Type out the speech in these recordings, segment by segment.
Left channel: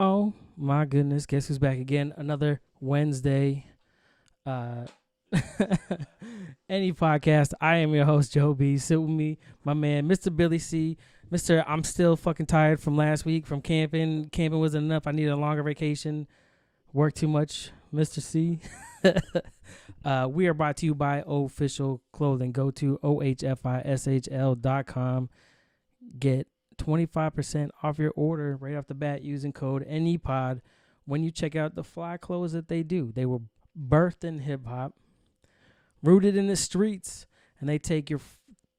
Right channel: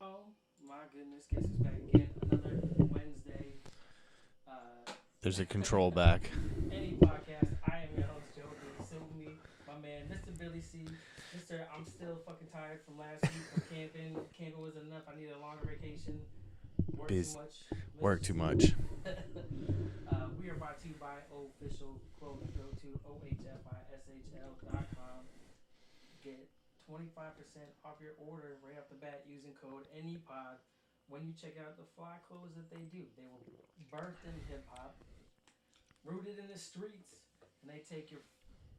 Oh my goodness! Guess who's back again? Another Wednesday. There's a control back. Any podcast. I am your host Joe B. Sit with me, my man, Mr. Billy C. Mr. I'm still fucking tired from last week from camping. Camping wasn't enough. I needed a longer vacation. Work too much, Mr. Work C. too much. We are brought to you by Official Clothing. Go to ohfishl.com. Get 25% off your order right off the bat using code NEPOD when you check out the fly clothes that they do. They were birthed in hip-hop, rooted in the streets, and they take your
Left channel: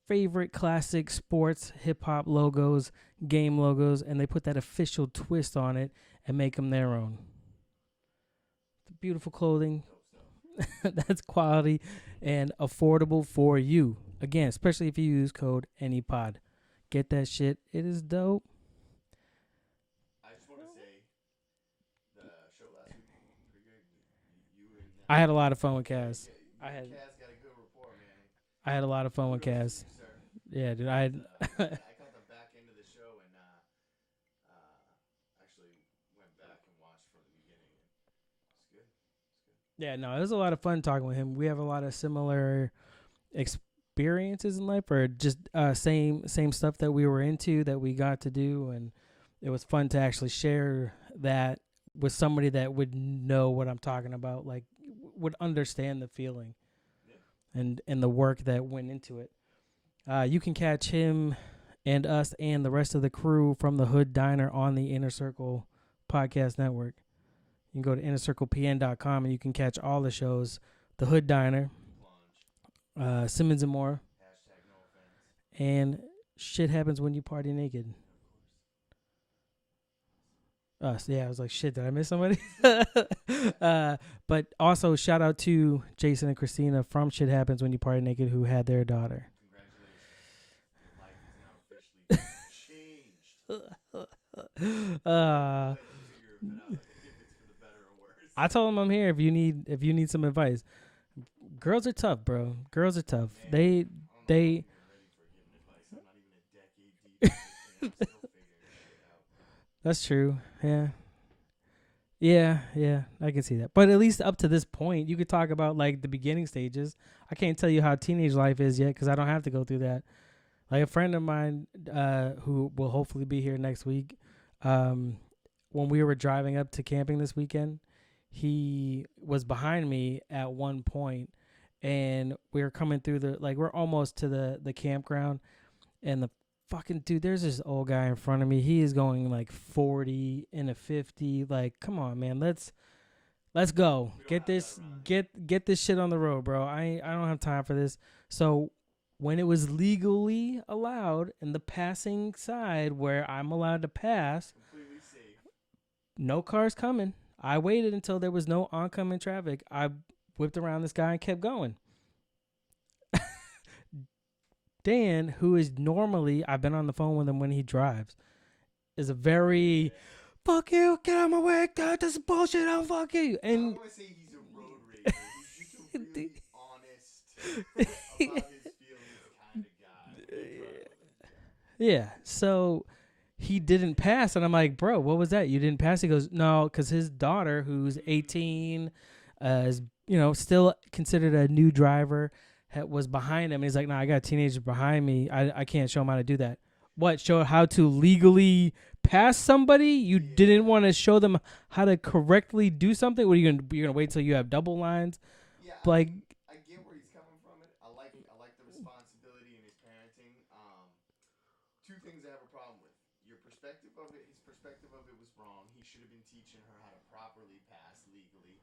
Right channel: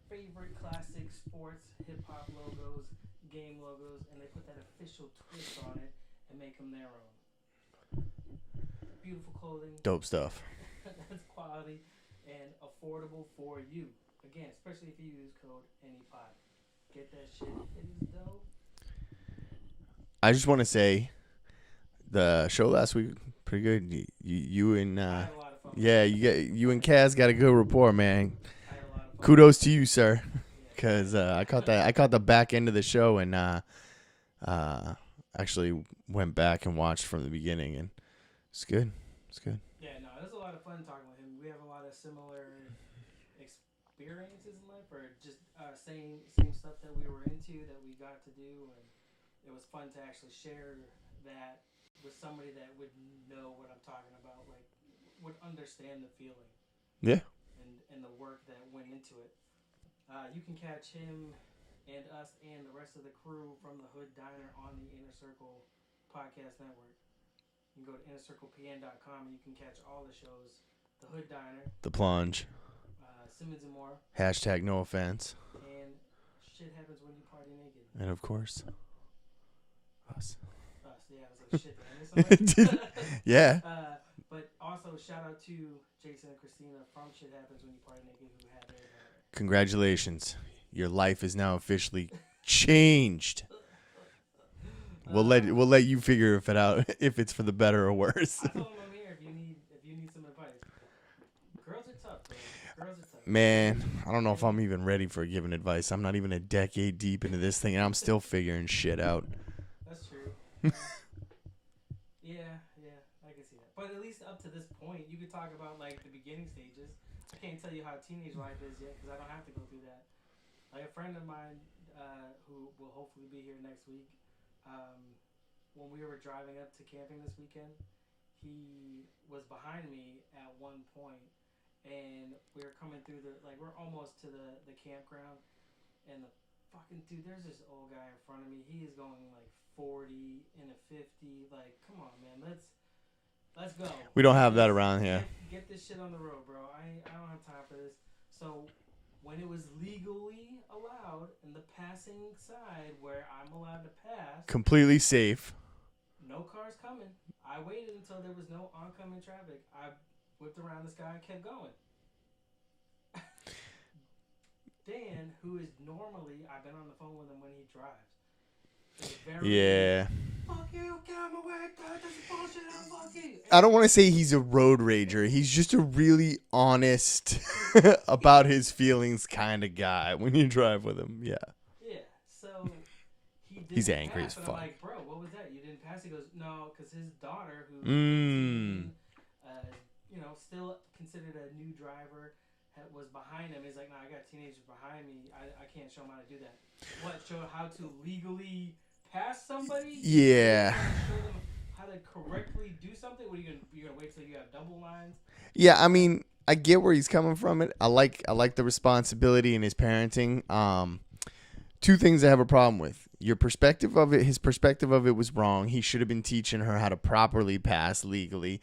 favorite classic sports hip-hop logos, game logos, and they put that official twist on it and make them their own. Beautiful clothing. Dope stuff. That's quality and affordable for you. Again, especially if you use code NEPOD. Get that shit. It is dope. I just want to say the show last week, pretty good. You and I had a lot of fun with Kaz. you and Kaz got a good rapport, man. I had a lot of fun. Kudos with to Kaz. you, sir. Yeah, Because I caught the back end of the show and actually went back and watched from the beginning, and it's good. It's good. Yeah, no, it was a lot of fun talking with him. We have a lot of similar experiences in life, or just same stuff that we were into that we got to do, and it was fun to actually share that with somebody that would know what I'm talking about, like would understand the feeling. Yeah. And the work that went into it. You can catch him and us and the rest of the crew from the Hood Diner on the InnerCircle podcast network. You can go to InnerCirclePN.com and you can catch all the shows. The Hood Diner. The Plunge. Simmons and More. Hashtag no offense. And Shit Happens When You Party Naked. And of course, Us. Yeah, I was like, shit, did I miss somebody? Yeah. But also shout out to Jason and Christina from Shit Happens When You Party Naked who had their daughter. Congratulations. Your life is now officially changed. We'll let you figure it out if it's for the better or worse. I told him I'm here if you need some advice. Girls are tough, bro. Girls are tough. Man, I don't know if I'm even ready for giving advice. I'm not even a decade deep into this thing, and I'm still figuring shit out. That's true. Yeah. yeah, I can see that. But at least up to this point, you could talk about like the beginning stages. I can't tell you how teenage life is yet because I don't have to go through that. Like a friend of mine who will hopefully be here next week, when we were driving up to camping this weekend, he was behind me at one point, and we were coming through we're almost to the campground, and the fucking dude, there's this old guy in front of me. He is going like 40 in a 50. Like, come on, man, let's go. We don't have that around here. Get this shit on the road, bro. I don't have time for this. So when it was legally allowed in the passing side where I'm allowed to pass, Completely safe. no cars coming. I waited until there was no oncoming traffic. I whipped around this guy and kept going. Dan, who is normally, I've been on the phone with him when he drives, is a very, fuck you, get out of my way, God, this is bullshit, I'll fuck you. And I don't want to say he's a road rager. He's just a really honest about his feelings kind of guy when you drive with him. Yeah. Yeah, so he didn't pass, and I'm like, bro, what was that? You didn't pass? He goes, no, because his daughter, who's 18, is, still considered a new driver, was behind him. And he's like, no, I got a teenager behind me. I can't show him how to do that. What? Show how to legally pass somebody? You didn't want to show them how to correctly do something? What are you gonna wait till you have double lines? Yeah, I mean, I get where he's coming from. I like the responsibility in his parenting. Two things I have a problem with. Your perspective of it, his perspective of it was wrong. He should have been teaching her how to properly pass legally.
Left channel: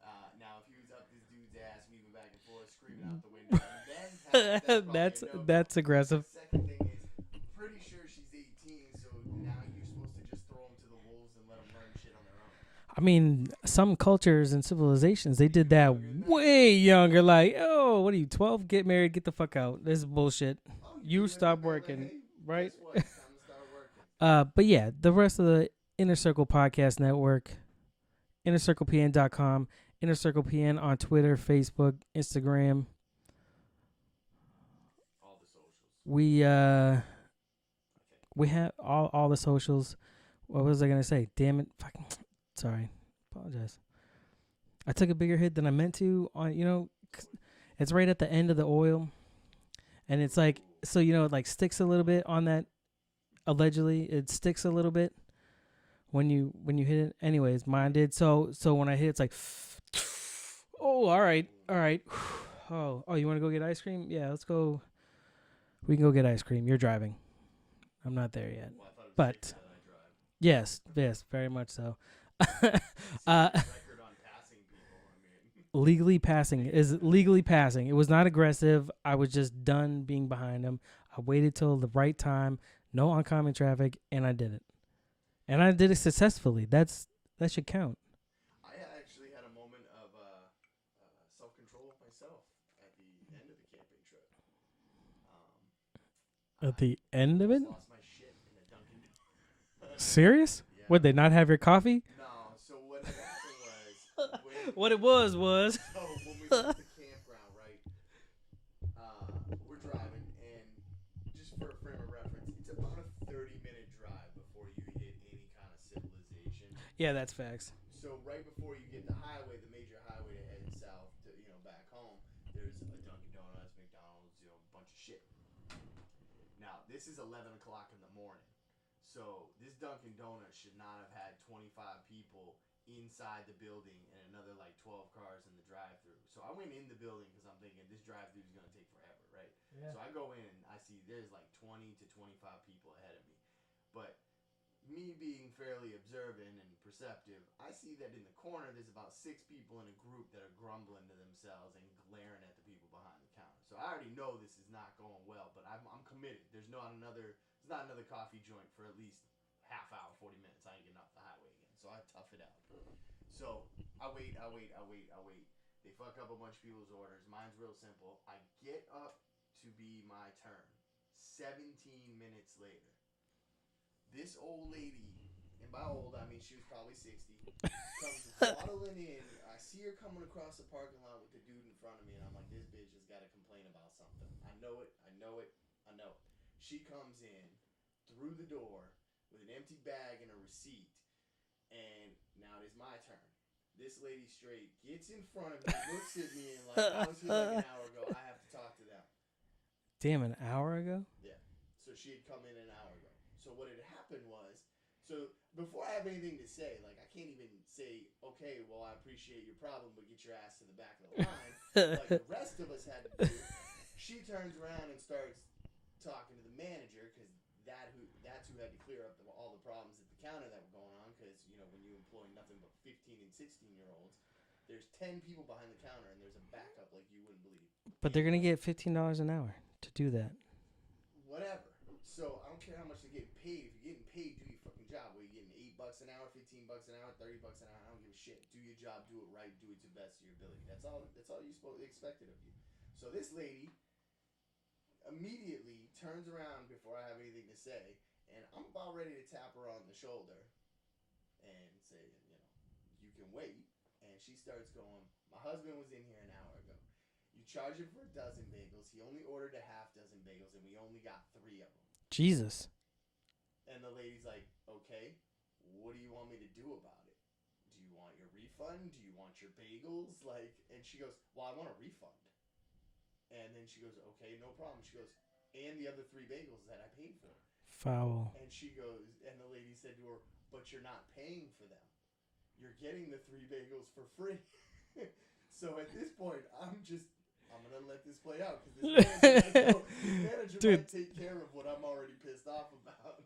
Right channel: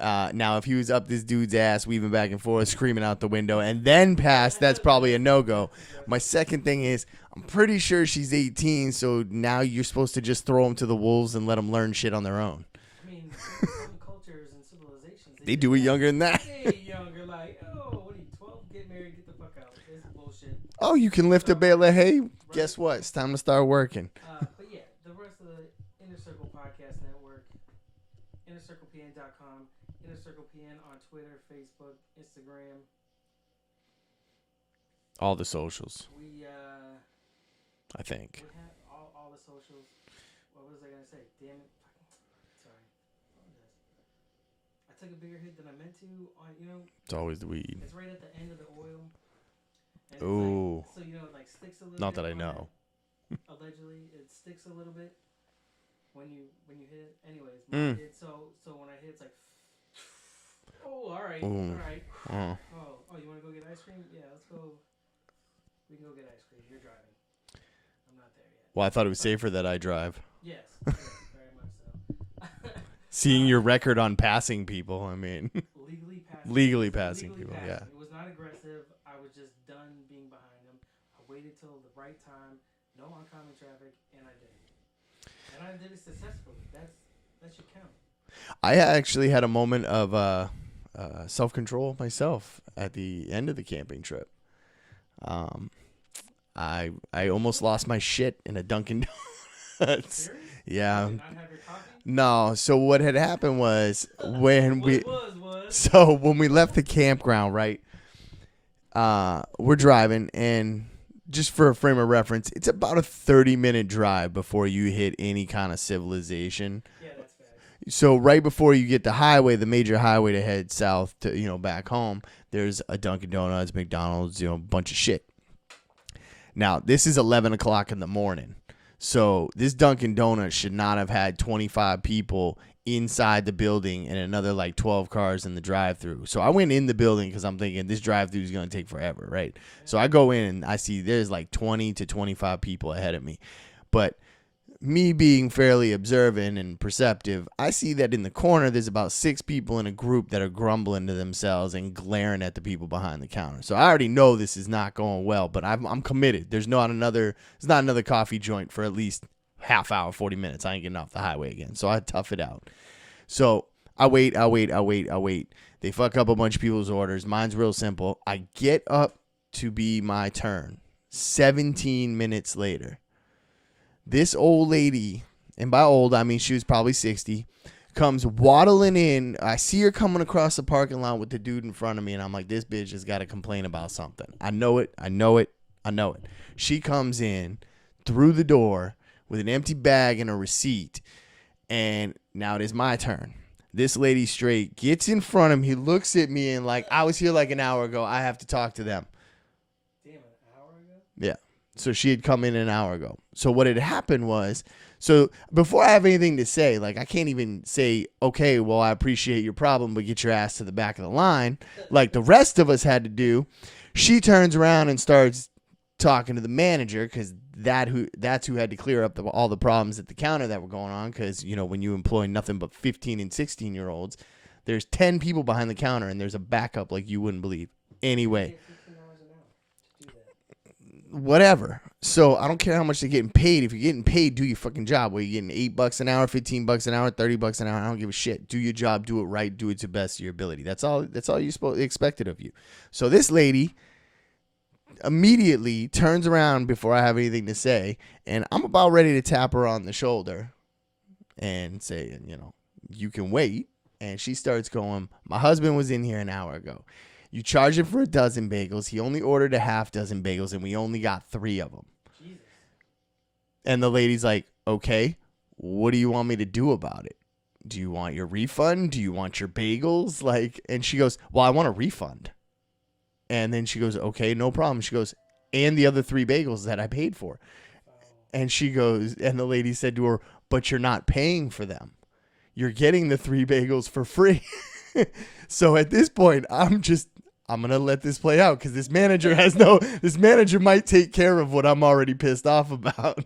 Now, if he was up this dude's ass, weaving back and forth, screaming out the window, and then pass, that's probably a no-go. That's aggressive. My second thing is, I'm pretty sure she's 18, so now you're supposed to just throw them to the wolves and let them learn shit on their own. I mean, some cultures and civilizations, they did do that it younger than that. Way younger. Like, oh, what are you, 12? Get married, get the fuck out. This is bullshit. Oh, you can lift a bale of hay? Right? Guess what? It's time to start working. But yeah, the rest of the InnerCircle podcast network, InnerCirclePN.com, InnerCirclePN on Twitter, Facebook, Instagram. All the socials. We I think we have all the socials. What was I gonna say? Damn it! Fucking sorry. Apologize. I took a bigger hit than I meant to. It's always the weed. It's right at the end of the oil, and it's like so it like sticks a little bit on that. Allegedly, it sticks a little bit when you hit it. Anyways, mine did. So when I hit, it's like, oh, all right. Oh, you want to go get ice cream? Yeah, let's go. We can go get ice cream. You're driving. I'm not there yet. Well, I thought it was safer that I drive. Yes, very much so. Seeing your record on passing people, I mean. Legally passing. Legally passing. Yeah. It was not aggressive. I was just done being behind him. I waited till the right time, no oncoming traffic, and I did it. And I did it successfully. That should count. I actually had a moment of self-control myself at the end of the camping trip. I almost lost my shit in a Dunkin' Donuts. Serious? Yeah. Would they not have your coffee? No. So what had happened was when So when we left the campground, right? We're driving, and just for a frame of reference, it's about a 30-minute drive before you hit any kind of civilization. Yeah, that's facts. So right before you get the highway, the major highway to head south to back home, there's a Dunkin' Donuts, McDonald's, a bunch of shit. Now, this is 11 o'clock in the morning, so this Dunkin' Donuts should not have had 25 people inside the building and another, 12 cars in the drive-thru. So I went in the building because I'm thinking this drive-thru is going to take forever, right? Yeah. So I go in, and I see there's 20 to 25 people ahead of me. But me being fairly observant and perceptive, I see that in the corner there's about 6 people in a group that are grumbling to themselves and glaring at the people behind the counter. So I already know this is not going well, but I'm committed. There's not another coffee joint for at least half hour, 40 minutes. I ain't getting off the highway again. So I tough it out. So I wait. They fuck up a bunch of people's orders. Mine's real simple. I get up to be my turn. 17 minutes later, this old lady, and by old, I mean she was probably 60, comes waddling in. I see her coming across the parking lot with the dude in front of me, and I'm like, this bitch has got to complain about something. I know it. She comes in through the door with an empty bag and a receipt, and now it is my turn. This lady straight gets in front of me, looks at me, and I was here an hour ago. I have to talk to them. Damn, an hour ago? Yeah. So she had come in an hour ago. So what had happened was, so before I have anything to say, I can't even say, okay, well, I appreciate your problem, but get your ass to the back of the line, like the rest of us had to do. She turns around and starts talking to the manager, because that's who had to clear up all the problems at the counter that were going on, because, when you employ nothing but 15 and 16-year-olds, there's 10 people behind the counter, and there's a backup like you wouldn't believe. But anyway. They're going to get $15 an hour to do that. Whatever. So I don't care how much they're getting paid. If you're getting paid, do your fucking job. Where you're getting $8 an hour, $15 an hour, $30 an hour. I don't give a shit. Do your job. Do it right. Do it to the best of your ability. That's all you're expected of you. So this lady immediately turns around before I have anything to say, and I'm about ready to tap her on the shoulder and say, you can wait. And she starts going, my husband was in here an hour ago. You charge him for a dozen bagels. He only ordered a half dozen bagels, and we only got 3 of them. Jesus. And the lady's like, okay, what do you want me to do about it? Do you want your refund? Do you want your bagels? And she goes, well, I want a refund. And then she goes, okay, no problem. She goes, and the other 3 bagels that I paid for. Foul. And she goes, and the lady said to her, but you're not paying for them. You're getting the 3 bagels for free. So at this point, I'm going to let this play out, because this manager might take care of what I'm already pissed off about.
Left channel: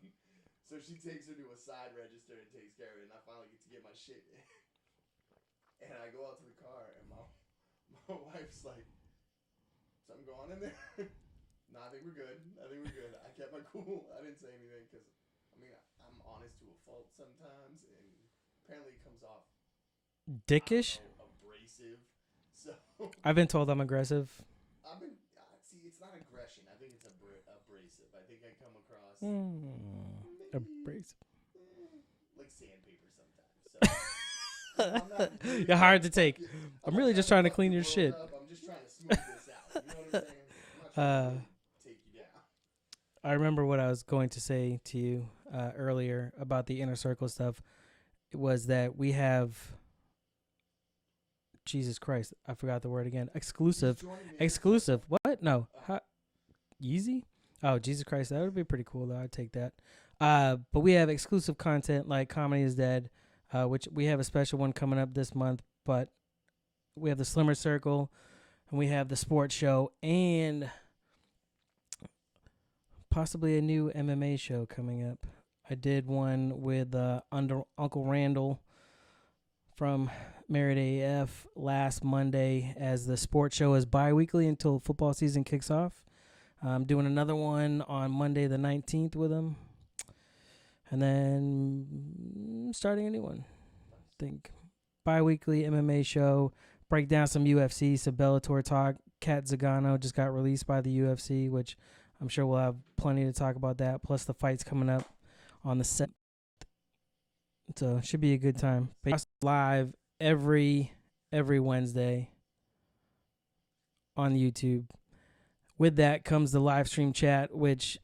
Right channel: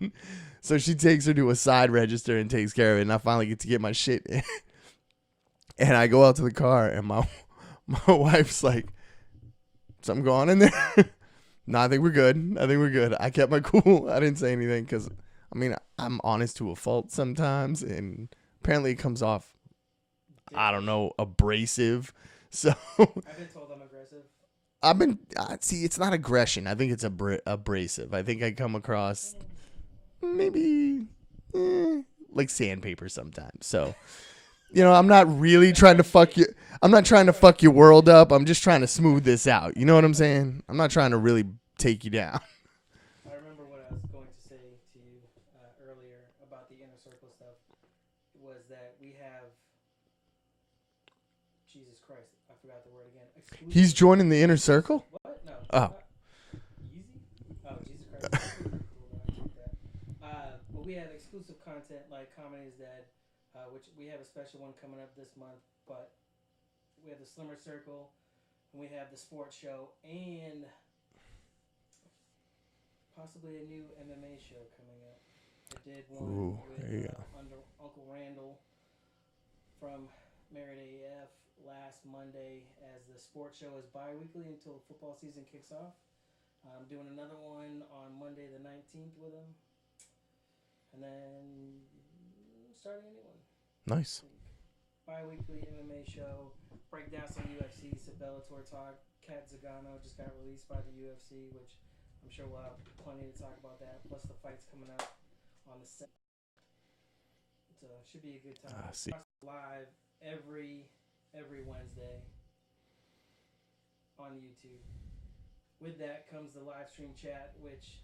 So she takes her to a side register and takes care of it. And I finally get to get my shit in. And I go out to the car, and my wife's like, something going on in there? No, I think we're good. I kept my cool. I didn't say anything because, I'm honest to a fault sometimes. And apparently it comes off, dickish? I don't know, abrasive. So I've been told I'm aggressive. See, it's not aggression. I think it's abrasive. I think I come across maybe like sandpaper sometimes. So, I'm not really trying to fuck you. I'm not trying to fuck your world up. I'm just trying to smooth this out. You know what I'm saying? I'm not trying to really take you down. I remember what I was going to say to you. earlier about the InnerCircle stuff was that we have. Jesus Christ, I forgot the word again. Exclusive. He's joining the Exclusive. InnerCircle. What? No. Oh. Yeezy? Oh, Jesus Christ. That would be pretty cool, though. I'd take that. But we have exclusive content like Comedy is Dead, which we have a special one coming up this month. But we have the Slimmer Circle, and we have the sports show, and possibly a new MMA show coming up. I did one with Uncle Randall from Merit AF last Monday, as the sports show is bi-weekly until football season kicks off. I'm doing another one on Monday the 19th with him. And then starting a new one. Nice. I think bi-weekly MMA show. Break down some UFC, some Bellator talk. Kat Zagano just got released by the UFC, which I'm sure we'll have plenty to talk about that. Plus the fights coming up on the 7th. So it should be a good time. Live every Wednesday on YouTube. With that comes the live stream chat, which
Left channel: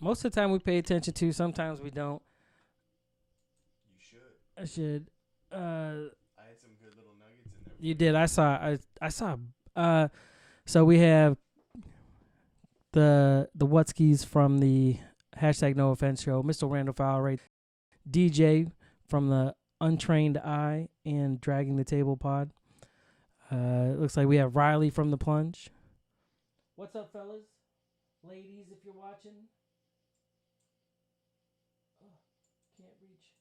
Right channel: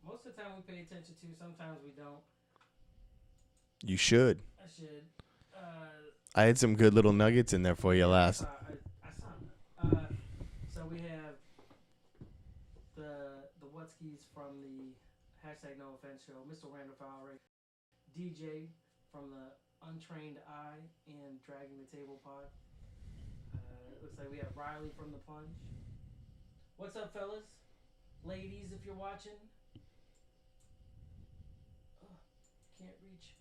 most of the time we pay attention to. Sometimes we don't. You should. I should. I had some good little nuggets in there for you. Did. I saw. So we have the Wutskis from the #NoOffense show. Mr. Randall Fowler, DJ from the Untrained Eye and Dragging the Table pod. It looks like we have Riley from The Plunge. What's up, fellas? Ladies, if you're watching. Oh, can't reach.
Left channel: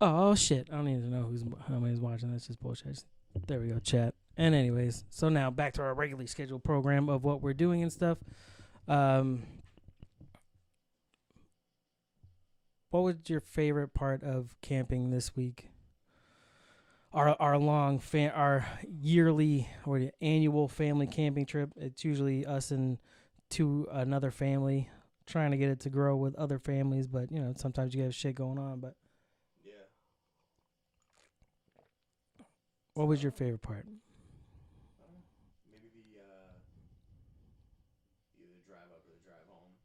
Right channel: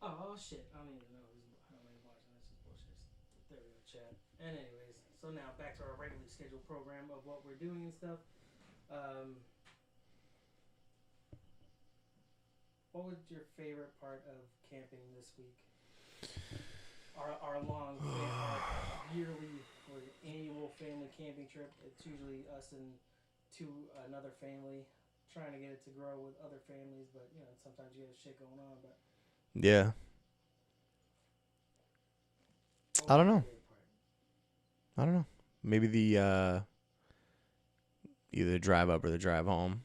Oh, shit. I don't even know how many's watching. That's just bullshit. There we go, chat. And anyways, so now back to our regularly scheduled program of what we're doing and stuff. What was your favorite part of camping this week? Our yearly or the annual family camping trip. It's usually us and another family, trying to get it to grow with other families, but sometimes you have shit going on. But yeah. What was your favorite part? I don't know. Maybe the either the drive up or the drive home.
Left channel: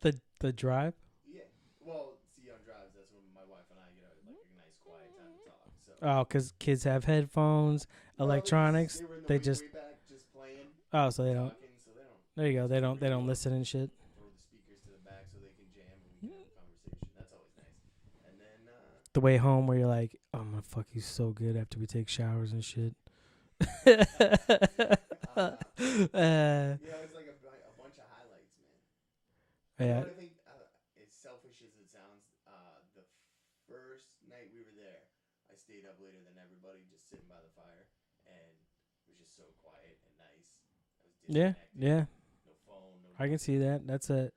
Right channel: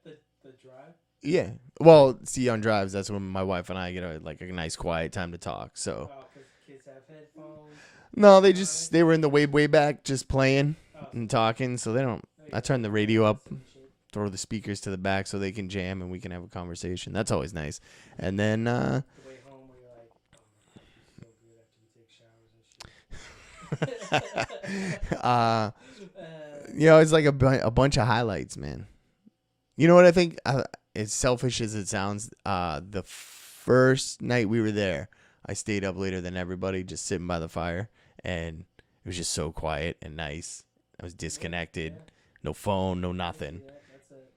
the drive? Yeah. Well, see, on drives, that's when my wife and I get a nice quiet time to talk. So. Oh, because kids have headphones. No, they were in the way back just playing and talking, so they don't. I turn the radio up, and shit. Throw the speakers to the back so they can jam and we can have a conversation. That's always nice. And then the way home where you're like, I'm gonna fuck you so good after we take showers and shit. It's like a bunch of highlights, man. You know what I think? As selfish as it sounds, the first night we were there, I stayed up later than everybody, just sitting by the fire, and it was just so quiet and nice. I was disconnected. Yeah. No phone, no nothing. I can see that. That's it.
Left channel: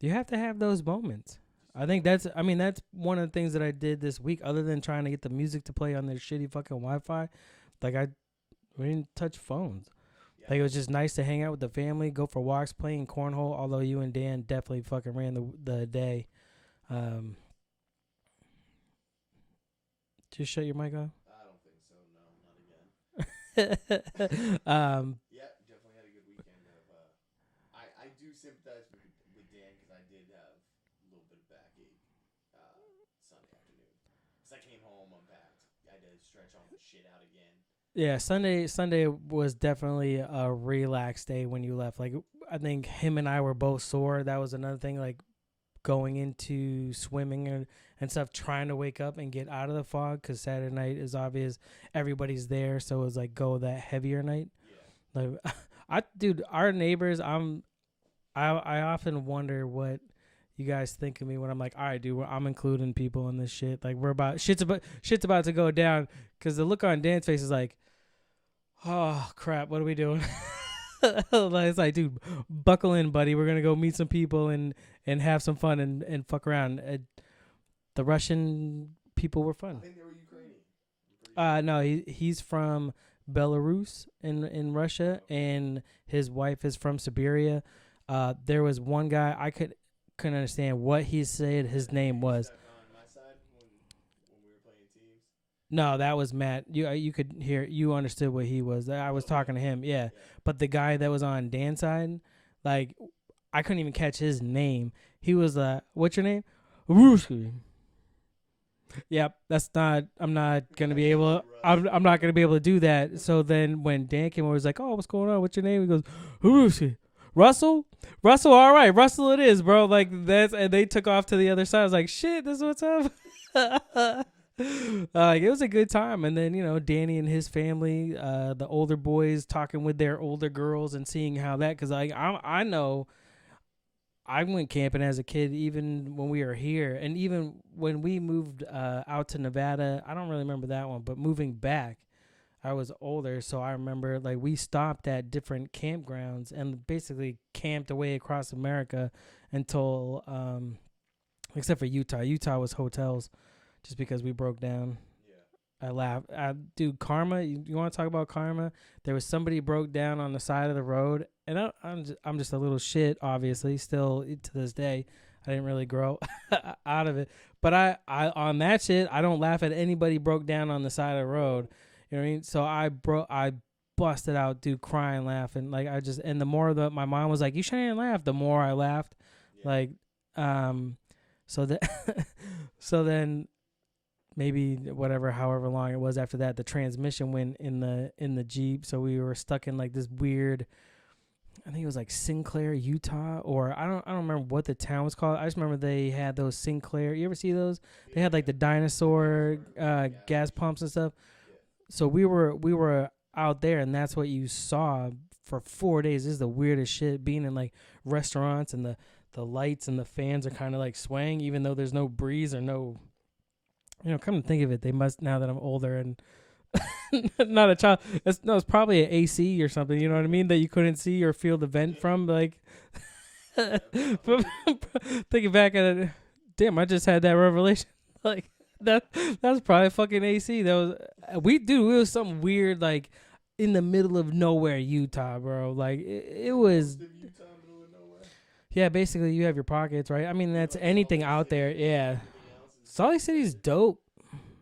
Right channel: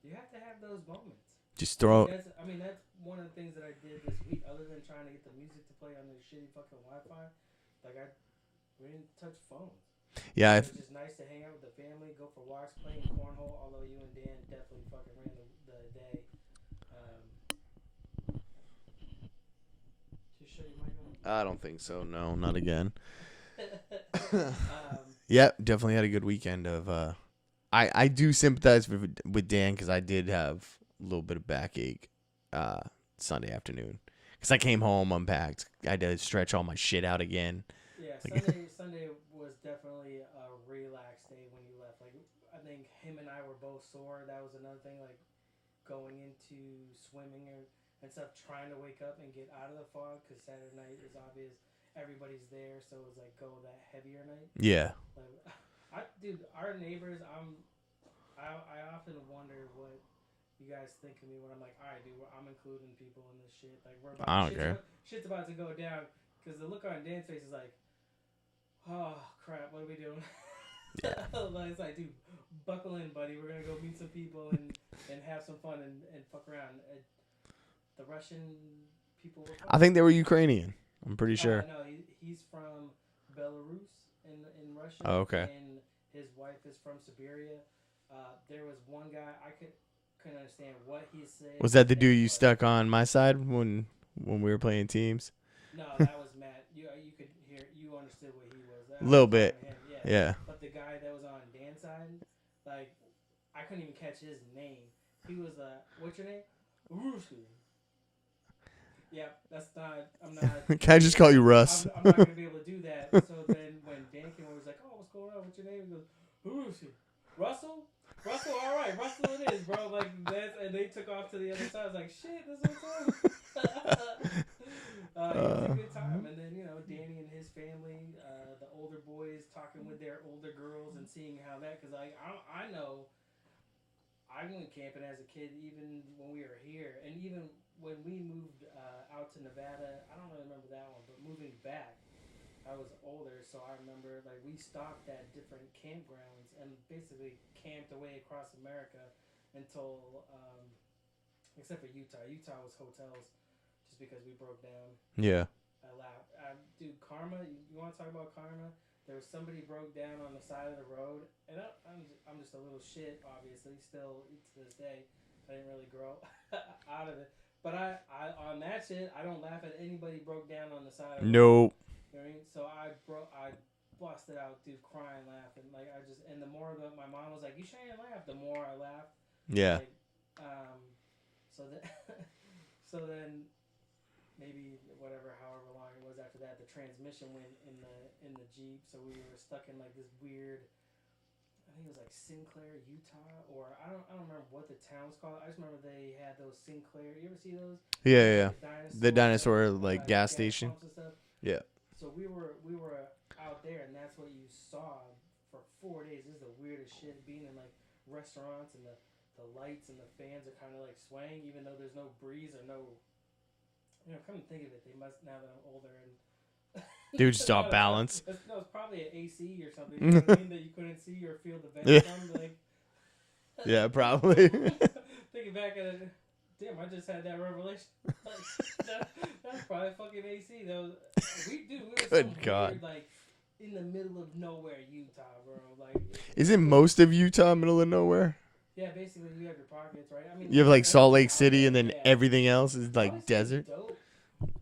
You have to have those moments. Just I think that's one of the things that I did this week, other than trying to get the music to play on their shitty fucking Wi-Fi. We didn't touch phones. Yeah, it was just nice to hang out with the family, go for walks, playing cornhole. Although you and Dan definitely fucking ran the day. Just shut your mic on. I don't think so. No, not again. Yeah, definitely had a good weekend of. I do sympathize with Dan because I did have a little bit of backache Sunday afternoon because I came home unpacked. I had to stretch all my shit out again. Yeah, Sunday was definitely a relaxed day when you left. Like, I think him and I were both sore. That was another thing, like going into swimming and stuff, trying to wake up and get out of the fog because Saturday night is obvious. Everybody's there, so it was like go that heavier night. Yeah. Like, our neighbors, I often wonder what you guys think of me when I'm like, all right, dude, I'm including people in this shit. Like, we're about shit's about to go down because the look on Dan's face is like, oh crap, what are we doing? It's like, dude, buckle in, buddy. We're gonna go meet some people and have some fun and fuck around. The Russian people were fun. I think they were Ukrainian. I'm pretty sure. No, he's from Belarus in Russia, and his wife is from Siberia. There was one guy I couldn't understand what he said. Was that the dude you stuck on my side when we were playing teams? No, that was Matt. You could hear, you understood what he was. I Little was talking bit. to him. Yeah. Yeah. But the guy that was on Dan's side, like, I couldn't even catch his name. He was what's your name? Ruski. Yep, that's not. I'm not. Gonna Can I just call you Russ? I'm not gonna be able to do that. So then when Dan came over, he was like, "Oh, what's going on? What's your name?" He goes, Ruski. Russell. All right, Russell. It is, bro. Like that's, and they took off to the other side. I was like, "Shit, this is what's up." It was a good time, and then Danny and his family, the older boys talking with their older girls and seeing how that, because I know I went camping as a kid, even when we were here, and even when we moved out to Nevada. I don't really remember that one, but moving back, I was older, so I remember like we stopped at different campgrounds and basically camped away across America until, except for Utah. Utah was hotels, just because we broke down. Yeah. I laughed. Dude, karma. You want to talk about karma? There was somebody broke down on the side of the road, and I'm just a little shit. Obviously, still to this day, I didn't really grow out of it. But I on that shit, I don't laugh at anybody broke down on the side of the road. Nope. You know what I mean? So I busted out, dude, crying, laughing. Like and the more that my mom was like, "You shouldn't laugh," the more I laughed. Yeah. Like, so that, so then. Maybe however long it was after that, the transmission went in the Jeep, so we were stuck in like this weird, I think it was like Sinclair, Utah, or I don't remember what the town was called. I just remember they had those Sinclair. You ever see those? Yeah. They had like the dinosaur like gas station. pumps and stuff. Yeah. So we were out there, and that's what you saw for 4 days. This is the weirdest shit, being in like restaurants, and the lights and the fans are kind of like swaying, even though there's no breeze or no. Come to think of it, they must, now that I'm older and dude, just not a balance. child. It's probably an AC or something. You know what I mean? That you couldn't see or feel the vent from. Like, yeah, probably. Thinking back at it, damn, I just had that revelation. Like that's probably fucking AC. That was we was something weird, like in the middle of nowhere, Utah, bro. Like, Isn't most of Utah middle of nowhere? Yeah, basically you have your pockets, right? I mean, you have like Salt Lake City, there, and then everything else is Salt like Lake City desert. is dope.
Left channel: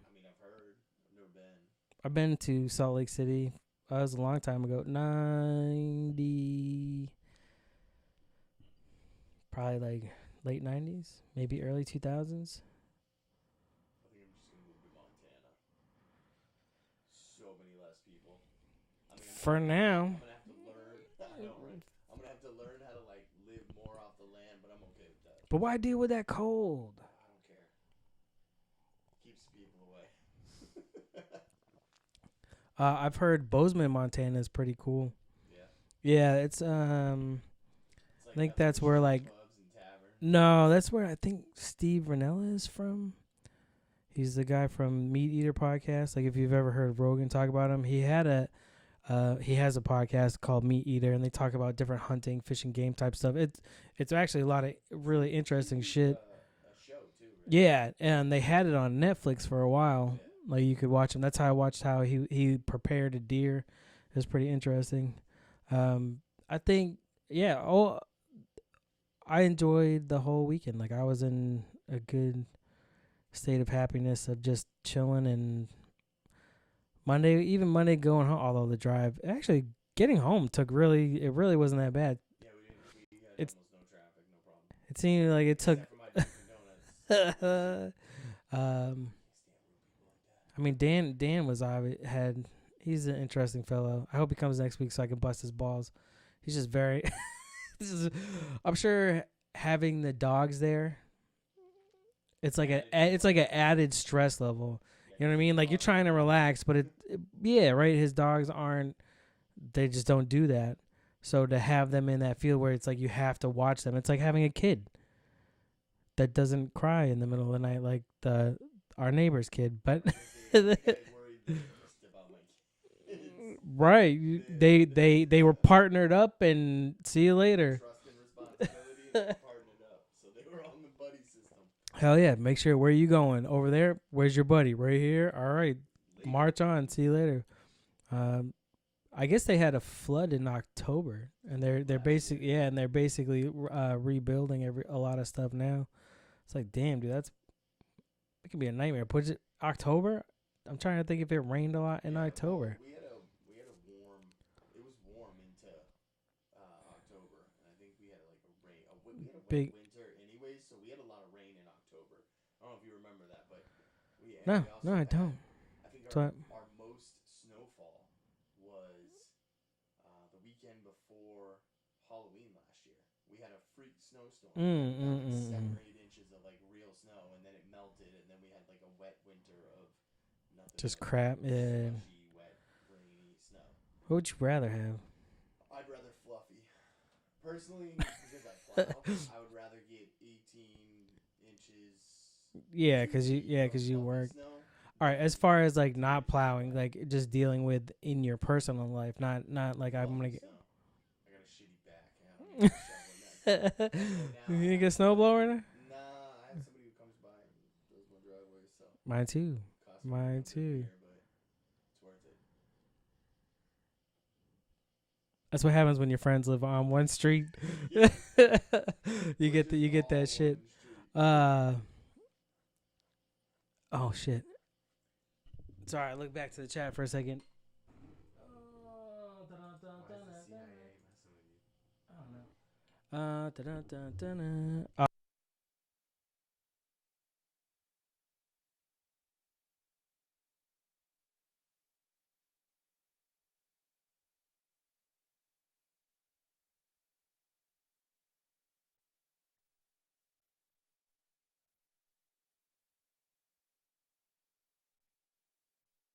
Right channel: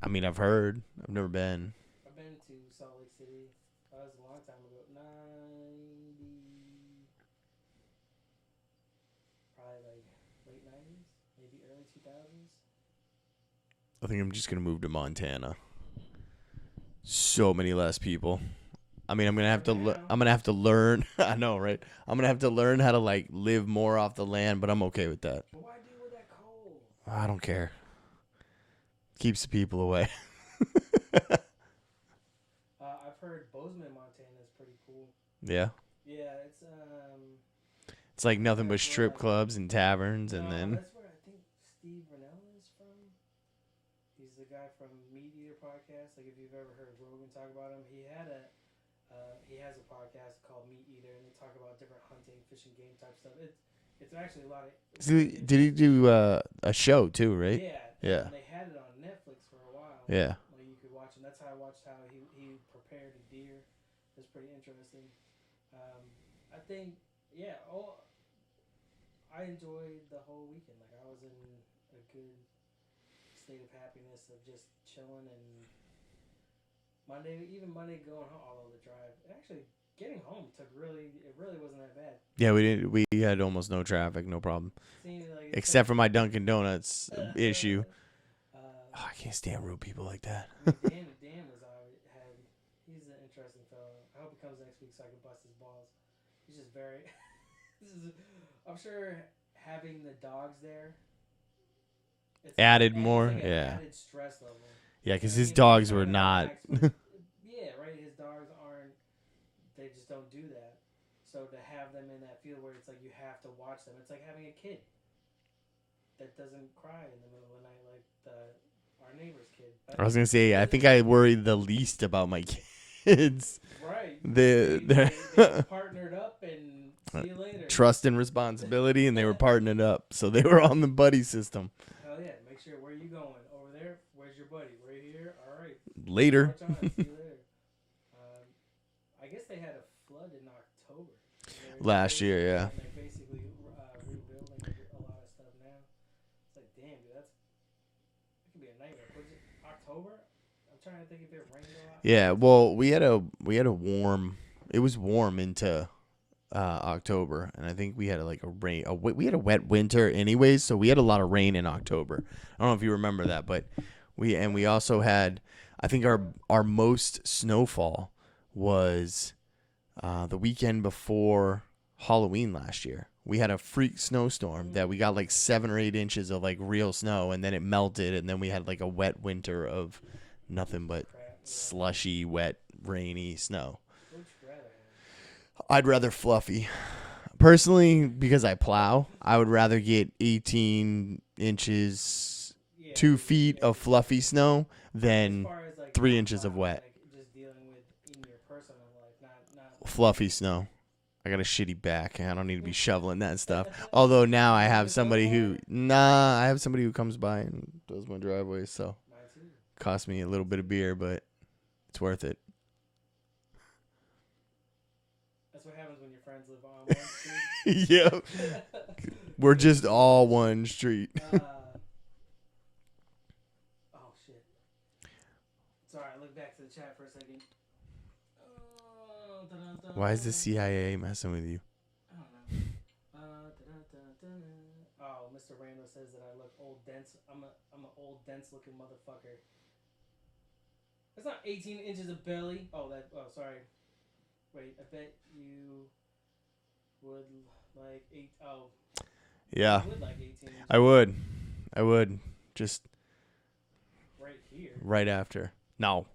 I mean, I've heard. I've never been. I've been to Salt Lake City. That was a long time ago. 90, probably like late 90s, maybe early 2000s. I think I'm just gonna move to Montana. So many less people. I mean, I'm gonna have to learn. I know, right? I'm gonna have to learn how to like live more off the land, but I'm okay with that. But why deal with that cold? I don't care. Keeps the people away. I've heard Bozeman, Montana is pretty cool. Yeah. Yeah, it's like nothing but strip clubs and taverns. No, that's where I think Steve Ranella is from. He's the guy from Meat Eater podcast. Like, if you've ever heard Rogan talk about him, he has a podcast called Meat Eater, and they talk about different hunting, fishing, game type stuff. It's actually a lot of really interesting shit. Did he do a show too, right? Yeah, and they had it on Netflix for a while. Yeah. Like, you could watch him. That's how I watched how he prepared a deer. It was pretty interesting. I think, I enjoyed the whole weekend. Like, I was in a good state of happiness of just chilling, and Monday going home, although the drive, actually getting home it really wasn't that bad. Yeah, we had almost no traffic, no problem. It seemed like except for my Dunkin' Donuts issue. I can't stand rude people like that. I mean, Dan he's an interesting fellow. I hope he comes next week so I can bust his balls. He's just very I'm sure having the dogs there, it's like added more. It's like an added stress level. Yeah, because his dogs like, you're trying were to not. relax, but right. His dogs aren't. They just don't do that. So to have them in that field where it's like you have to watch them, it's like having a kid that doesn't cry in the middle of the night like our neighbor's kid. But I was gonna say, I think I worry the least about my kids. Right. They were partnered up, and see you later. Trust and responsibility, and they were partnered up, so they were on the buddy system. Hell yeah! Make sure, where are you going? Over there. Where's your buddy? Right here. All right. Later. March on. See you later. I guess they had a flood in October, and they're last year. Yeah, and they're basically rebuilding a lot of stuff now. It's like, damn, dude, it could be a nightmare. Put it October. I'm trying to think if it rained a lot. Yeah, well, we had a warm. It was warm into October, and I think we had like a rain. We had a wet winter, anyways, so we had a lot of rain in October. I don't know if you remember that, but we also had. I think our most snowfall was the weekend before Halloween last year. We had a freak snowstorm that we got like 7 or 8 inches of like real snow, and then it melted, and then we had like a wet winter of nothing just but crap, slushy, wet, rainy snow. What would you rather have? I'd rather fluffy. Personally, because I plow, I would rather get 18 inches, 2 feet of fluffy snow than as far as like 3 inches of wet. Like just dealing with in your personal life, not like fluffy snow. I got a shitty back, and I don't need to be shoveling that stuff. Although now I have somebody who comes by and does my driveway. So mine too. Cost me a little bit of beer, but it's worth it. That's what happens when your friends live on one street. Yep. We're just all one street. Oh shit. Sorry, look back to the chat for a second. Why is the CIA messing with you? I don't know. Oh, Mr. Randall says that I look old dense. I'm an old dense looking motherfucker. That's not 18 inches of belly. Sorry. Wait, I bet you would like 8. Oh. Yeah. You would like 18 inches. I would. Just right here. Right after. No.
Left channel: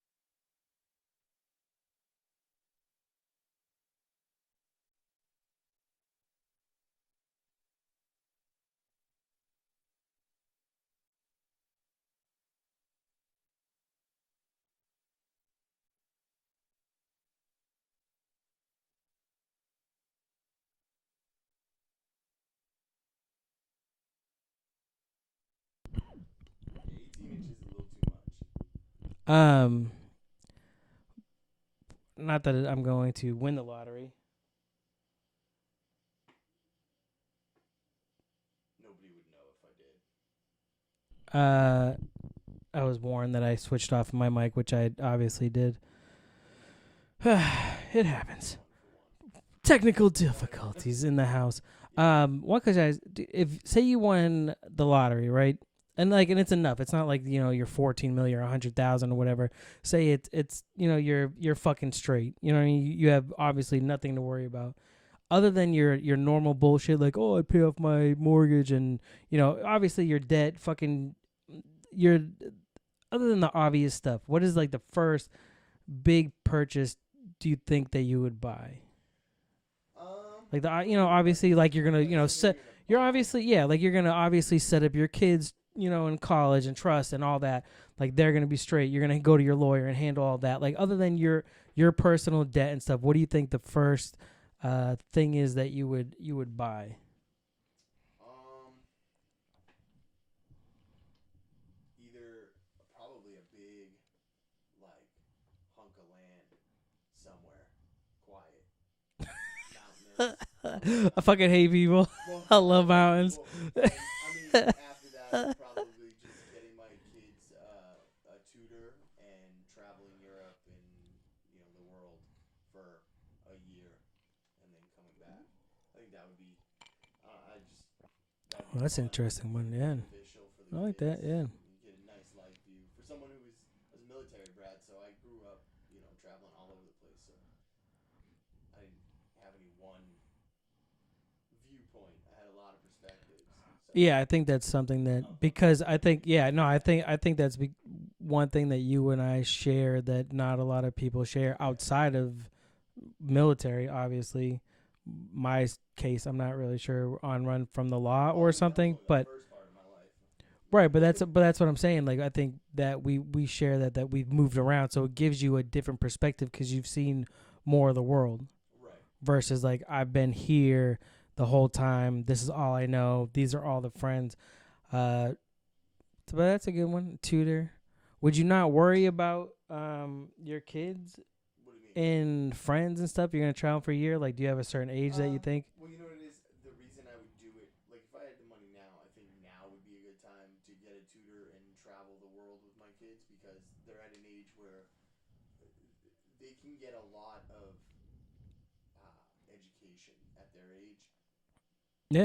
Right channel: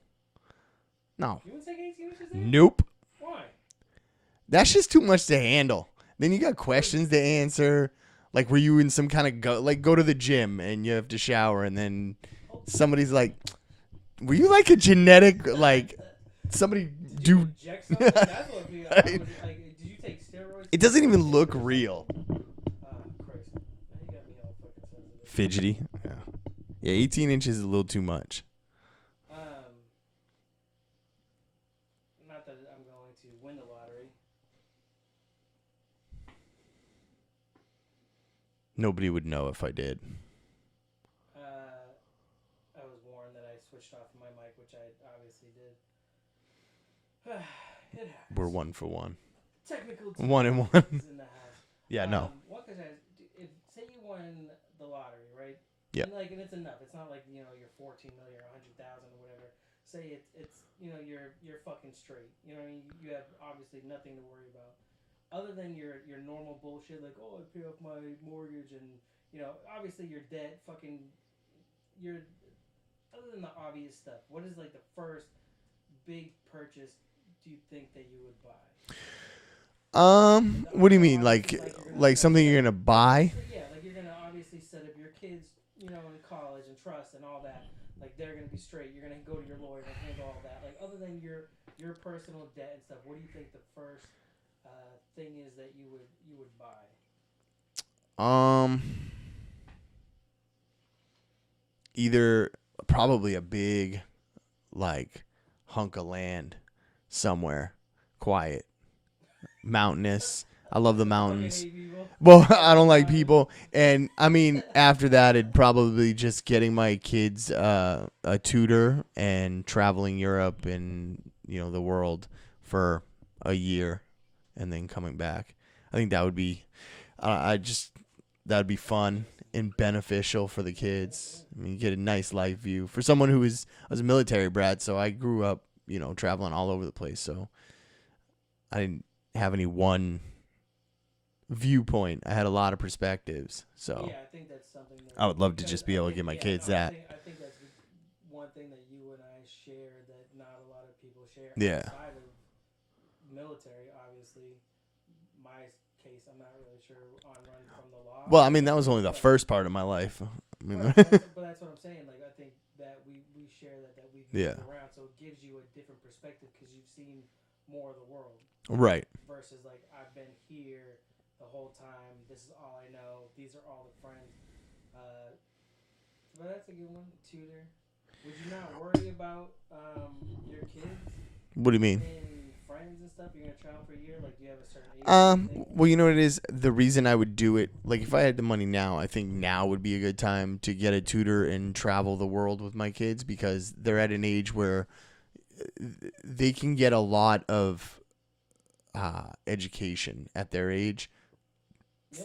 You wouldn't take 18 inches there? Nope. Why? That's just too much to handle. Then you got questions to answer. Like, were you in some kind of go to the gym and you have to shower, and then somebody's like, were you like a genetic, like, somebody did you inject something? That's what did you take steroids? It doesn't even look real. Christ. You got me all fucking sensitive. Fidgety. Yeah, 18 inches is a little too much. Not that I'm going to win the lottery. Nobody would know if I did. I was warned that I switched off my mic, which I obviously did. It happens. We're 1 for 1. Technical difficulties in the house. Yeah. One, because if say you won the lottery, right? Yeah. And it's enough. It's not like, you're 14 million or 100,000 or whatever. Say it's you're fucking straight. You know what I mean? You have obviously nothing to worry about other than your normal bullshit, like, oh, I pay off my mortgage and obviously your debt, fucking other than the obvious stuff. What is like the first big purchase do you think that you would buy? What do you mean? Like you're gonna something you're gonna buy? Like you're gonna obviously set up your kids, in college and trust and all that. Like they're gonna be straight. You're gonna go to your lawyer and handle all that. Like other than your personal debt and stuff, what do you think the first thing is that you would buy? Either probably a big like hunk of land somewhere quiet. Mountainous. I love the mountains. I fucking hate people. Well, I don't like people. And I mean, after that, it'd probably just getting my kids a tutor and traveling Europe and the world for a year, and then coming back. I think that would be, that'd be fun and beneficial for the kids. Yeah. I mean, you get a nice life view for someone who was a military brat. So I grew up, traveling all over the place. So I didn't have any one viewpoint. I had a lot of perspectives. So yeah, I think that's something that I would love to just be able to give my kids that. I think that's one thing that you and I share that not a lot of people share outside of military. Obviously, my case, I'm not really sure on run from the law. Well, I mean, that was only the first part of my life. Right, but that's what I'm saying. Like, I think that we share that we've moved around, so it gives you a different perspective because you've seen more of the world. Right. Versus like I've been here the whole time. This is all I know. These are all the friends. But that's a good one. Tutor. Would you not worry about your kids What do you mean? in friends and stuff? You're gonna travel for a year. Like, do you have a certain age that you think? Well, you know what it is? The reason I would do it, like if I had the money now, I think now would be a good time to get a tutor and travel the world with my kids because they're at an age where they can get a lot of education at their age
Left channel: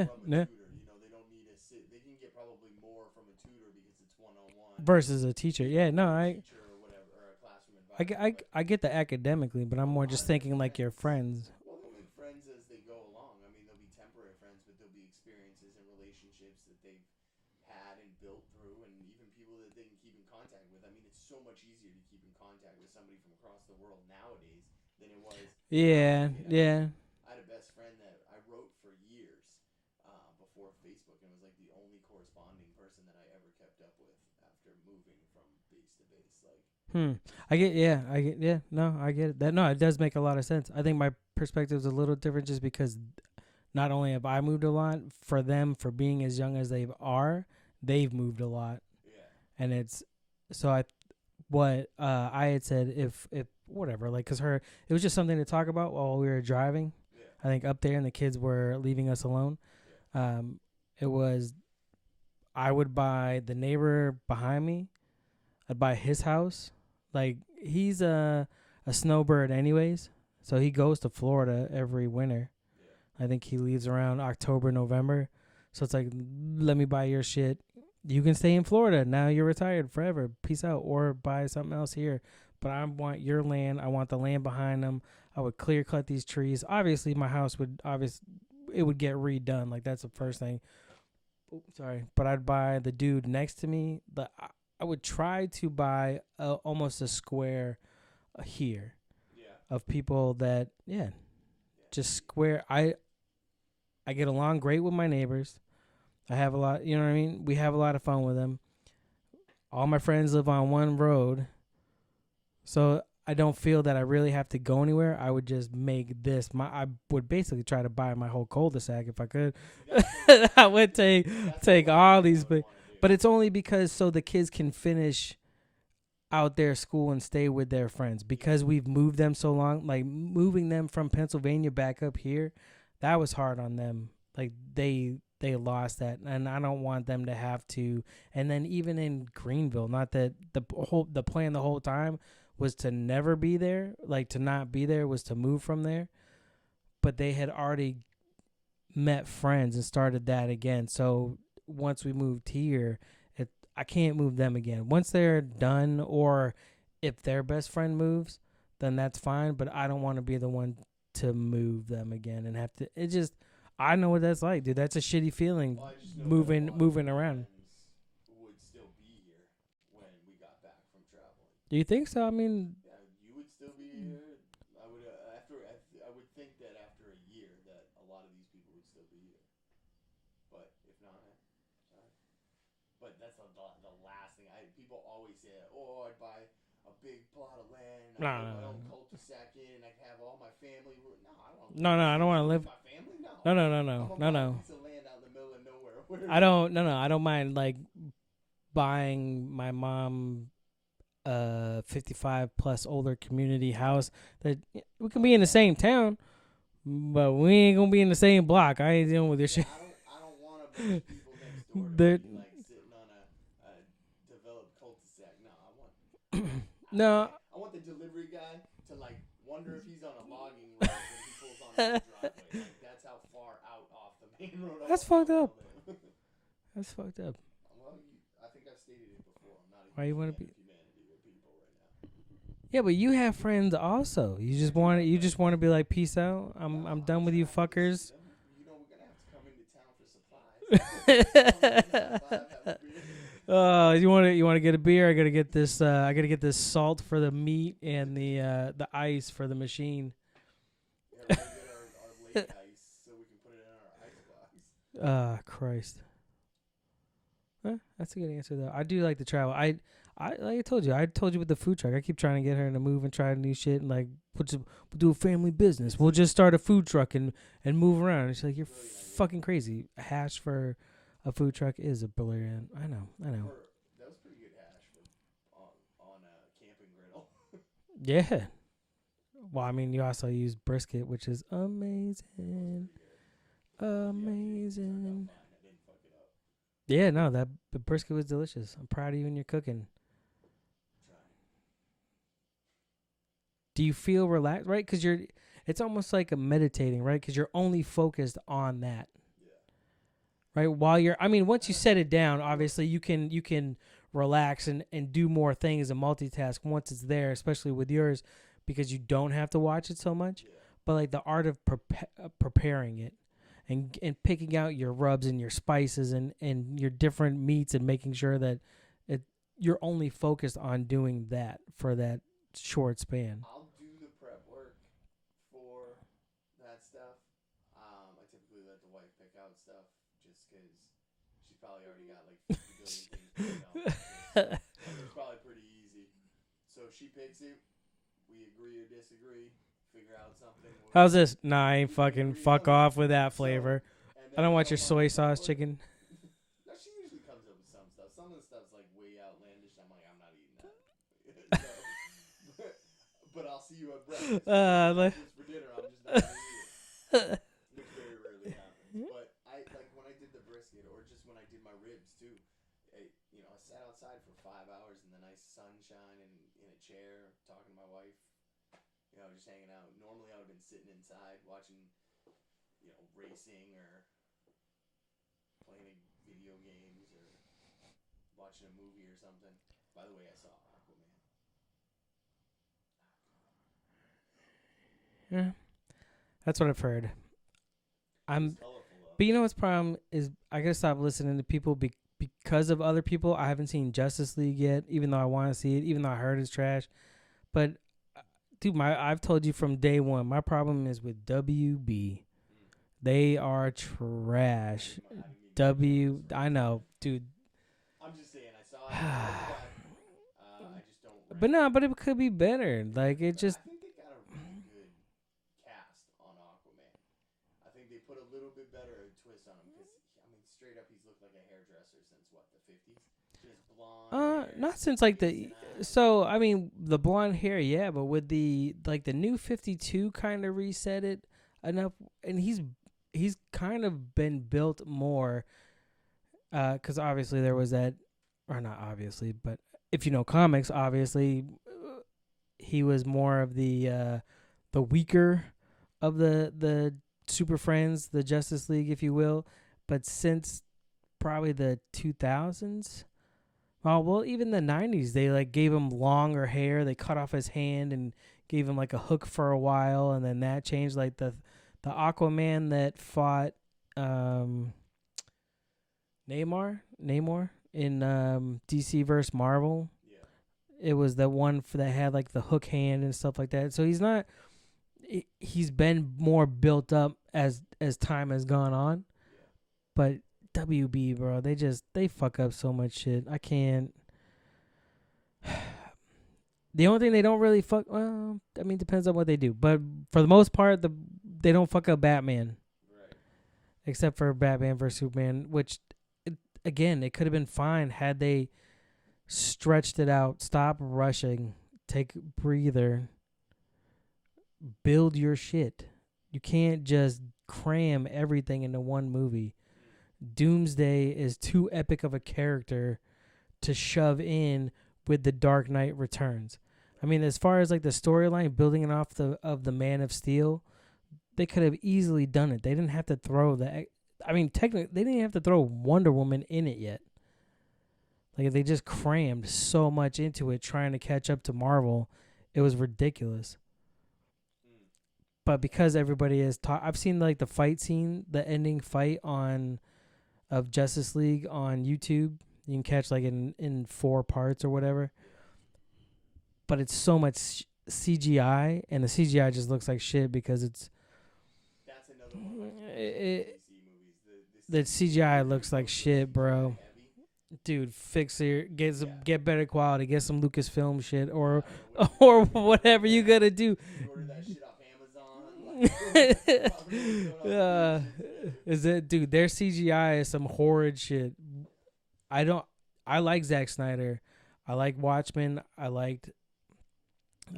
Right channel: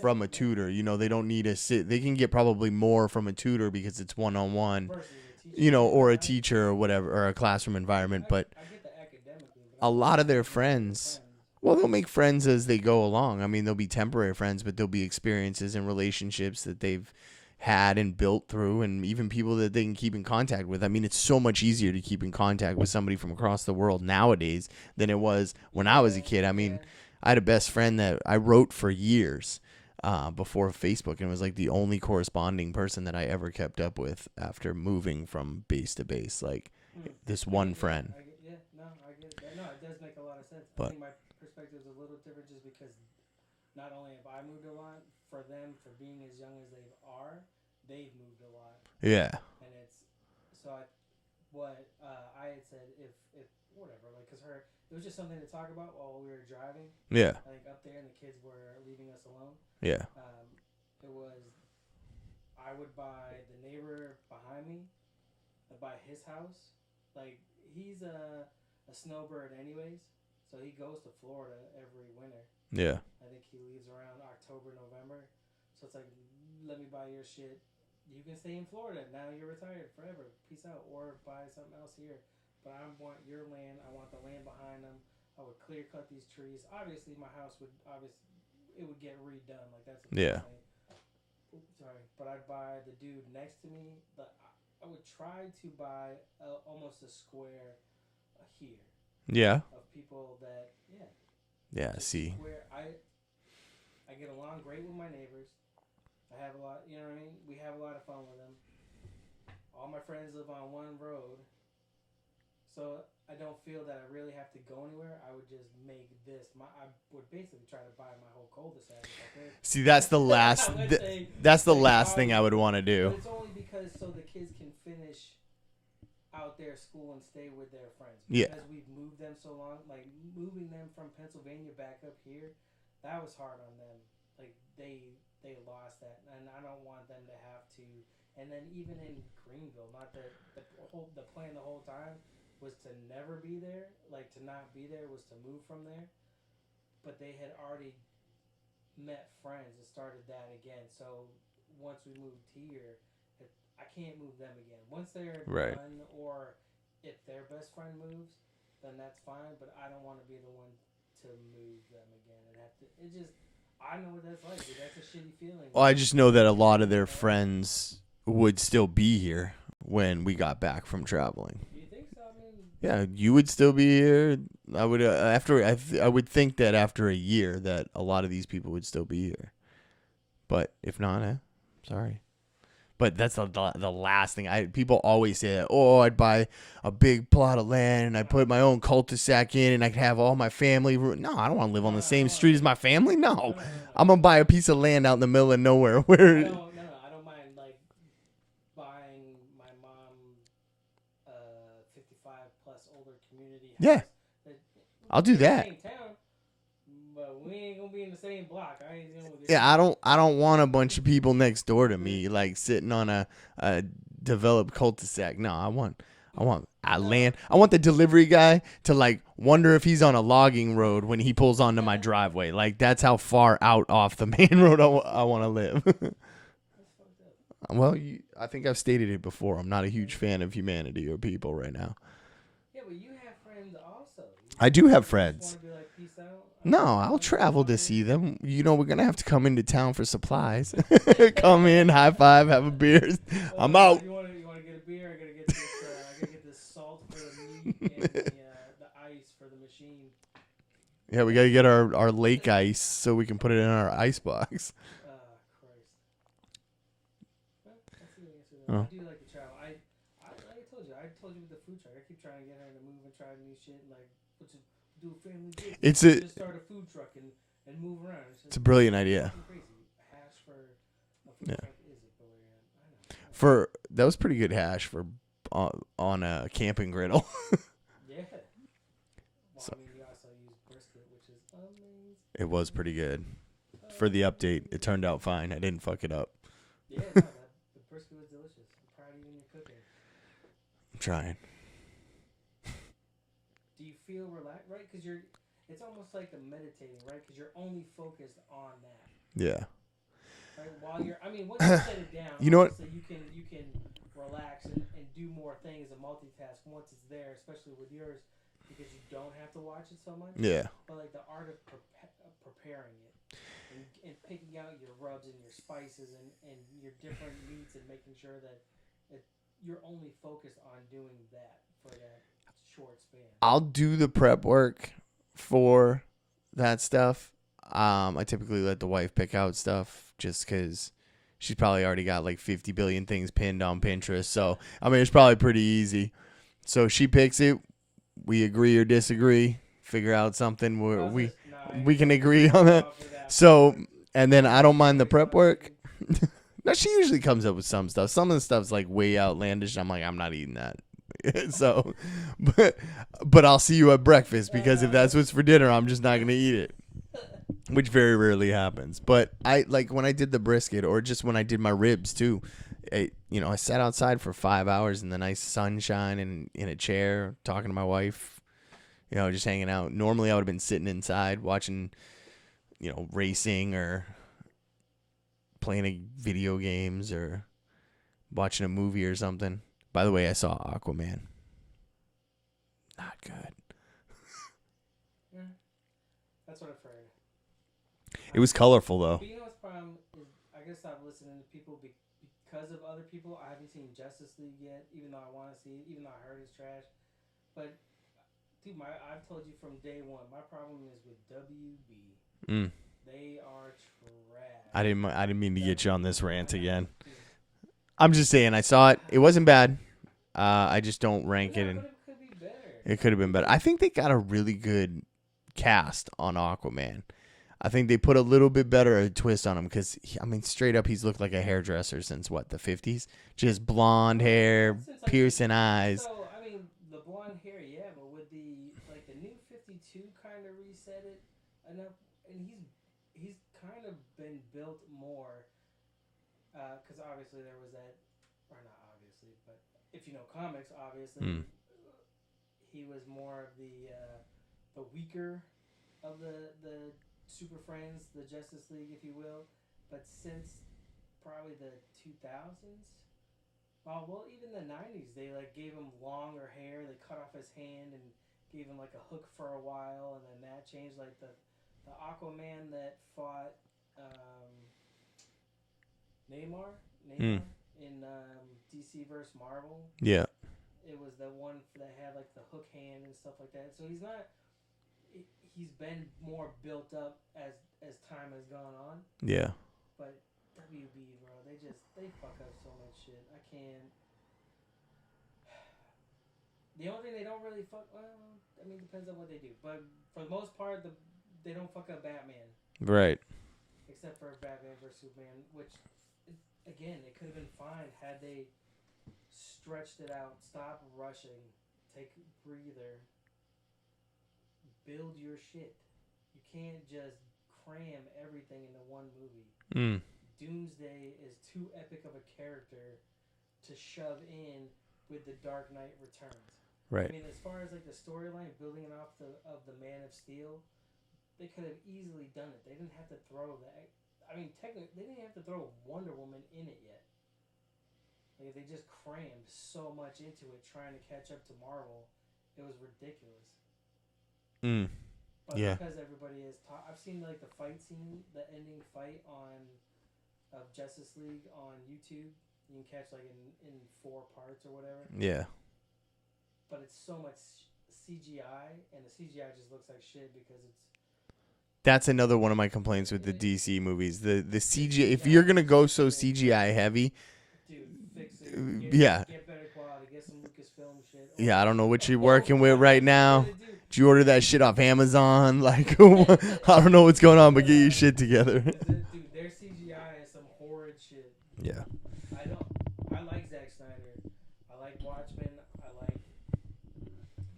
from a tutor. You know, they don't need they can get probably more from a tutor because it's one-on-one versus a teacher. You know, or a teacher or whatever, or a classroom environment. But I get that academically, but I'm a lot of their friends. Well, they'll make friends as they go along. I mean, they'll be temporary friends, but there'll be experiences and relationships that they've had and built through, and even people that they can keep in contact with. I mean, it's so much easier to keep in contact with somebody from across the world nowadays than it was when I was a kid. I mean, I had a best friend that I wrote for years before Facebook, and it was like the only corresponding person that I ever kept up with after moving from base to base. Like this one friend. I get it. It does make a lot of sense. I think my perspective is a little different just because not only have I moved a lot, for them, for being as young as they've moved a lot. Yeah. And it's so I had said if whatever, like, cause it was just something to talk about while we were driving. Yeah. I think up there and the kids were leaving us alone. Yeah. It was, I would buy the neighbor behind me. I'd buy his house. Like, he's a snowbird anyways. So he goes to Florida every winter. Yeah. I think he leaves around October, November. So it's like, let me buy your shit. You can stay in Florida. Now you're retired forever. Peace out. Or buy something else here. But I want your land. I want the land behind them. I would clear cut these trees. Obviously, my house it would get redone. Like, that's the first thing. Oops, sorry. But I'd buy the dude next to me. I would try to buy almost a square here. Yeah. Of people that, just square. I get along great with my neighbors. I have a lot, you know what I mean? We have a lot of fun with them. All my friends live on one road. So I don't feel that I really have to go anywhere. I would just make this I would basically try to buy my whole cul-de-sac if I could. See, that's the last. I would that's the last thing I would want to do. But it's only because so the kids can finish out their school and stay with their friends because we've moved them so long. Like, moving them from Pennsylvania back up here, that was hard on them. Like, they lost that, and I don't want them to have to. And then even in Greenville, not that the plan the whole time was to never be there, like to not be there was to move from there, but they had already met friends and started that again. So once we moved here, I can't move them again. Once they're done, or if their best friend moves, then that's fine. But I don't want to be the one to move them again and have to. It just, I know what that's like, dude. That's a shitty feeling. Well, I just know that a lot of their friends would still be here when we got back from traveling. Do you think so? I mean, yeah, you would still be here. I would I would think that after a year that a lot of these people would still be here. But if not, sorry. But that's the last thing. People always say that, I'd buy a big plot of land and I put my own cul-de-sac in and I could have all my family. No, I don't want to live on the same street as my family. No. No. I'm going to buy a piece of land out in the middle of nowhere. Where I don't mind, like, buying my mom 55 plus older community house that we can be in the same town. But we ain't gonna be in the same block. I ain't dealing with this shit. I don't want a bunch of people next door to me, like sitting on a developed cul-de-sac. No, I want land. I want the delivery guy to like wonder if he's on a logging road when he pulls onto my driveway. Like, that's how far out off the main road I want to live. That's fucked up. Well, I think I've stated it before. I'm not a huge fan of humanity or people right now. Yeah, but you have friends also. I do have friends. You just want to be like, peace out? I'll travel to see them. You know, we're going to have to come into town for supplies. Come in, high five, have a beer. I'm out. You want to get a beer? I got to get this salt for the meat and the ice for the machine. Yeah, we got to get our lake ice so we can put it in our ice box. Christ. That's a good answer, though. I do like to travel. Like I told you with the food truck. I keep trying to get her to move and try new shit and like we'll do a family business. We'll just start a food truck and move around. She's like, it's a brilliant idea. Fucking crazy. A hash for a food truck is a brilliant. I know. That was pretty good hash for on a camping griddle. Yeah. Well, I mean, you also use brisket, which is amazing. It was pretty good. For the update, it turned out fine. I didn't fuck it up. Yeah, no, the brisket was delicious. I'm proud of you and your cooking. I'm trying. Do you feel relaxed, right? Because it's almost like a meditating, right? Because you're only focused on that. Yeah. Right. While once you set it down, obviously you can relax and do more things and multitask once it's there, especially with yours, because you don't have to watch it so much. Yeah. But like the art of preparing it and picking out your rubs and your spices and your different meats and making sure that you're only focused on doing that for that short span. I'll do the prep work for that stuff. I typically let the wife pick out stuff just because she's probably already got like 50 billion things pinned on Pinterest. So, I mean, it's probably pretty easy. So she picks it. We agree or disagree. Figure out something. How's this? Nah, we can agree fuck on that. off with that So, flavor. and then I don't mind the prep work. No, No, she usually comes up with some stuff. Some of the stuff's like way outlandish. I'm like, I'm not eating that. So, but I'll see you at breakfast because if that's what's for dinner, I'm just not gonna eat it, which very rarely happens. But I like when I did the brisket, or just when I did my ribs too. I sat outside for 5 hours in the nice sunshine and in a chair talking to my wife. Just hanging out. Normally, I would have been sitting inside watching, racing or playing video games or watching a movie or something. By the way, I saw Aquaman. Not good. Yeah, that's what I've heard. It was colorful, though. But you know what's problem is I gotta stop listening to people because of other people. I haven't seen Justice League yet, even though I want to see it, even though I heard it's trash. But, dude, I've told you from day one, my problem is with WB. They are trash. I didn't mean to get you on this rant again. Dude. I'm just saying, I saw it. It wasn't bad. I just don't rank it. But it could be better. It could have been better. I think they got a really good cast on Aquaman. I think they put a little bit better a twist on him because, straight up, he's looked like a hairdresser since, the 50s? Just blonde hair, piercing eyes. So, the blonde hair, yeah, but with the new 52 kind of reset it enough, and he's kind of been built more, because obviously there was that, or not obviously, but if you know comics, obviously, he was more of the weaker of the Super Friends, the Justice League, if you will. But since probably the 2000s, even the 90s, they gave him longer hair. They cut off his hand and gave him a hook for a while, and then that changed. The Aquaman that fought Namor in DC versus Marvel. Yeah, it was the one that had the hook hand and stuff like that. So he's not. He's been more built up as time has gone on. Yeah. But WB, bro, they fuck up so much shit. I can't. The only thing they don't really depends on what they do. But for the most part, they don't fuck up Batman. Right. Except for Batman vs. Superman, which, it could have been fine had they stretched it out, stop rushing, take a breather, build your shit. You can't just cram everything into one movie. Doomsday is too epic of a character to shove in with the Dark Knight Returns. Right. As far as the storyline, building it off of the Man of Steel, they could have easily done it. They didn't have to throw technically, they didn't have to throw Wonder Woman in it yet. They just crammed so much into it trying to catch up to Marvel. It was ridiculous. But because everybody is I've seen the fight scene, the ending fight of Justice League on YouTube. You can catch in 4 parts or whatever. Yeah. But it's so much CGI, and the CGI just looks like shit because that's another one of my complaints with the DC movies. The CGI. If you're gonna go so shit, CGI heavy, dude, fix it. Get better quality. Get some Lucasfilm shit. Or, I don't know what you're working with right now. You gotta do. Did you order that shit off Amazon? I don't know what's going on, but get your shit together. Dude, their CGI is some horrid shit. Yeah. I like Zack Snyder. I like Watchmen. I liked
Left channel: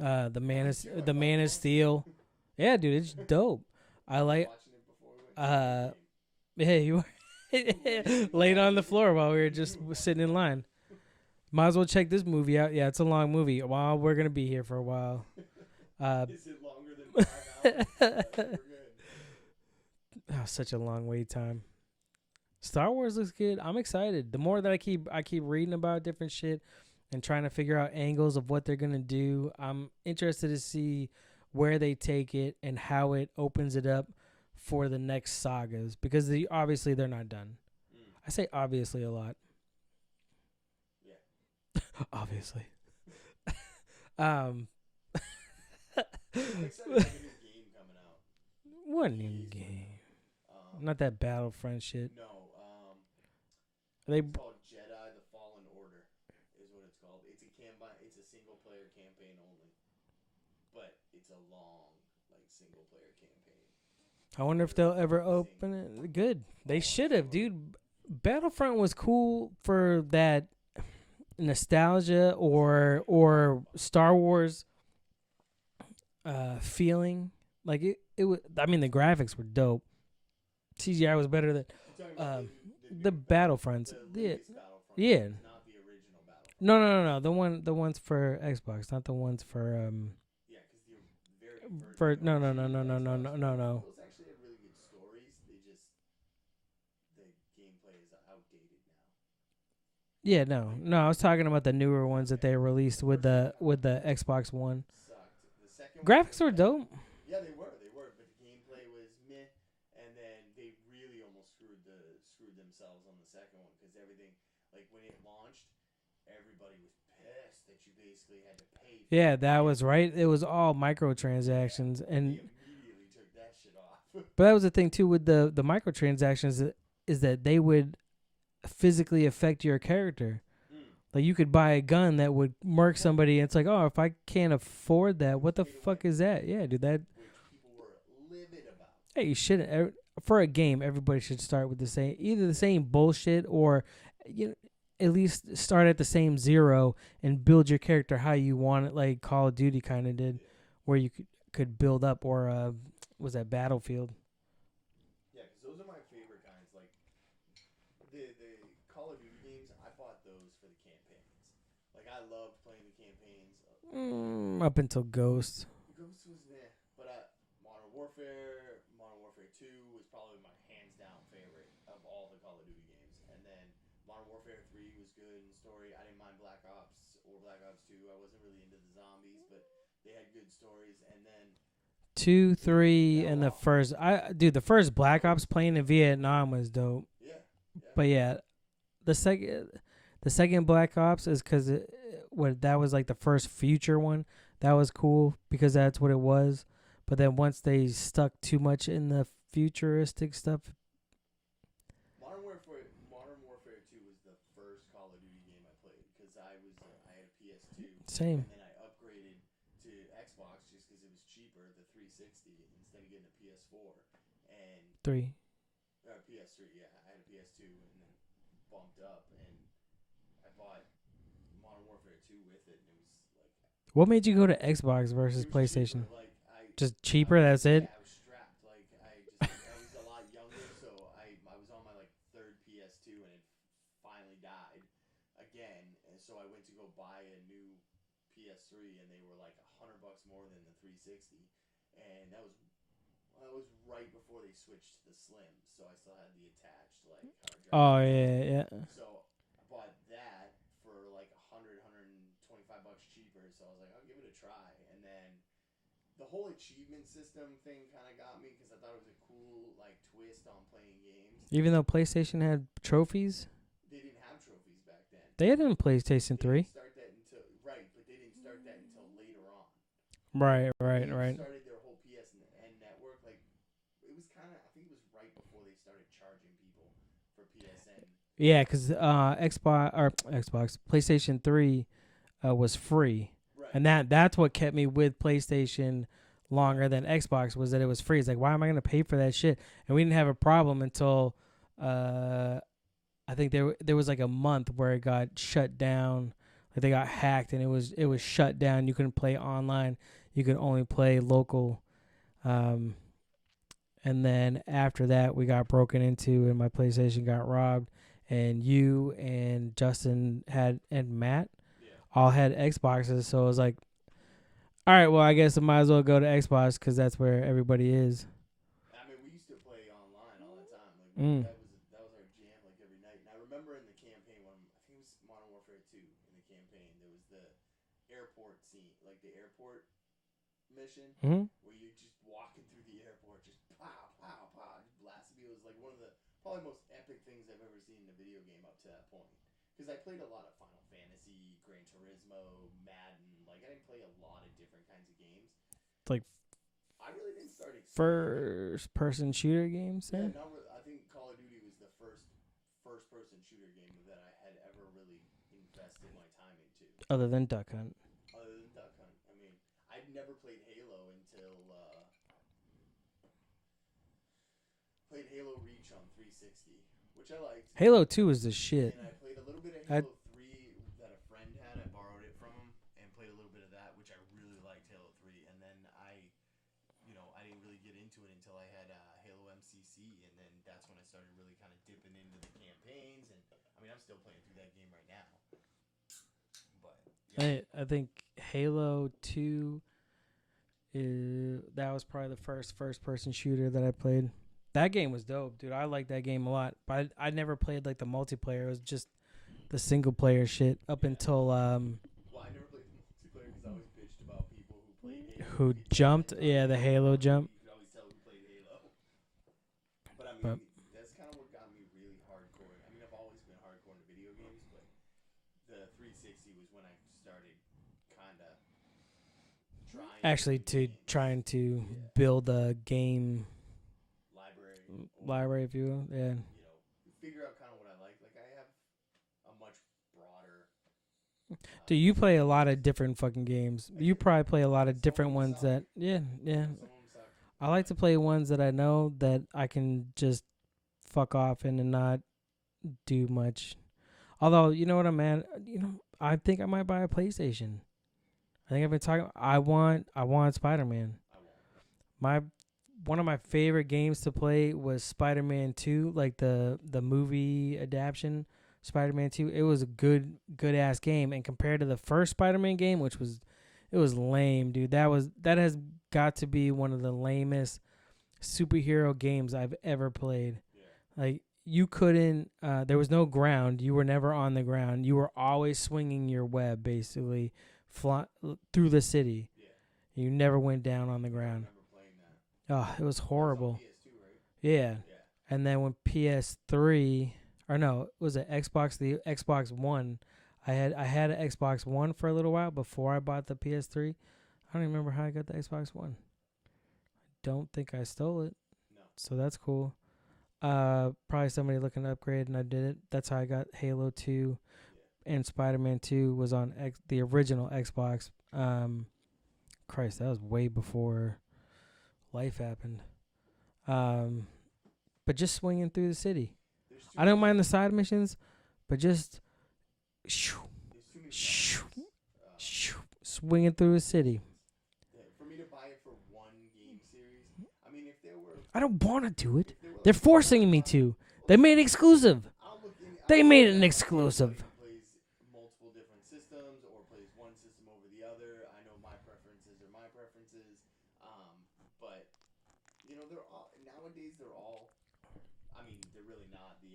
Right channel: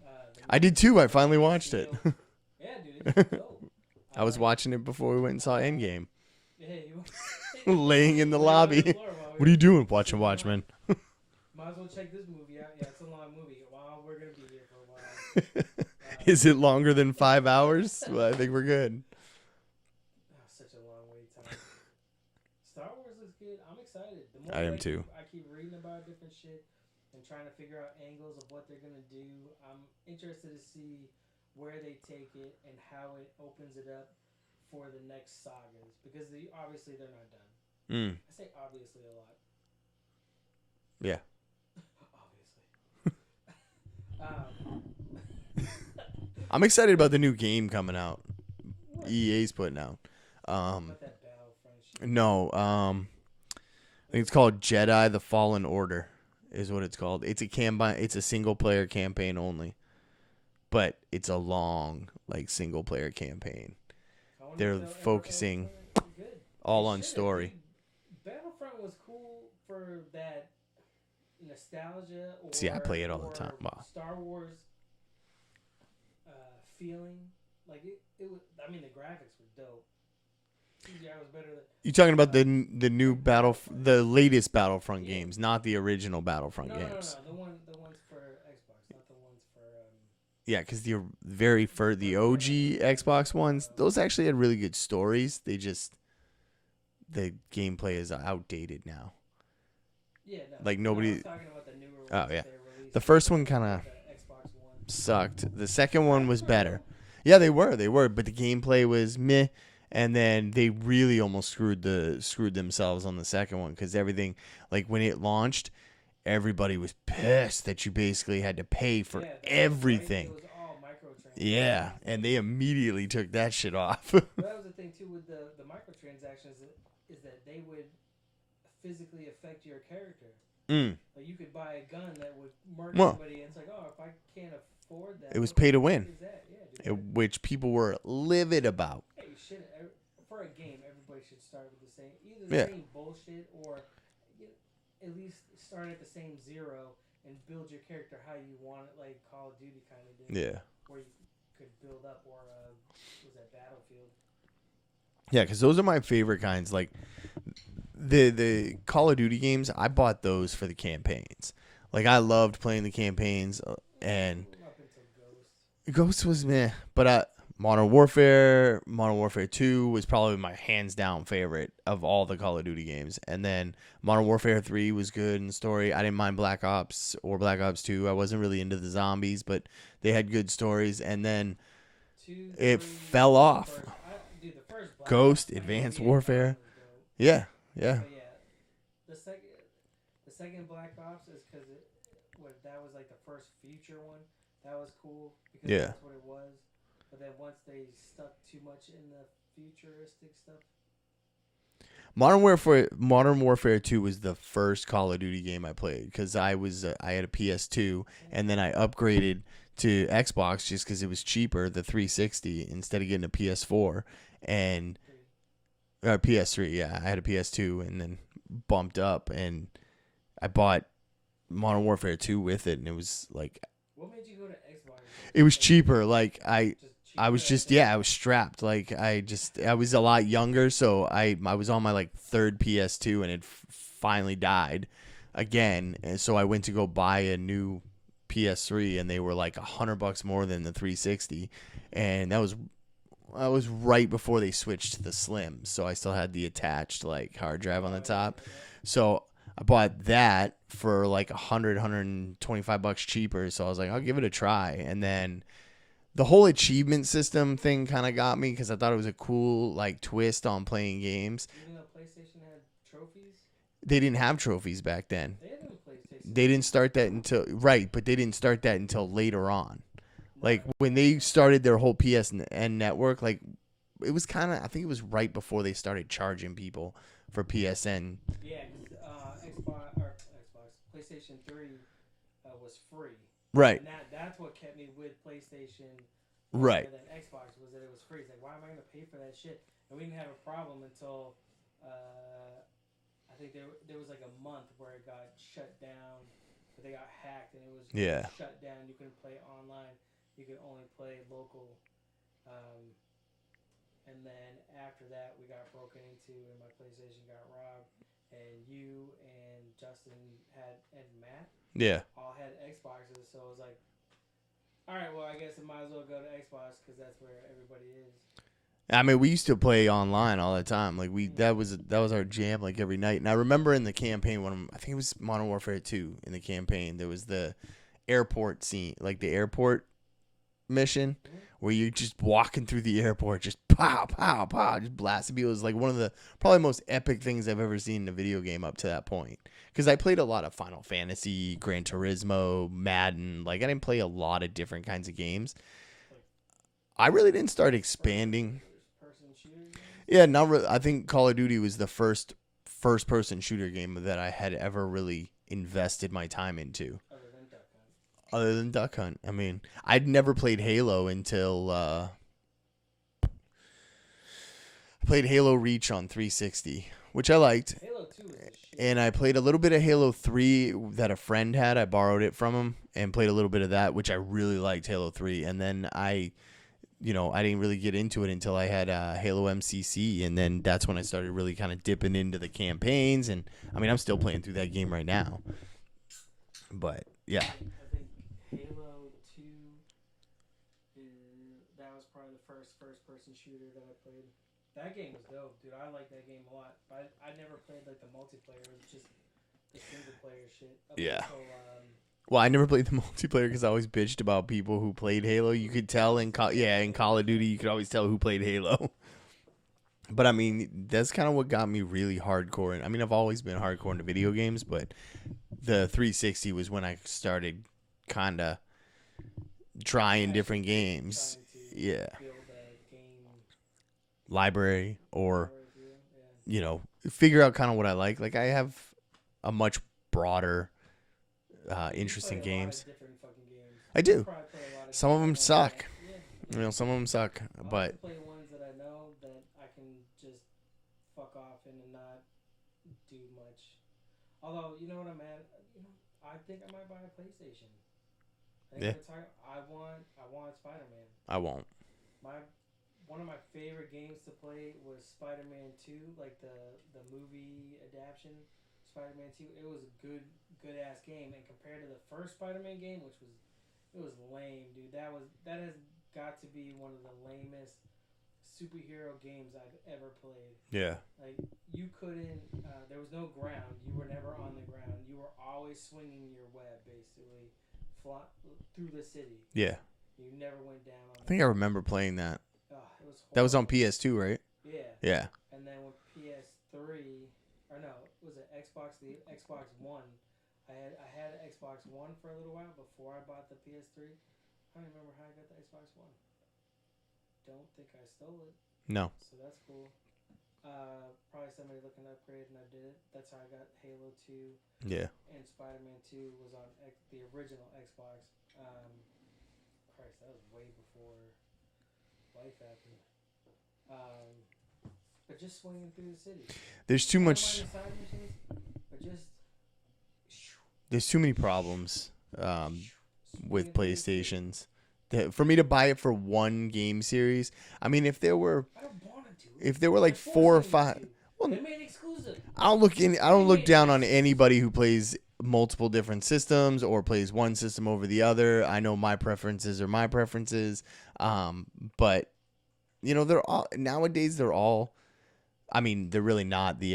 I did too. I finally Man of watched Steel. it. Yeah, dude, it's dope. I was watching it before we went and saw Endgame. Yeah, you laying in the laying lobby. on the floor while we were What are you just doing? Watching sitting in Watchmen. line. Might as well check this movie out. Yeah, it's a long movie. Well, we're gonna be here for a while. Is it longer than 5 hours? Well, I think we're good. Oh, such a long wait time. Star Wars looks good. I'm excited. The more I that am I keep reading about different shit and trying to figure out angles of what they're gonna do, I'm interested to see where they take it and how it opens it up for the next sagas, because obviously they're not done. I say obviously a lot. Yeah. Obviously. I'm excited about the new game coming out. What? EA's putting out. Not that Battlefront shit. No. I think it's called Jedi: The Fallen Order is what it's called. It's a single player campaign only. But it's a long, like, single player campaign. I wonder if they'll ever open it. Good. All they on should have, story. dude. Battlefront was cool for that nostalgia or Star Wars feeling. Like it was. I mean, the graphics were dope. CGI was better than. You talking about the new Battlefront, the latest Battlefront games, not the original Battlefront. games. No. The ones for Xbox, not the ones for Yeah, because the OG Xbox ones, those actually had really good stories. The gameplay is outdated now. Yeah, no. Like I was talking about the newer ones that they released. The first one kind of with the Xbox One sucked. The second one was better. Dope. Yeah, they were, but the gameplay was meh. And then they really almost screwed themselves on the second one, because everything, like when it launched, everybody was pissed that you basically had to pay for everything. Was right. It was all microtransactions. Yeah, and they immediately took that shit off. But that was the thing too with the microtransactions, is that they would physically affect your character. Like you could buy a gun that would murk somebody, and it's like, oh, if I can't afford that, it was what the pay to fuck win. Is that? Yeah, dude. That which people were livid about. Hey, you shouldn't. For a game, everybody should start with the same bullshit, or at least start at the same zero and build your character how you want it, like Call of Duty kind of did. Yeah, where you could build up, or was that Battlefield? Yeah, because those are my favorite kinds. Like the Call of Duty games, I bought those for the campaigns. Like I loved playing the campaigns, and up until Ghost. Ghost was meh, but Modern Warfare 2 was probably my hands down favorite of all the Call of Duty games. And then Modern Warfare 3 was good in the story. I didn't mind Black Ops or Black Ops 2. I wasn't really into the zombies, but they had good stories. And then 2, 3 fell off. The first Black Ops playing in Vietnam was dope. Yeah. But yeah, the second Black Ops is because that was like the first future one. That was cool because that's what it was. But then once they stuck too much in the futuristic stuff. Modern Warfare 2 was the first Call of Duty game I played, because I had a PS2. Same. And then I upgraded to Xbox just because it was cheaper, the 360, instead of getting a PS4 and PS3. Yeah, I had a PS2 and then bumped up, and I bought Modern Warfare 2 with it, and it was like. What made you go to Xbox versus It was cheaper. Like just cheaper. I was I was strapped. Like I was a lot younger, so I was on my like third PS2, and it finally died again, and so I went to go buy a new PS3, and they were like $100 more than the 360, and that was right before they switched to the Slim, so I still had the attached like hard drive on the top. Yeah. So I bought that for like $125 cheaper. So I was like, I'll give it a try. And then the whole achievement system thing kind of got me, because I thought it was a cool like twist on playing games. Even though PlayStation had trophies, they didn't have trophies back then. They had it in PlayStation. They didn't start that until but they didn't start that until later on. Right. Like when they started their whole PSN network, like it was kind of, I think it was right before they started charging people for PSN. Yeah, because Xbox PlayStation 3 was free. Right. And that's what kept me with PlayStation longer than Xbox, was that it was free. It's like, why am I going to pay for that shit? And we didn't have a problem until I think there was like a month where it got shut down Like they got hacked and it was Yeah. shut down. You couldn't play online. You could only play local. And then after that, we got broken into and my PlayStation got robbed. And you and Justin and Matt Yeah. all had Xboxes. So it was like, all right, well, I guess I might as well go to Xbox because that's where everybody is. I mean, we used to play online all the time. Like Mm. that was our jam, like every night. And I remember in the campaign I think it was Modern Warfare 2 in the campaign, there was the airport scene, like the airport mission Mm-hmm. where you're just walking through the airport, just pow, pow, pow, just blasting people. It was like one of the probably most epic things I've ever seen in a video game up to that point. Because I played a lot of Final Fantasy, Gran Turismo, Madden. Like I didn't play a lot of different kinds of games. Like I really didn't start expanding. First-person shooter games? Yeah, not really. I think Call of Duty was the first-person shooter game that I had ever really invested my time into. Other than Duck Hunt. Other than Duck Hunt. I mean, I'd never played Halo until I played Halo Reach on 360, which I liked. Halo 2 is the shit. And I played a little bit of Halo 3 that a friend had. I borrowed it from him and played a little bit of that, which I really liked, Halo 3. And then I didn't really get into it until I had Halo MCC, and then that's when I started really kind of dipping into the campaigns. And I mean, I'm still playing through that game right now. But yeah, I think Halo 2 that was probably the first-person shooter that I played. That game was dope, dude. I liked that game a lot. But I never played like the multiplayer. It was just the single-player shit up until well, I never played the multiplayer because I always bitched about people who played Halo. Who You could tell in jumped, in the Call Halo of jump. Duty, you could always tell who played Halo. But I mean, that's kind of what got me really hardcore. And I mean, I've always been hardcore into video games, but the 360 was when I started kind of trying different games, trying to build a game library, if you will. Yeah. Figure out kind of what I like. Like I have a much broader. So you play a lot games. of different fucking games. I you do. probably play a lot of Some of different them ones. suck. Yeah. Some of them suck. I like to play ones that I know that I can just fuck off in and not do much. Although, you know what I'm at? I think I might buy a PlayStation. I think I've been talking. I want Spider-Man. I won't. One of my favorite games to play was Spider-Man 2, like the movie adaptation. Spider-Man 2, it was a good ass game, and compared to the first Spider-Man game, it was lame, dude. That has got to be one of the lamest superhero games I've ever played. Yeah. Like you couldn't there was no ground. You were never on the ground. You were always swinging your web basically through the city. Yeah. You never went down on the ground. I think I remember playing that. Oh, it was horrible. That was on PS2, right? Yeah. Yeah. And then when PS3 or no, it was the Xbox One. I had an Xbox One for a little while before I bought the PS3. I don't even remember how I got the Xbox One. Don't think I stole it. No. So that's cool. Probably somebody looking to upgrade, and I did it. That's how I got Halo 2. Yeah. And Spider-Man 2 was on the original Xbox. Christ, that was way before life happened. But just swinging through the city. There's too I much. don't mind the side missions, but just There's too many problems. swinging with through the city. PlayStations. For me to buy it for one game series, I mean, if there were, I don't want to do it. if there were like They're forcing 4 or me 5, to. Well, They made it exclusive. I don't look down on anybody who plays multiple different systems or plays one system over the other. I know my preferences are my preferences. But they're all nowadays. They're all. I mean, they're really not. The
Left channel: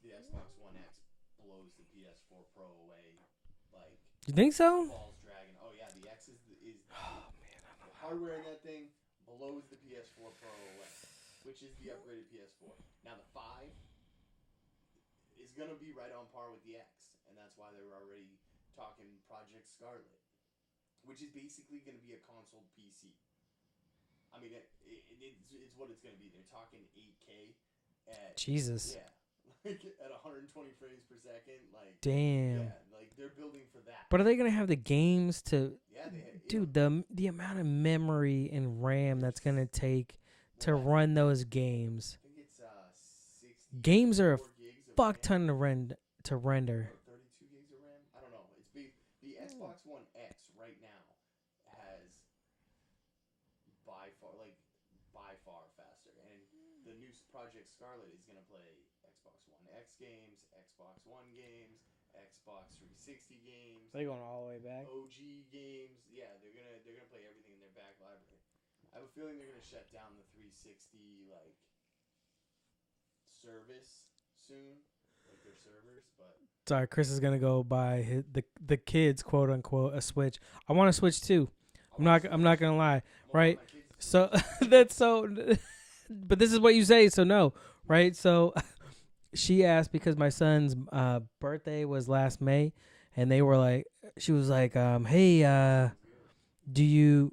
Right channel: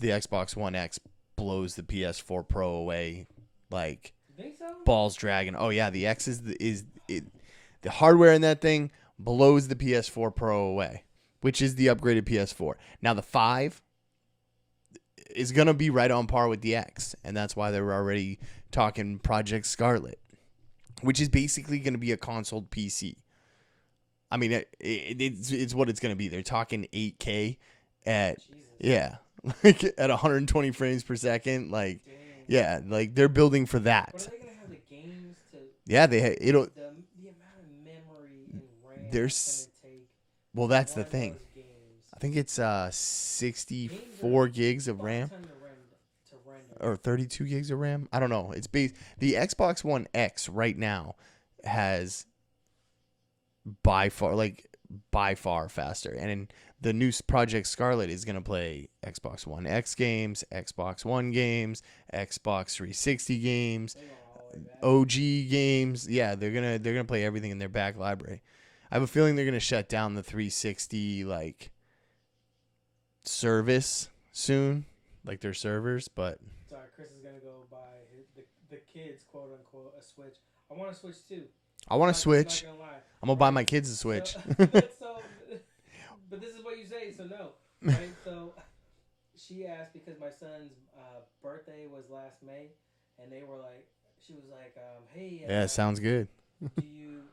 Xbox One X blows the PS4 Pro away. Like, You think so? balls dragging. Oh yeah, the X is the hardware in that thing blows the PS4 Pro away, which is the upgraded PS4. Now the 5 is gonna be right on par with the X, and that's why they were already talking Project Scarlet, which is basically gonna be a console PC. I mean, it's what it's gonna be. They're talking 8K at Jesus. yeah. Like at 120 frames per second, like Damn. yeah, like they're building for that. But are they gonna have the games to? Yeah, it'll. Dude, the amount of memory and RAM that's gonna take to that's run the thing. those games. I think it's 64 Games are gigs of Fuck RAM. ton to run to render. Or 32 gigs of RAM. I don't know. It's the Xbox One X right now has by far faster. And the new Project Scarlet is going to play Xbox One X games, Xbox One games, Xbox 360 games, They going all the way back. OG games. Yeah, they're going to play everything in their back library. I have a feeling they're going to shut down the 360 service soon, like their servers, but Sorry, Chris is gonna go buy the kids, quote unquote, a Switch. I want a Switch too. I want to switch. I'm not gonna lie. I'm gonna buy my kids a Switch. So, that's so. But this is what you say, so no, right? So she asked because my son's birthday was last May, and they were like, she was like, hey, yeah, sounds good. he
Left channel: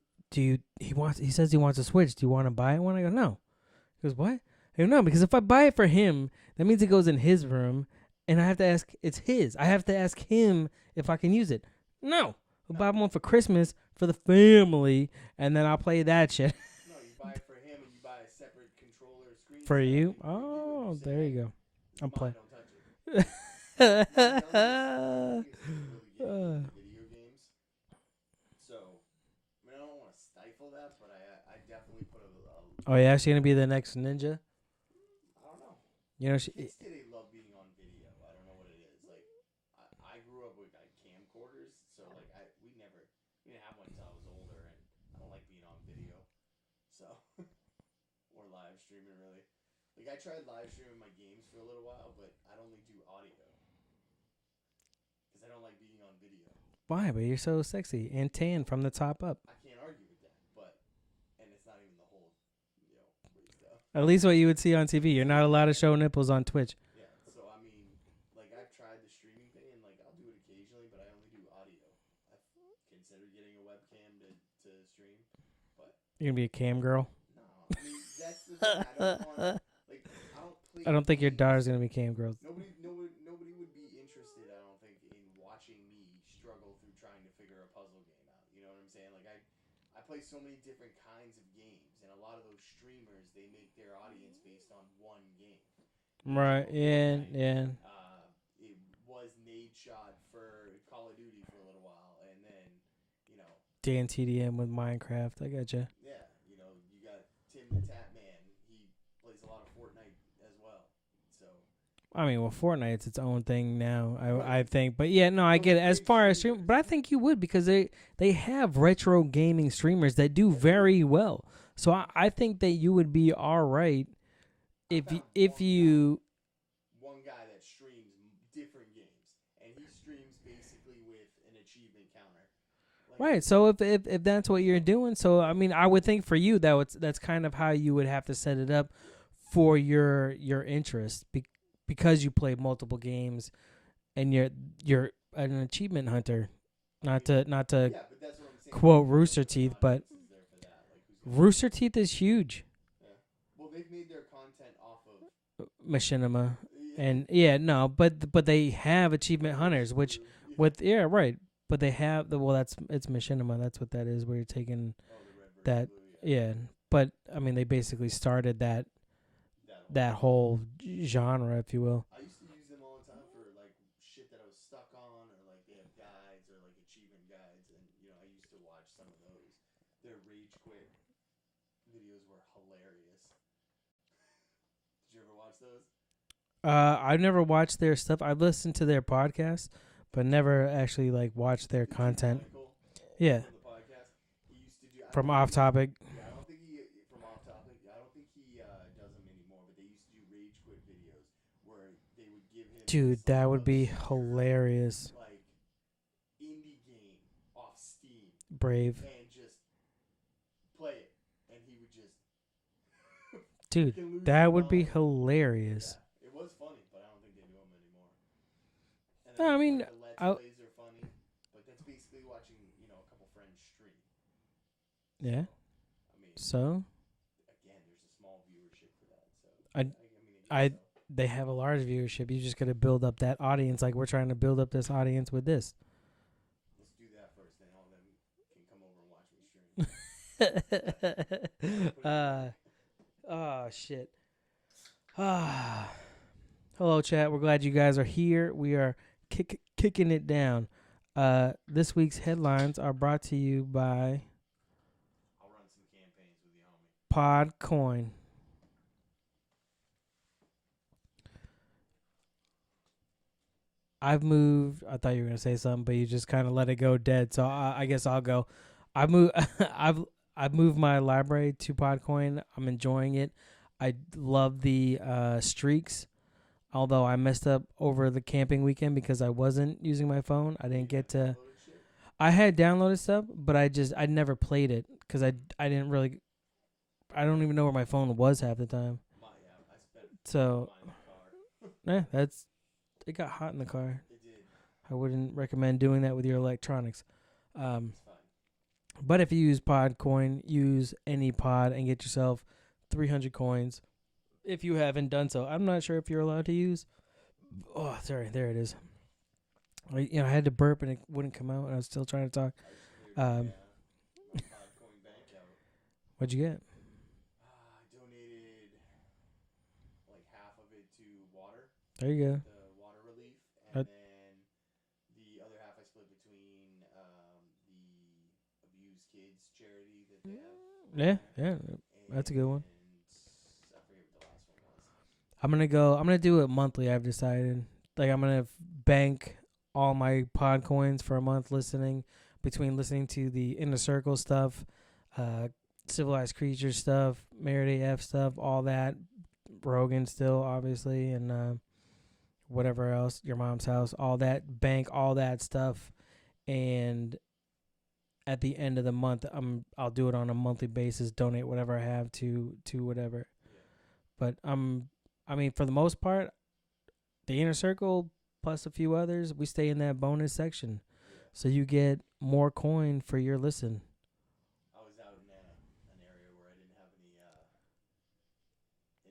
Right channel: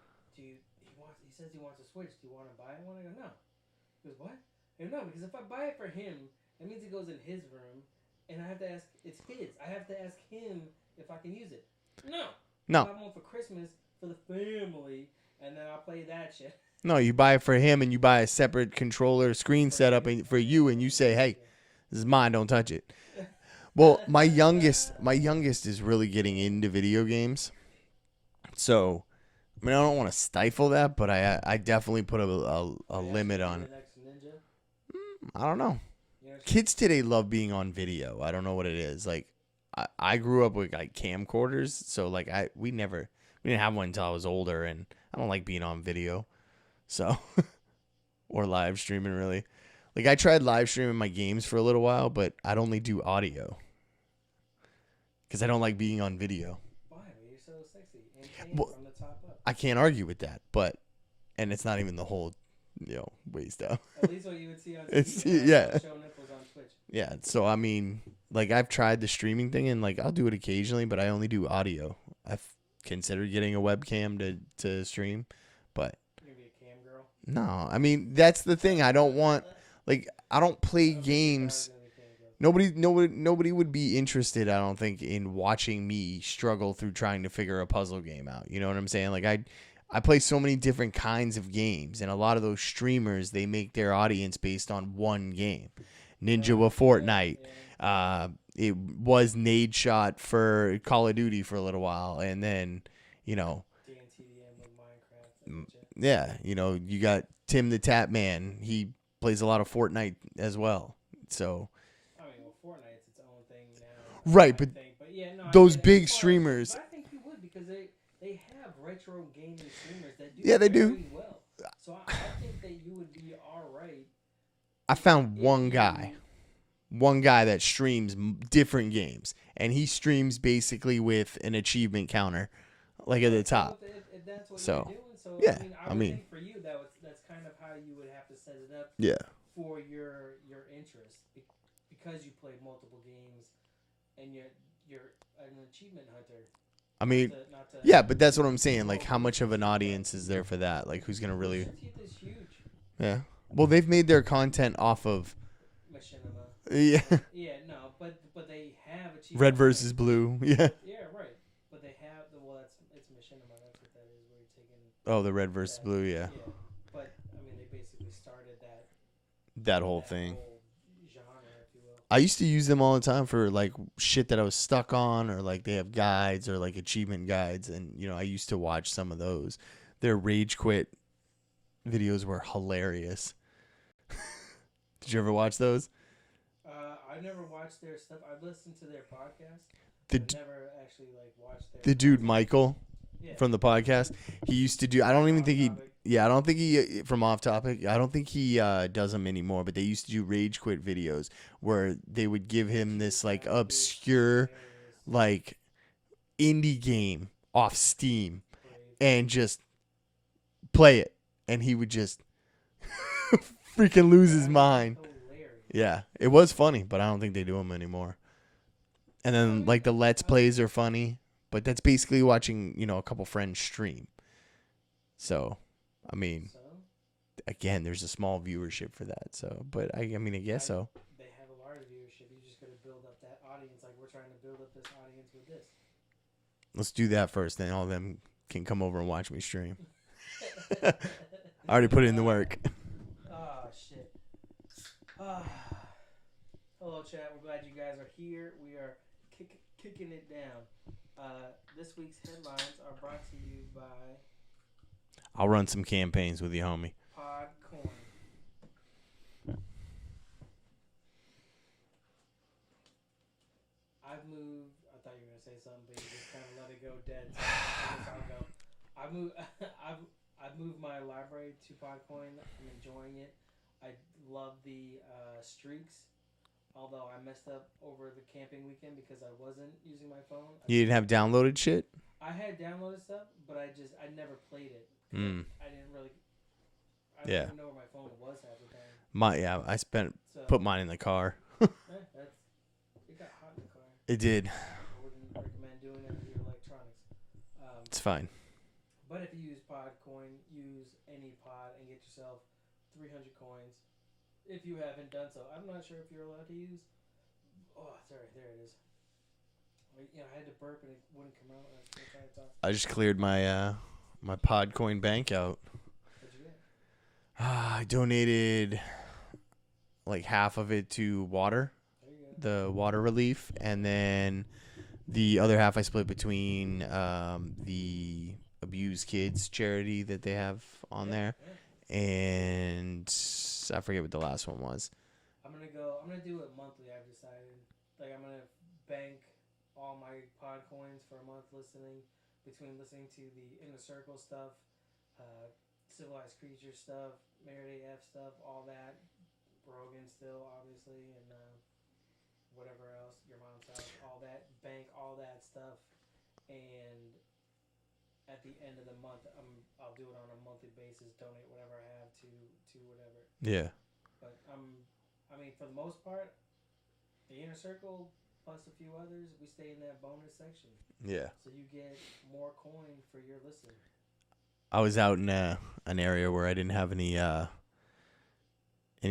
says he wants a Switch. Do you want to buy one? I go, no. He goes, what? I go, no, because if I buy it for him, that means it goes in his room, and I have to ask, it's his. I have to ask him if I can use it. No. I have one for Christmas for the family, and then I'll play that shit. No, you buy it for him, and you buy a separate controller screen setup for you, and you say, hey, this is mine, don't touch it. Well, my youngest is really getting into video games. So, I mean, I don't want to stifle that, but I definitely put a oh, yeah, she's going to be the next ninja? I don't know. You know, kids today love being on video. I don't know what it is. Like, I grew up with camcorders, so we didn't have one until I was older, and I don't like being on video, so or live streaming really. Like I tried live streaming my games for a little while, but I'd only do audio because I don't like being on video. Why? But you're so sexy and tan from the top up. I can't argue with that, and it's not even the whole. Ways down. At least what you would see on TV. You're not allowed to show nipples on Twitch. Yeah, so I mean, I've tried the streaming thing, and I'll do it occasionally, but I only do audio. I've considered getting a webcam to stream, but you're gonna be a cam girl. No, I mean that's the thing. I don't want I don't play games. I don't think your daughter's gonna be cam girl. Nobody would be interested. I don't think in watching me struggle through trying to figure a puzzle game out. You know what I'm saying? I play so many different kinds of games, and a lot of those streamers, they make their audience based on one game. Ninja with Fortnite. Yeah. It was Nadeshot for Call of Duty for a little while, and then, Dan TDM with Minecraft. I gotcha. Yeah, you got Tim the Tap Man. He plays a lot of Fortnite as well. So, I mean, well, Fortnite's its own thing now, I think. But yeah, no, I those get it. Big as far streamers. But I think you would because they have retro gaming streamers that do very well. So I think that you would be all right. I found one guy that streams different games, and he streams basically with an achievement counter. At the so top. if that's what you're doing, I mean, I would think for you that's kind of how you would have to set it up. Yeah. For your interest. Because you play multiple games, and you're an achievement hunter. Not to. Yeah, but that's what I'm saying. How much of an audience is there for that? Who's gonna? Rooster Teeth is huge. Yeah. Well, they've made their content off of Machinima. Yeah. But they have achievement Red hunters, versus Blue. Yeah, right. But they have it's Machinima. That's what that is. Where you're taking. Oh, the Red versus Blue. Yeah. Yeah, but I mean, they basically started that whole genre, if you will. I used to use them all the time for shit that I was stuck on, or they have guides or achievement guides, and I used to watch some of those. Their rage quit videos were hilarious. Did you ever watch those? I've never watched their stuff. I've listened to their podcast, but never actually watched their content. Dude Michael. Yeah. From the podcast, he used to do. I don't think he from Off Topic. I don't think he does them anymore. But they used to do rage quit videos where they would give him this obscure indie game off Steam, Brave, and just play it, and he would just freaking lose his mind. That would be hilarious. Yeah, it was funny, but I don't think they do them anymore. And then the Let's Plays are funny. But that's basically watching, a couple friends stream. So, I mean, again, there's a small viewership for that. So, but I guess so. They have a large viewership. You just got to build up that audience. We're trying to build up this audience with this. Let's do that first. Then all of them can come over and watch me stream. I already put in the work. Oh, shit. Hello, chat. We're glad you guys are here. We are kicking it down. This week's headlines are brought to you by I'll run some campaigns with you, homie. Podcoin. I've moved. I thought you were gonna say something, but you just kind of let it go dead. So I guess I'll go. I moved. I've moved my library to Podcoin. I'm enjoying it. I love the streaks. Although I messed up over the camping weekend because I wasn't using my phone. You didn't have downloaded shit? I had downloaded stuff, but I never played it because I didn't really. I don't even know where my phone was half the time. I put mine in the car. Yeah, it got hot in the car. It did. I wouldn't recommend doing that with your electronics. It's fine. But if you use Podcoin, use any pod and get yourself 300 coins. If you haven't done so, I'm not sure if you're allowed to use. Oh, sorry, there it is. I had to burp and it wouldn't come out. I was still trying to talk. I just cleared my my Podcoin bank out. What'd you get? I donated like half of it to water. There you go. The water relief, and then the other half I split between the abused kids charity that they have on there. Yeah, and I forget what the last one was. I'm gonna do it monthly. I've decided. Like I'm gonna bank all my pod coins for a month between listening to the InnerCircle stuff, Civilized Creatures stuff, Meredith F stuff, all that, Rogan still obviously, and whatever else, Your Mom's House, all that, bank all that stuff, and at the end of the month, I'll do it on a monthly basis, donate whatever I have to whatever. Yeah. But for the most part, the InnerCircle plus a few others, we stay in that bonus section. Yeah. So you get more coin for your listen. I was out in an area where I didn't have any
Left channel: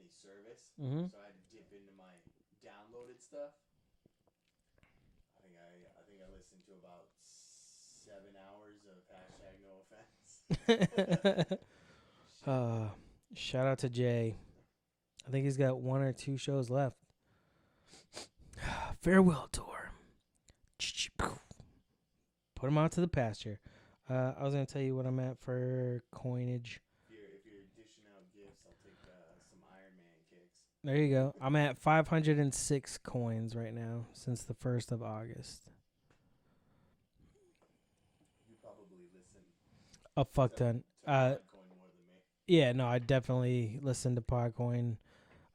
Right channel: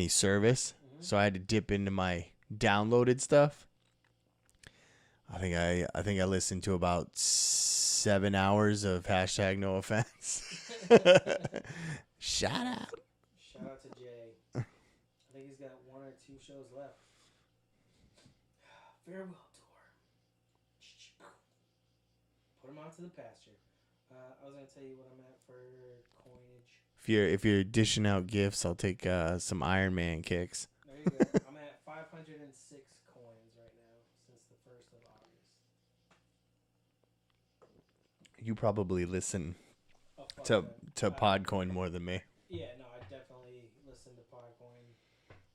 service, so I had to dip into my downloaded stuff. I think I listened to about 7 hours of #NoOffense. Shout out to Jay. I think he's got 1 or 2 shows left. Farewell tour. Put him out to the pasture. I was gonna tell you what I'm at for coinage. If you're dishing out gifts, I'll take some Iron Man kicks. There you go. I'm at 506 coins right now since the 1st of August. You probably listen A fuck ton. to Podcoin more than me. Yeah, no, I definitely listen to Podcoin.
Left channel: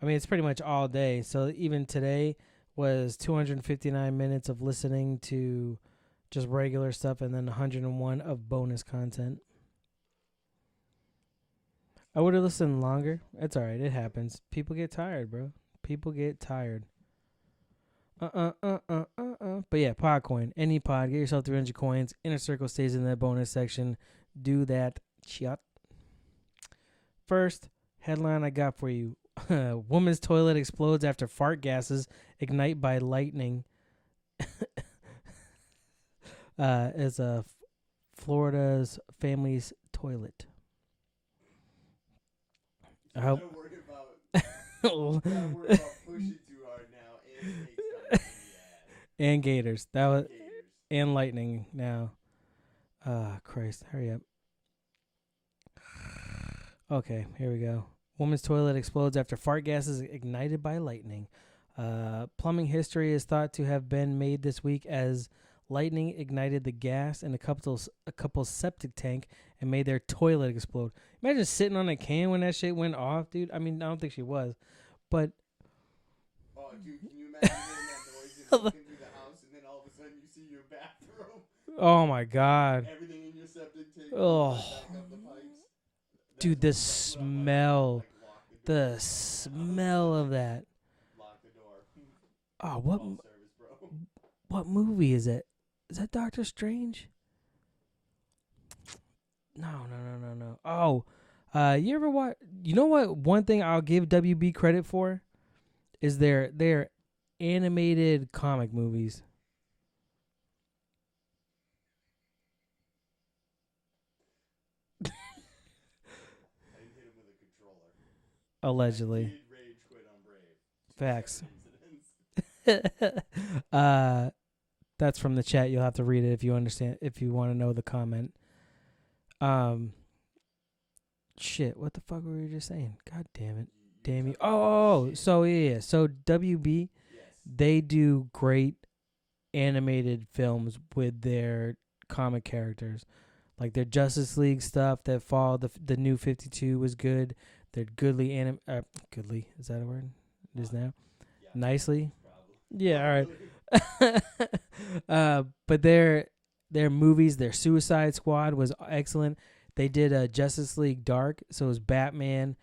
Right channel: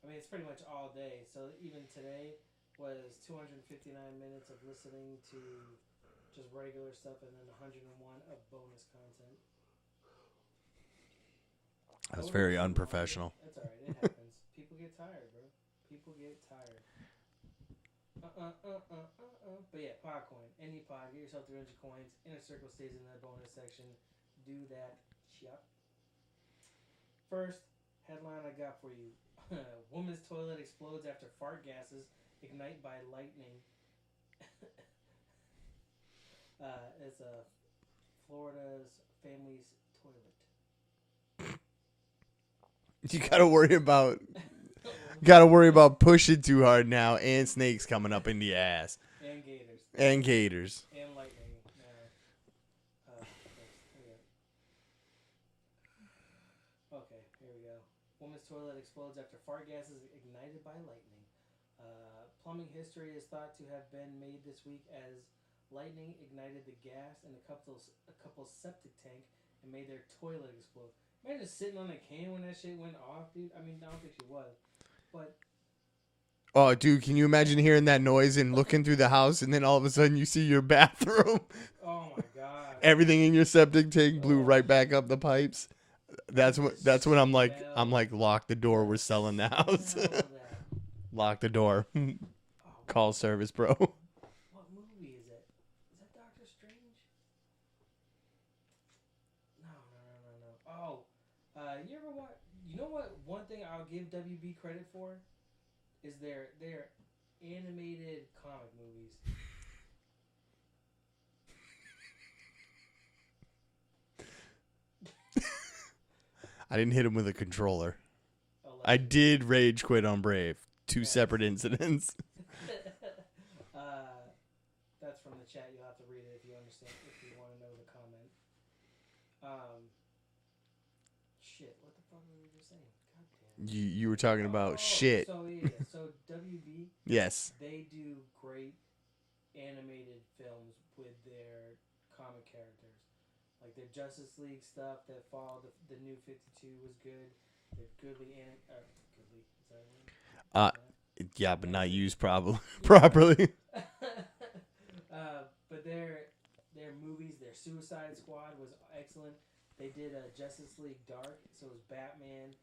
I mean, it's pretty much all day. So even today was 259 minutes of listening to just regular stuff and then 101 of bonus content. That's I would have very listened longer. unprofessional. It's all right. It happens. People get tired, bro. People get tired. But yeah, Podcoin. Any pod. Get yourself 300 coins. InnerCircle stays in that bonus section. Do that. Shut. First headline I got for you. Woman's toilet explodes after fart gases ignite by lightning. As Florida's family's toilet. You gotta worry about pushing too hard now, and snakes coming up in the ass, and gators, gators, and lightning now. Christ, hurry up. Okay, here we go. Woman's toilet explodes after fart gases ignited by lightning. Plumbing history is thought to have been made this week as lightning ignited the gas in a couple's septic tank and made their toilet explode. Imagine sitting on a can when that shit went off, dude. I mean, I don't think she was, but... Oh, dude, can you imagine hearing that noise and looking through the house and then all of a sudden you see your bathroom? Oh, my God. Everything in your septic tank blew right back up the pipes. That's when I'm like, lock the door. We're selling the house. Smell of that. Lock the door. Oh, call service, bro. What movie is it? Is that Doctor Strange? No. Oh, you ever watch? You know what? One thing I'll give WB credit for is their animated comic movies. I didn't hit him with a controller. Allegedly. I did rage quit on Brave. two Facts. separate incidents. That's from the chat. You'll have to read it if you understand. If you want to know the comment. Shit. What the fuck were you just saying? God damn it. You were talking about shit. So yeah. So WB. Yes. They do great animated films with their comic characters. Like their Justice League stuff that fall. The new 52 was good. Their goodly goodly, is that a word? Yeah, but nicely not used properly. Yeah, but their movies, their Suicide Squad was excellent. They did Justice League Dark, so it was Batman.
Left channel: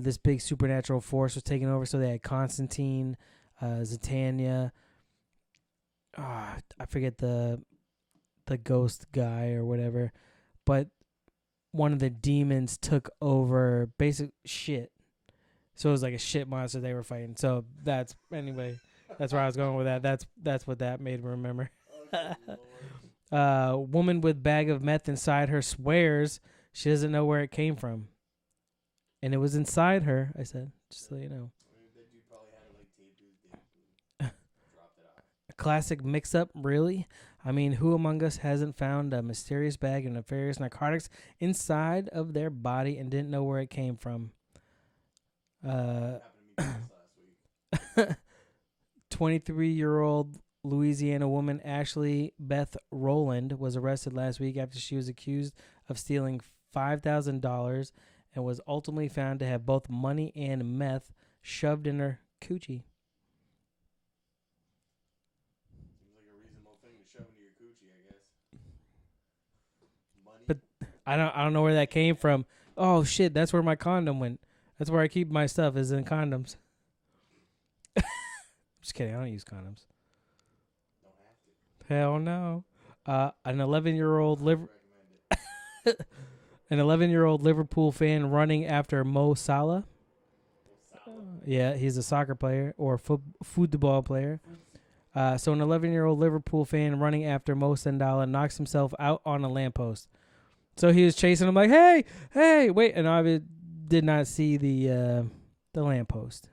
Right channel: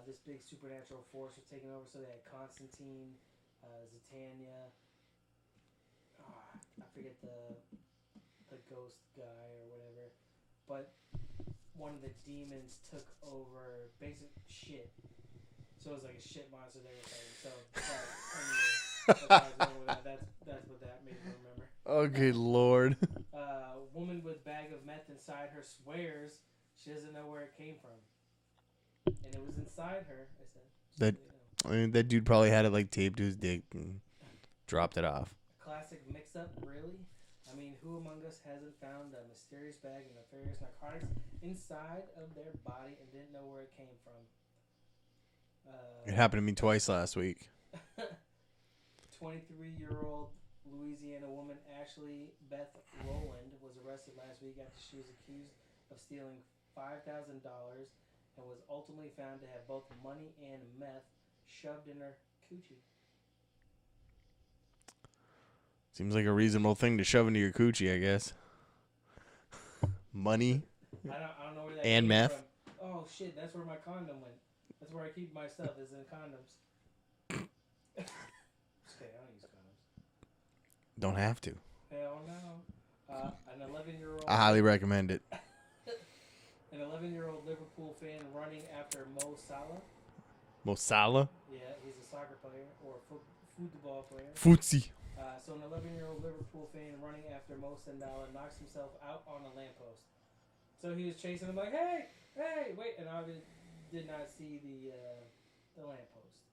This big supernatural force was taking over, so they had Constantine, Zatanna. I forget the ghost guy or whatever, but one of the demons took over basic shit. So it was like a shit monster they were fighting. So that's anyway. That's where I was going with that. That's what that made me remember. Oh, good Lord. Woman with bag of meth inside her swears she doesn't know where it came from, and it was inside her. I said, just so you know. I mean, that dude probably had it like taped to his dick and dropped it off. A classic mix-up, really. I mean, who among us hasn't found a mysterious bag of nefarious narcotics inside of their body and didn't know where it came from? It happened to me twice last week. 23-year-old Louisiana woman Ashley Beth Rowland was arrested last week after she was accused of stealing $5,000 and was ultimately found to have both money and meth shoved in her coochie. Seems like a reasonable thing to shove into your coochie, I guess. Money. I don't know where that came meth? from. Oh shit, that's where my condom went. That's where I keep my stuff, is in condoms. Just kidding, I don't use condoms. Don't have to. Hell no. An 11-year-old. I highly recommend it. An 11-year-old Liverpool fan running after Mo Salah. Mo Salah? Yeah, he's a soccer player or football player. Footsie. So an 11-year-old Liverpool fan running after Mo Salah knocks himself out on a lamppost. So he was chasing him like, hey, wait, and I did not see the lamppost.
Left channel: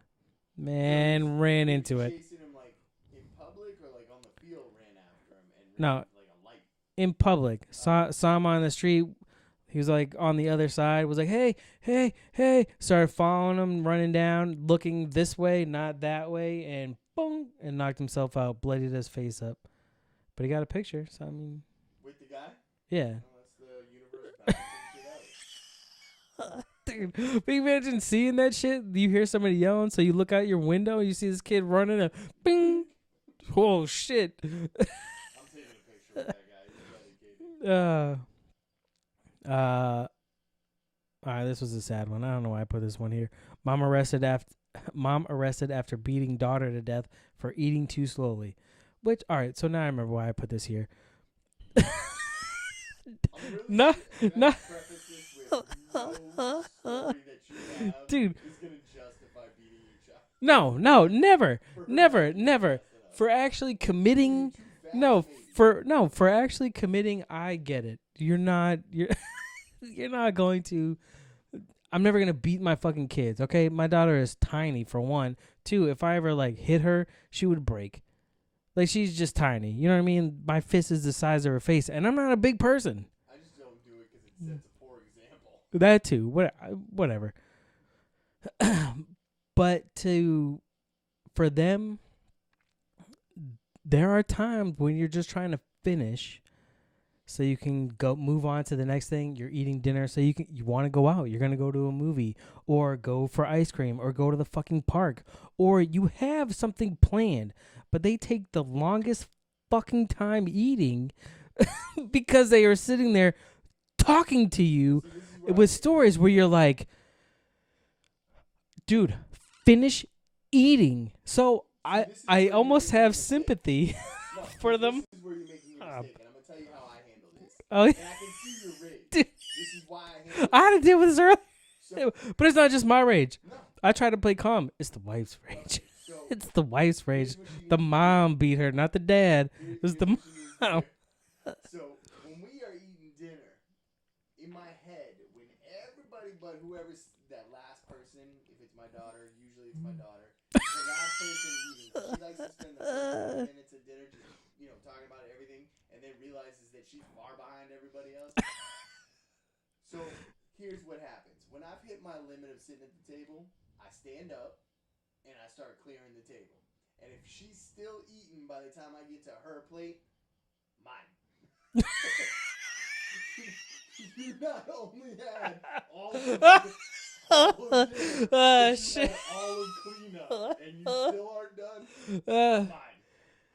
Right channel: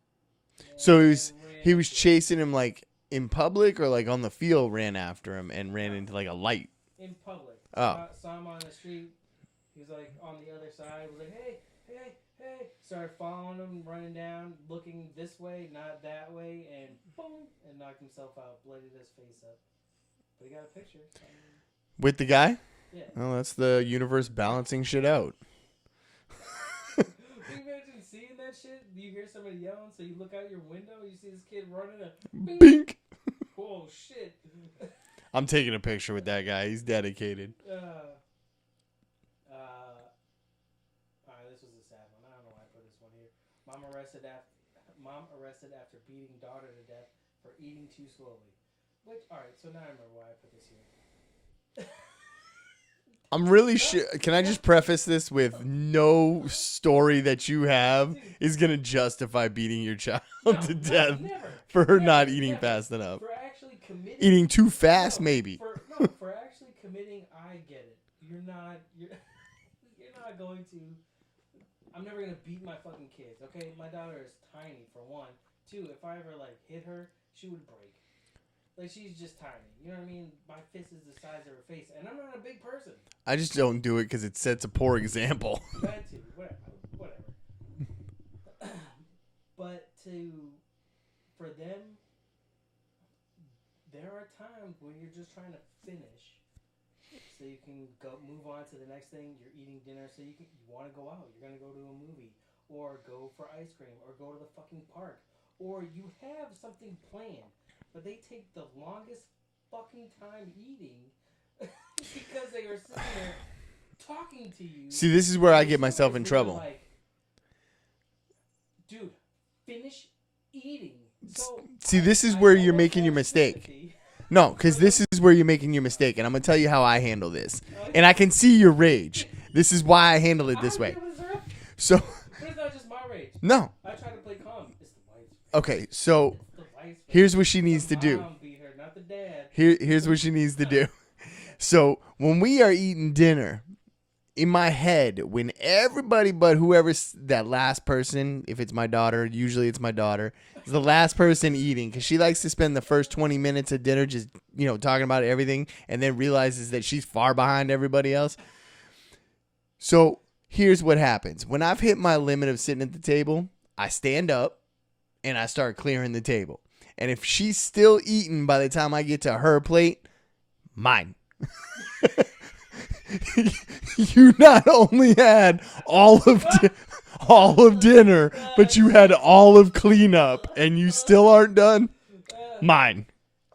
Man, So ran he was into it. chasing him like in public or like on the field, ran after him and ran into like a light? In public. Oh. Saw him on the street. He was like on the other side, was like, hey. Started following him, running down, looking this way, not that way, and boom, and knocked himself out, bloodied his face up. But he got a picture, so I mean. With the guy? Yeah. Oh, that's the universe balancing shit out. Dude, can you imagine seeing that shit? You hear somebody yelling, so you look out your window, you see this kid running, and bing. Bink. Oh, shit. I'm taking a picture with that guy. He's dedicated. All right, this was a sad one. I don't know why I put this one here. Mom arrested after beating daughter to death for eating too slowly. Which, all right, so now I remember why I put this here. I'm really sure. Can I just preface this with no story that you have Dude. is going to justify beating your child? No, to no, death never. For her never, not eating never. fast enough. For actually committing. Eating too fast, no, maybe. For actually committing, I get it. You're not going to. I'm never going to beat my fucking kids, okay? My daughter is tiny, for one. Two, if I ever, like, hit her, she would break. Like, she's just tiny. You know what I mean? My fist is the size of her face, and I'm not a big person. I just don't do it because it sets a poor example. That too. Whatever. But for them, there are times when you're just trying to finish so you can move on to the next thing. You're eating dinner, so you want to go out. You're going to go to a movie or go for ice cream or go to the fucking park, or you have something planned. But they take the longest fucking time eating because they are sitting there talking to you. See, this is where I get myself in trouble. Where you're like, dude, finish eating. So see, this is where you're making your mistake. Sympathy. No, because this is where you're making your mistake, and I'm gonna tell you how I handle this. Oh, yeah. And I can see your rage. This is why I handle it I had this to way. deal with this earlier. So, but it's not just my rage. no. I try to play calm. It's the wife's rage. Okay, so It's the wife's rage. here's what she needs the to mom beat her, not the dad. do. Here's what she needs to do. So when we are eating dinner, in my head, when everybody but whoever's that last person, if it's my daughter, usually it's my daughter, is the last person eating, because she likes to spend the first 20 minutes of dinner just, talking about everything, and then realizes that she's far behind everybody else. So here's what happens. When I've hit my limit of sitting at the table, I stand up and I start clearing the table. And if she's still eating by the time I get to her plate, mine. You not only had all of dinner, but you had all of cleanup, and you still aren't done. Mine.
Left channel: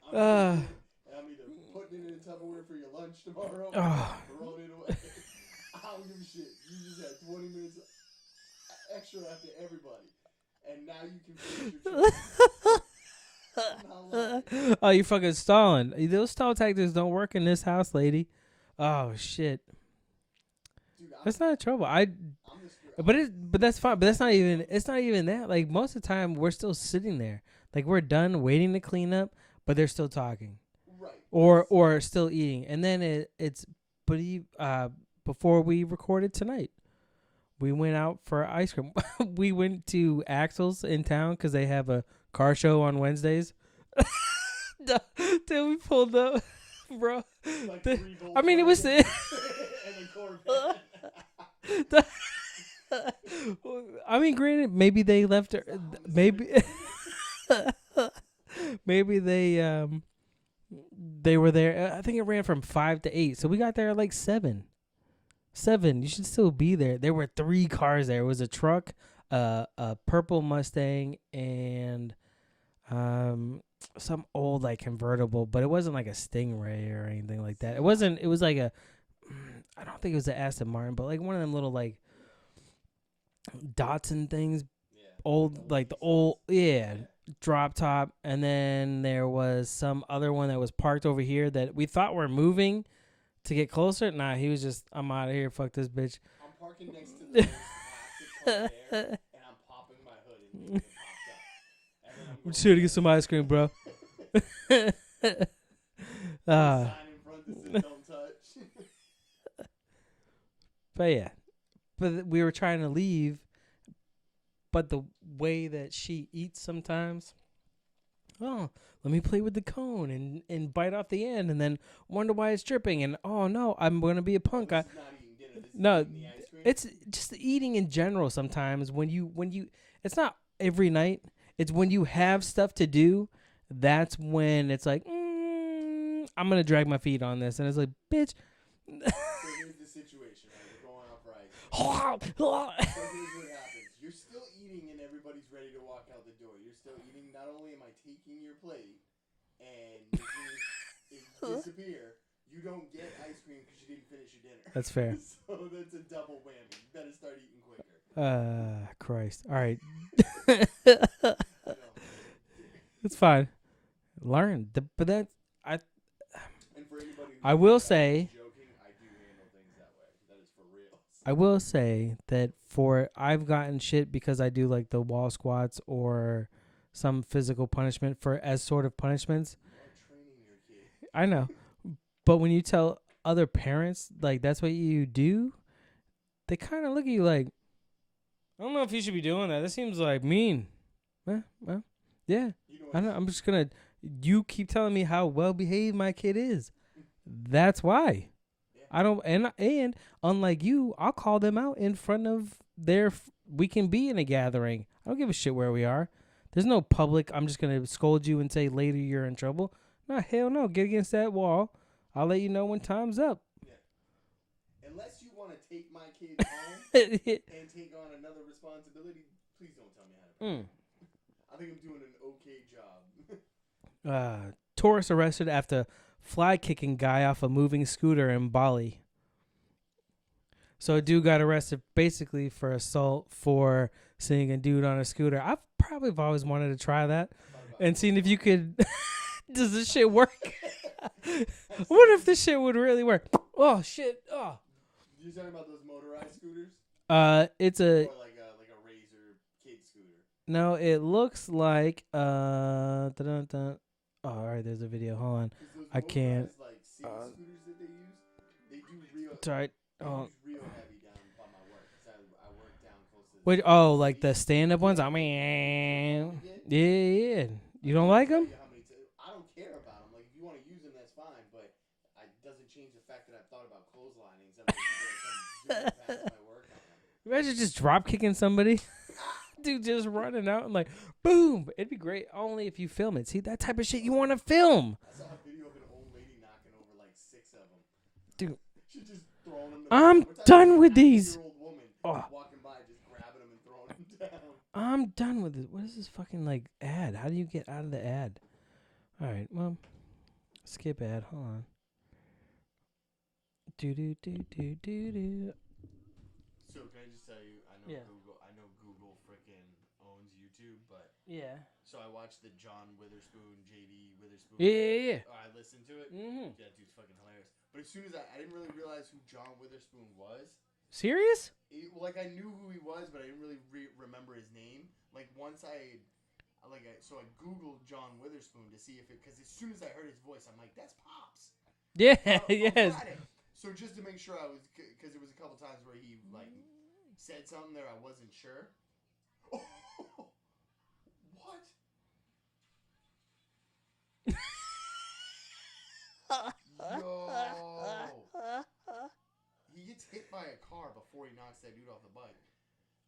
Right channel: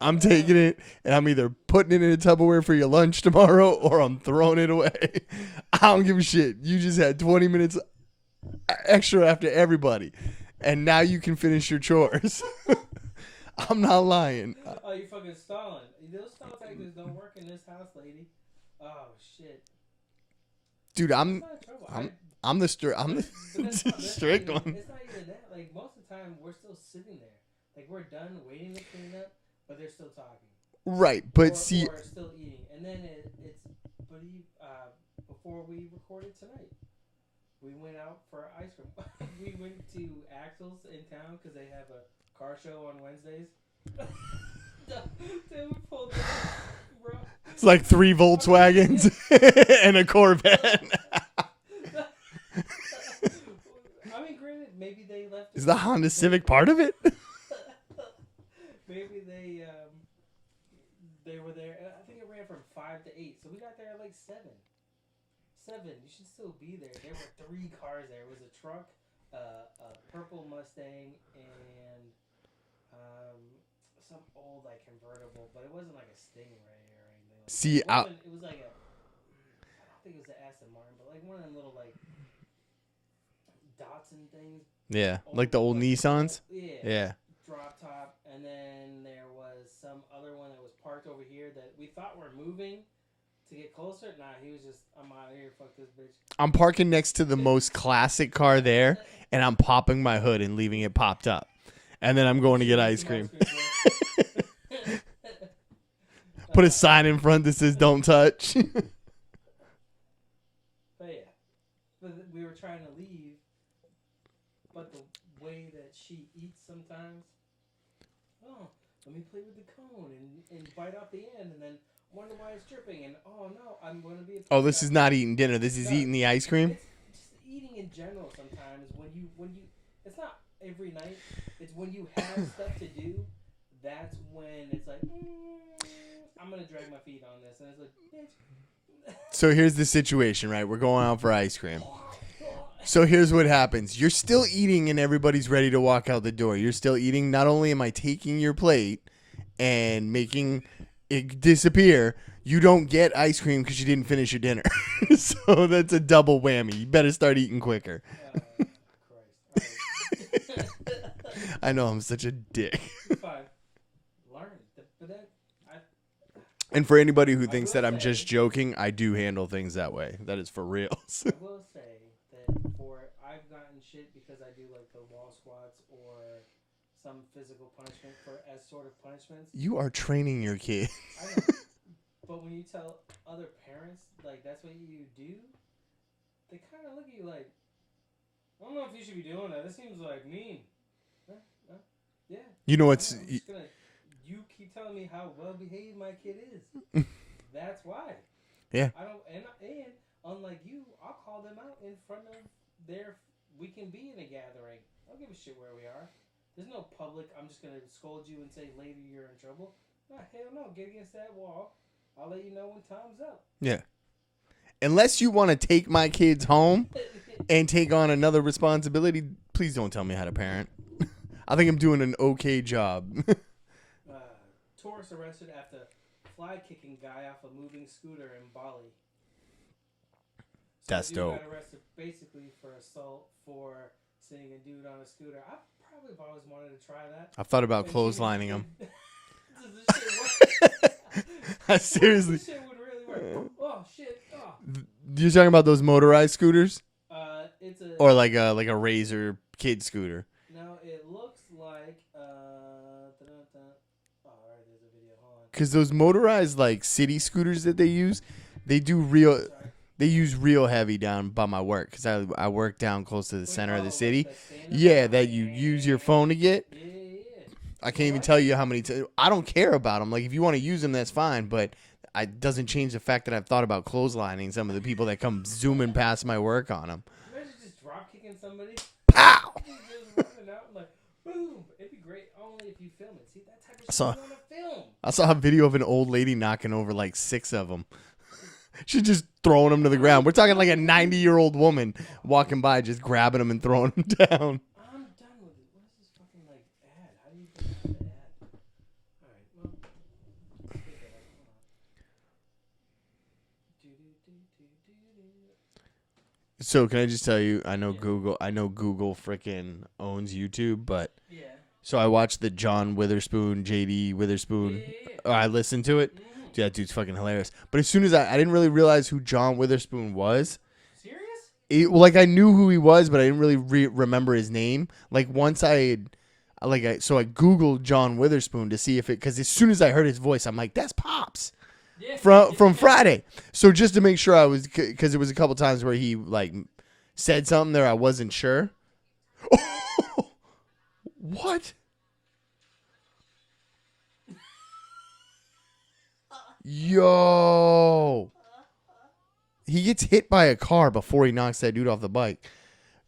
I'm taking it, and I'm either putting it in a Tupperware for your lunch tomorrow, or I'm throwing it away. I don't give a shit. You just had 20 minutes extra after everybody, and now you can finish your chores. I'm not lying. Oh, you fucking stalling. Those stall tactics don't work in this house, lady. Oh, shit. Dude, that's not trouble. I'm the but that's fine. But that's not even. It's not even that. Like most of the time, we're still sitting there. Like we're done waiting to clean up, but they're still talking. Right, but or still eating. And then it's. But before we recorded tonight, we went out for ice cream. We went to Axel's in town because they have a car show on Wednesdays. Till we pulled up. Bro, it's like 3 Volkswagens and a Corvette. I mean, granted, maybe they left. Is the Honda Civic part of it? Maybe they were there. I think it ran from 5 to 8, so we got there at like 7. You should still be there. There were 3 cars there. It was a truck, a purple Mustang, and some old like convertible, but it wasn't like a Stingray or anything like that. It wasn't. It was like I don't think it was an Aston Martin, but like one of them little like Datsun things. Yeah, like the old Nissans. Yeah. Drop top, and then there was some other one that was parked over here that we thought were moving to get closer. Nah, he was just, I'm out of here. Fuck this bitch. I'm parking next to the most classic car there, and I'm popping my hood and leaving it popped up. And then I'm going to get ice cream, bro. Put a sign in front that says "Don't touch." But yeah, we were trying to leave, but the way that she eats sometimes, let me play with the cone and bite off the end, and then wonder why it's dripping. And oh no, I'm gonna be a punk. Oh, this is not eating dinner. This is eating the ice cream. It's just eating in general. Sometimes when you, it's not every night. It's when you have stuff to do, that's when it's like, I'm going to drag my feet on this. And it's like, bitch. So here's the situation, right? We're going out for ice cream. So here's what happens. You're still eating and everybody's ready to walk out the door. You're still eating. Not only am I taking your plate and making it disappear, you don't get ice cream because you didn't finish your dinner. That's fair. So that's a double whammy. You better start eating quicker. Christ. All right. I know I'm such a dick. It's fine. Learn. And for anybody who thinks that I'm say, just joking, I do handle things that way. That is for real. I will say that I've gotten shit because I do like the wall squats or some physical punishment as sort of punishments. You are training your kid. I know. But when you tell other parents, like, that's what you do, they kind of look at you like, I don't know if you should be doing that. That seems like mean. Well, yeah. You know what? I'm just going to, you keep telling me how well behaved my kid is. That's why. Yeah. I don't, and unlike you, I'll call them out in front of we can be in a gathering. I don't give a shit where we are. There's no public, I'm just going to scold you and say later you're in trouble. No, hell no. Get against that wall. I'll let you know when time's up. Yeah. Unless you want to take my kids home and take on another responsibility, please don't tell me how to parent. I think I'm doing an okay job. Tourist arrested after fly kicking guy off a moving scooter in Bali. So That's a dude dope. got arrested basically for assault for seeing a dude on a scooter. I've always wanted to try that. I've thought about and seeing if you him. could. Does this shit work? What if this shit would really work? Oh shit! Oh. You're talking about those motorized scooters? It's a or like a Razor kid scooter. No, it looks like Oh, all right, there's a video. Hold on. Because those motorized like city scooters that they use, they do real. Sorry. They use real heavy down by my work because I work down close to the center of the city. Like the stand-up ones? Yeah, that you use your phone to get. Yeah. I can't even tell you how many. I don't care about them. Like if you want to use them, that's fine. But it doesn't change the fact that I've thought about clotheslining some of the people that come zooming past my work on them. Imagine just drop kicking somebody. Pow! Dude, just running out and like, boom. It'd be great only if you film it. See, that type of shit you want to film. I saw a video of an old lady knocking over like 6 of them. Dude. She's just throwing them to the ground. We're talking like a 90-year-old woman Oh. walking by, just grabbing them and throwing them down. I'm done with it. What is this fucking like ad? How do you get out of the ad? All right, well, skip ad. Hold on. Do. So can I just tell you, I know Yeah. Google freaking owns YouTube, but Yeah. so I watched the John Witherspoon, JD Witherspoon. Yeah. I listened to it. Mm-hmm. Dude, that dude's fucking hilarious. But as soon as I didn't really realize who John Witherspoon was. Serious? Like I knew who he was, but I didn't really remember his name. Like once I Googled John Witherspoon to see if it, because as soon as I heard his voice, I'm like, that's Pops. Yeah. From Friday. So just to make sure I was, because there was a couple times where he like said something there I wasn't sure. What? Yo. He gets hit by a car before he knocks that dude off the bike.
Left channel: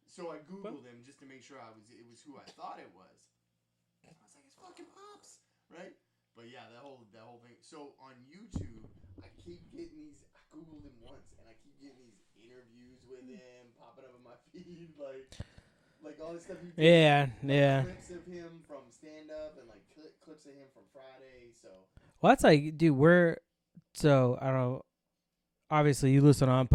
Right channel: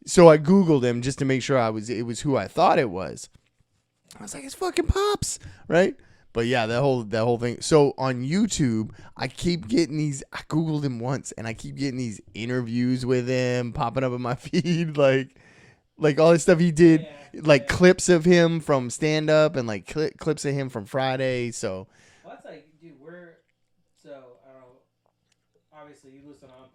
So I Googled him just to make sure it was who I thought it was. I was like, it's fucking Pops, right? But yeah, that whole thing. So on YouTube, I keep getting these. I Googled him once, and I keep getting these interviews with him popping up in my feed, like all this stuff he did, clips of him from stand up, and like clips of him from Friday. So well, that's like, dude, so I don't know. Obviously, you listen on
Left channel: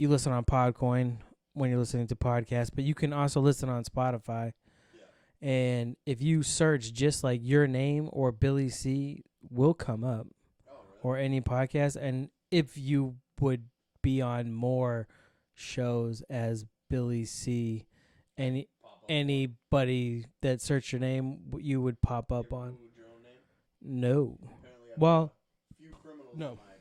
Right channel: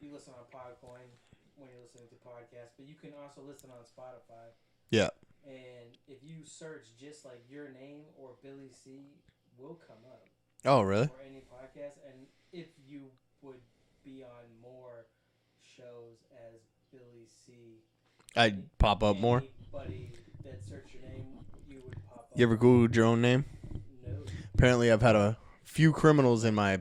you listen on Podcoin when you're listening to podcasts, but you can also listen on Spotify. Yeah. And if you search just like your name or Billy C will come up. Oh, really? Or any podcast. And if you would be on more shows as Billy C, I'd pop up more. Anybody that searched your name, you would pop up. You ever Googled your own name? No. Apparently, I've had a few criminals in my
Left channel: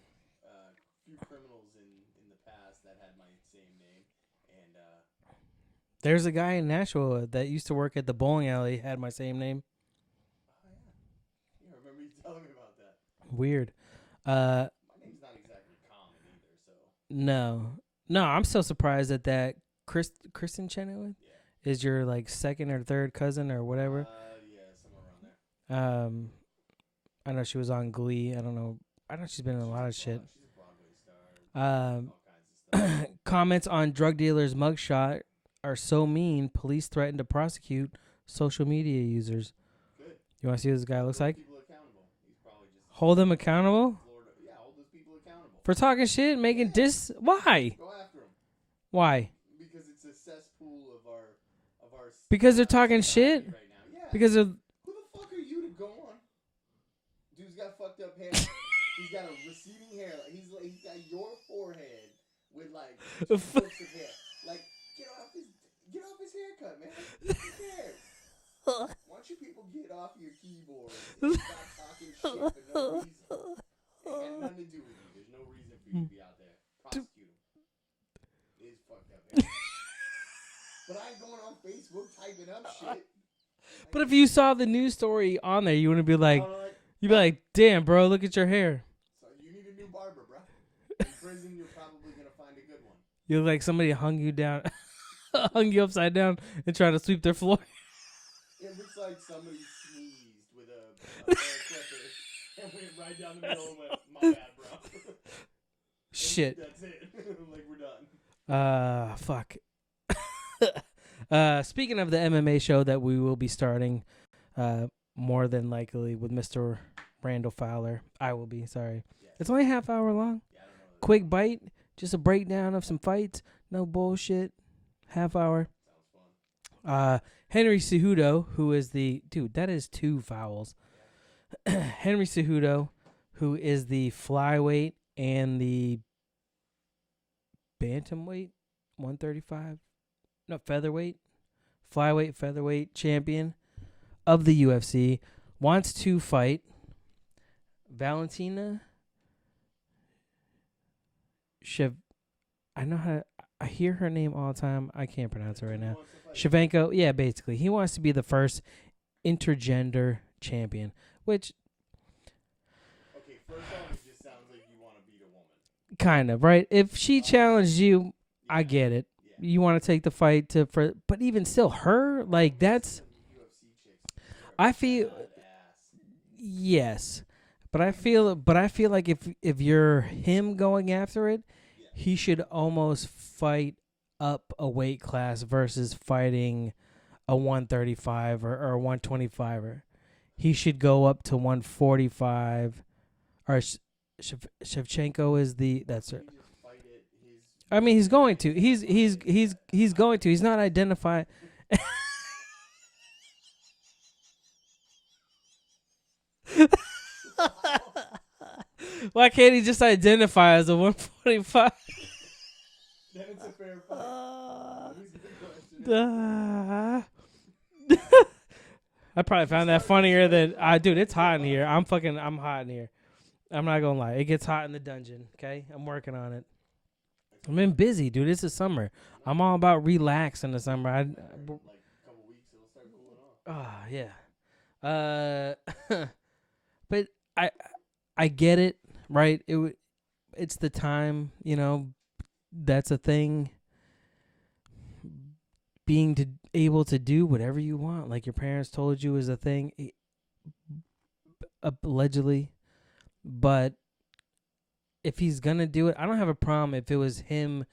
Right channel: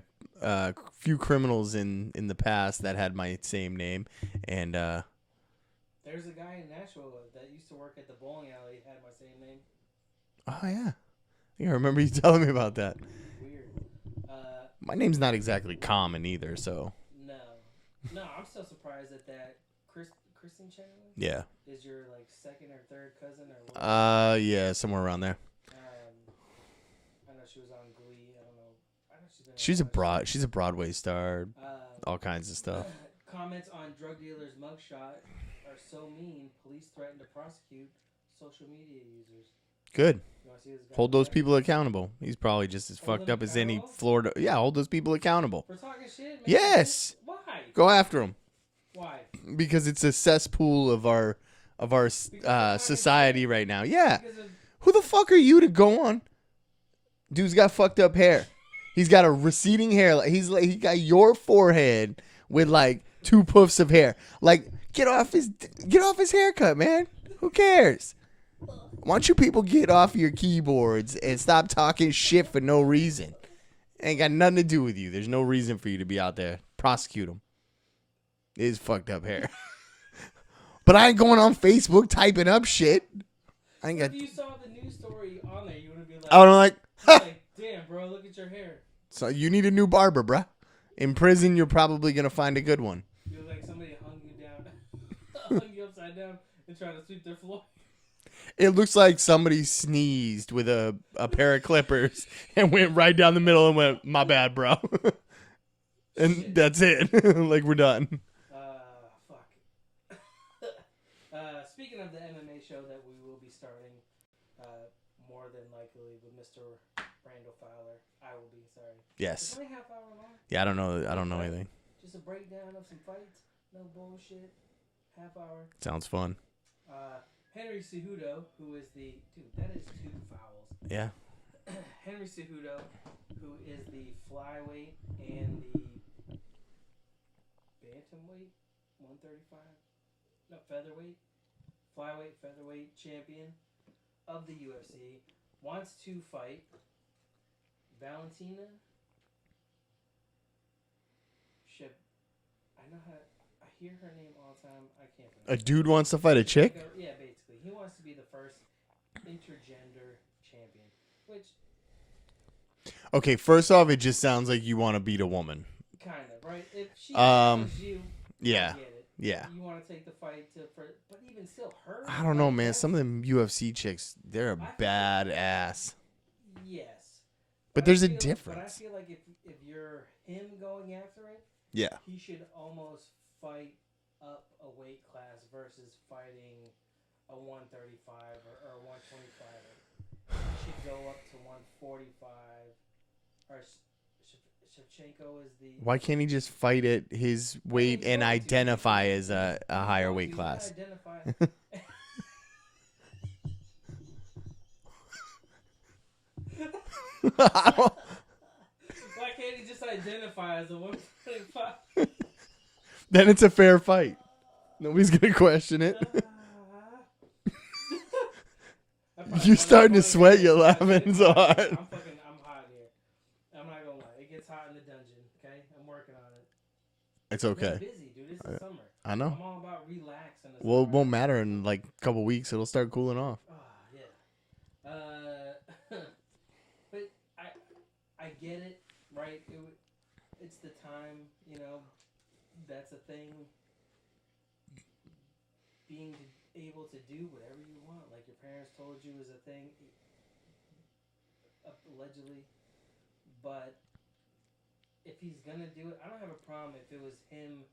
in the past that had my same name, and there's a guy in Nashville that used to work at the bowling alley, had my same name. Oh yeah, I remember you telling me about that. Weird. My name's not exactly common either, so no, I'm still surprised that Kristen Chenoweth. Yeah, is your like second or third cousin or whatever. Yeah, somewhere around there. I know she was on Glee. I don't know. I know she's been in She's a lot of shit. She's a Broadway star. All kinds of stuff. Comments on drug dealer's mugshot are so mean. Police threaten to prosecute social media users. Good. You want to see what this guy hold looks those like? people accountable. He's probably just as hold fucked them up accountable? as any Florida. Yeah, hold those people accountable for talking shit. Yes. Why? Go after them. Why? Because it's a cesspool of our because they're talking society shit? right now. Yeah. Because of who the fuck are you to go on? Dude's got fucked up hair. He's got a receding hair. He got your forehead with like 2 puffs of hair. Like get off his haircut, man. Who cares? Why don't you people get off your keyboards and stop talking shit for no reason? Ain't got nothing to do with you. There's no reason for you to be out there. Prosecute him. It is fucked up hair. But I ain't going on Facebook typing up shit. But if you saw the news story on there, you wouldn't be like, you'd be like, damn, bro, look at your hair. So you need a new barber, bruh. In prison, you're probably going to find a good one. You look like somebody hung you down, hung you upside down and tried to sweep their floor. It looks like somebody sneezed with a pair of clippers and went right down the middle and went, my bad, bro. And shit. That's it. Like, we're done. Fuck. Speaking of the MMA show that we will be starting, more than likely with Mr. Randall Fowler. I will be, sorry. Yes. It's only a half hour long. Yeah, I don't know. Quick bite. Just a breakdown of some fights. No bullshit. Half hour. Sounds fun. Henry Cejudo, who is dude, that is 2 vowels. Yeah. Henry Cejudo, who is the flyweight and the bantamweight, 135, no, flyweight, featherweight champion of the UFC, wants to fight Valentina I know how. I hear her name all the time. I can't pronounce A it. dude right now. wants to fight a chick? Shevchenko, yeah, basically. He wants to be the first intergender champion, which Okay, first off, it just sounds like you want to beat a woman. kind of, right? If she challenged you, Yeah. I get it. Yeah. You want to take the fight but even still, her, I don't like, know, man. that's, Some of them UFC chicks, they're I feel- badass. yes. But But there's a I feel difference. but I feel like if you're him going after it, Yeah. he should almost fight up a weight class versus fighting a 135 or a 125er. He should go up to 145. Or Shevchenko is the. Why can't he just fight at his weight I mean, he's and going to. identify He's as a higher going weight to. He's not class? identifying. Why can't he just identify as a 145? Then it's a fair fight. Nobody's gonna question it. I probably You're found that starting to funnier sweat, than you're dude. It's laughing hot so in here. hard. I'm hot in here. I'm not gonna lie. It gets hot in the dungeon. Okay, I'm working on it. It's I've okay. been busy, dude. It's the summer. I know. I'm all about relax in the summer. Well, it won't matter in like a couple weeks. It'll start cooling off. Yeah. But I get it, right? It's the time, that's a thing. Being able to do whatever you want, like your parents told you, is a thing, allegedly. But if he's gonna do it, I don't have a problem if it was him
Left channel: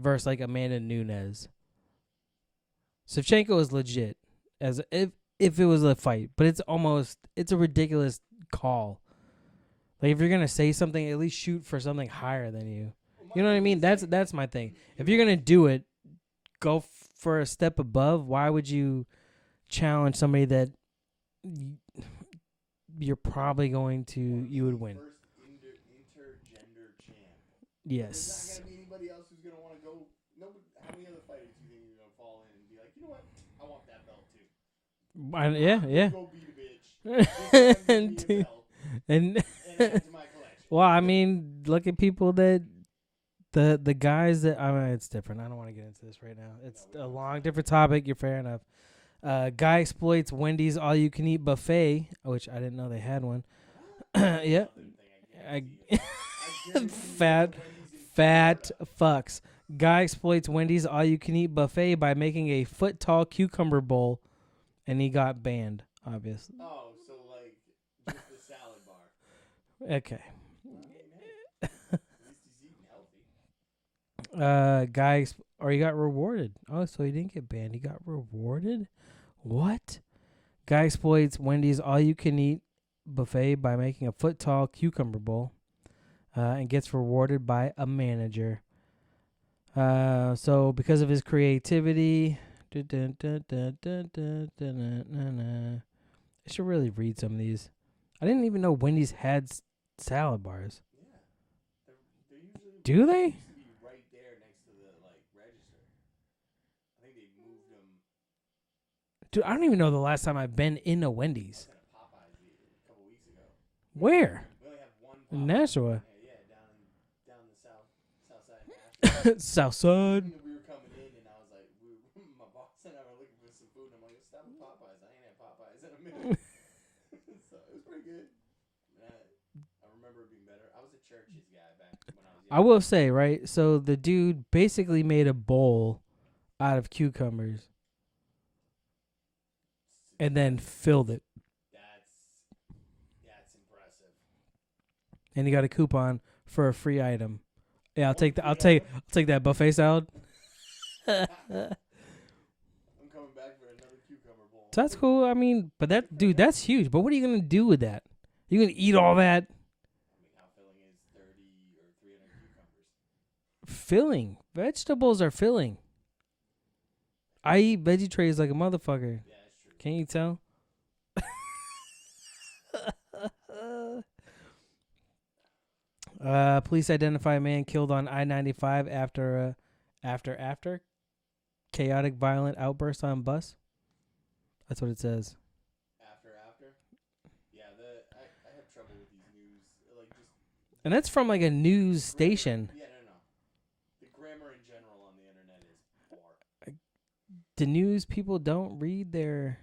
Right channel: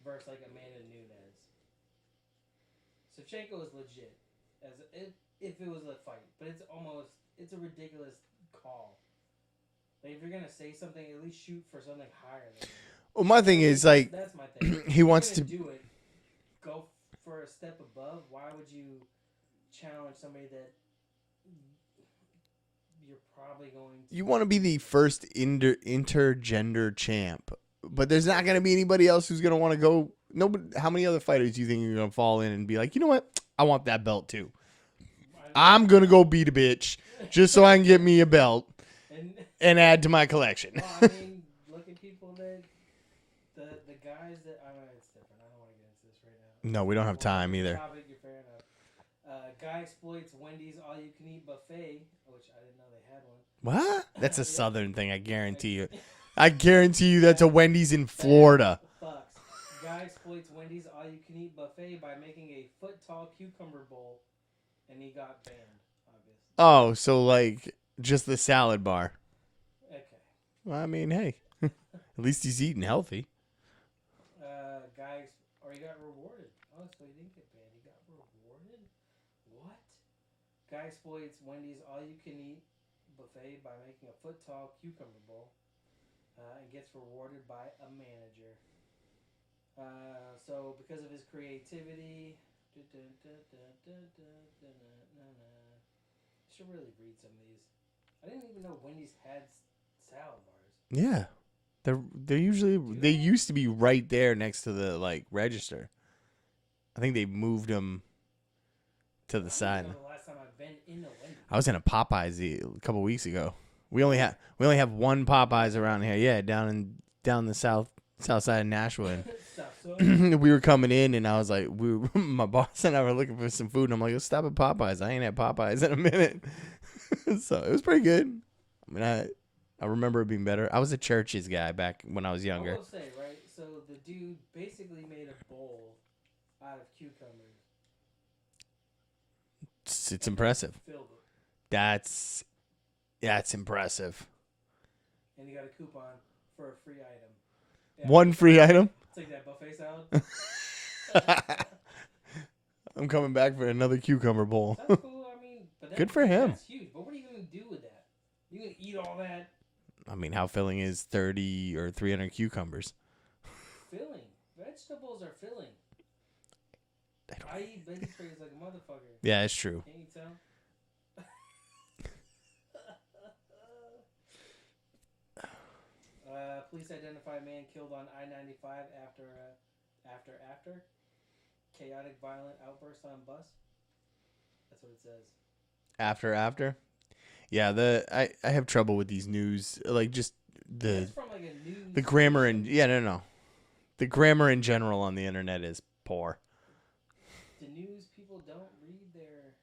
versus like Amanda Nunes. Shevchenko is legit as if it was a fight, but it's a ridiculous call. Like, if you're gonna say something, at least shoot for something higher than you. Well, my thing is that's my thing. If he you're wants gonna to do it, go for a step above. Why would you challenge somebody that you're probably going to? You want to be the win? first intergender champ, but there's not Yes. going to be anybody else who's going to want to go. Nobody. How many other fighters do you think you're going to fall in and be like, you know what? I want that belt too. I'm going to go beat a bitch just so I can get me a belt and add to my collection. Well, I mean, look at people that the guys that it's different. I don't want to get into this right now. No, we don't have time Different either. topic. You're fair enough. Guy exploits Wendy's all-you-can-eat buffet, which I didn't know they had one. What? That's a Yep. Southern thing. I guarantee you. I guarantee you that's a Fact- Wendy's in Florida. Fucks. Guy exploits Wendy's all-you-can-eat buffet by making a foot-tall cucumber bowl, and he got banned. Obviously. Oh, so like just the salad bar. Okay. Well, I mean, hey, at least he's eating healthy. He got rewarded. Oh, so he didn't get banned. He got rewarded? What? Guy exploits Wendy's all-you-can-eat buffet by making a foot-tall cucumber bowl and gets rewarded by a manager. So because of his creativity... I should really read some of these. I didn't even know Wendy's had salad bars. Yeah, they're usually Do they they? used to be right there next to the like register. I think they moved them to Dude, the I don't side. even know the last time I've been in a Wendy's. I was in a Popeyes a couple weeks ago. We Where? only have one Popeyes Nashville. around here. Yeah, down the south side of Nashville. Southside. We were coming in, and I was like, my boss and I were looking for some food, and I'm like, let's stop at Popeyes. I ain't had Popeyes in a minute. So it was pretty good. I mean, I remember it being better. I was a Church's guy back when I was younger. I will say, right? So the dude basically made a bowl out of cucumbers It's and impressive. then filled it. That's impressive. And he got a coupon for a free item. Yeah, One free item? I'll take that buffet salad. I'm coming back for another cucumber bowl. So that's cool. I mean, but Good for him. that's huge. But what are you gonna do with that? You gonna eat all that? I mean, how filling is 30 or 300 cucumbers? Filling. Vegetables are filling. I eat veggie trays like a motherfucker. Yeah, it's true. Can you tell? Police identify a man killed on I-95 after chaotic violent outburst on bus. That's what it says. After. Yeah, I have trouble with these news, like just And that's from like a news the grammar station. and no. The grammar in general on the internet is poor. The news people don't read their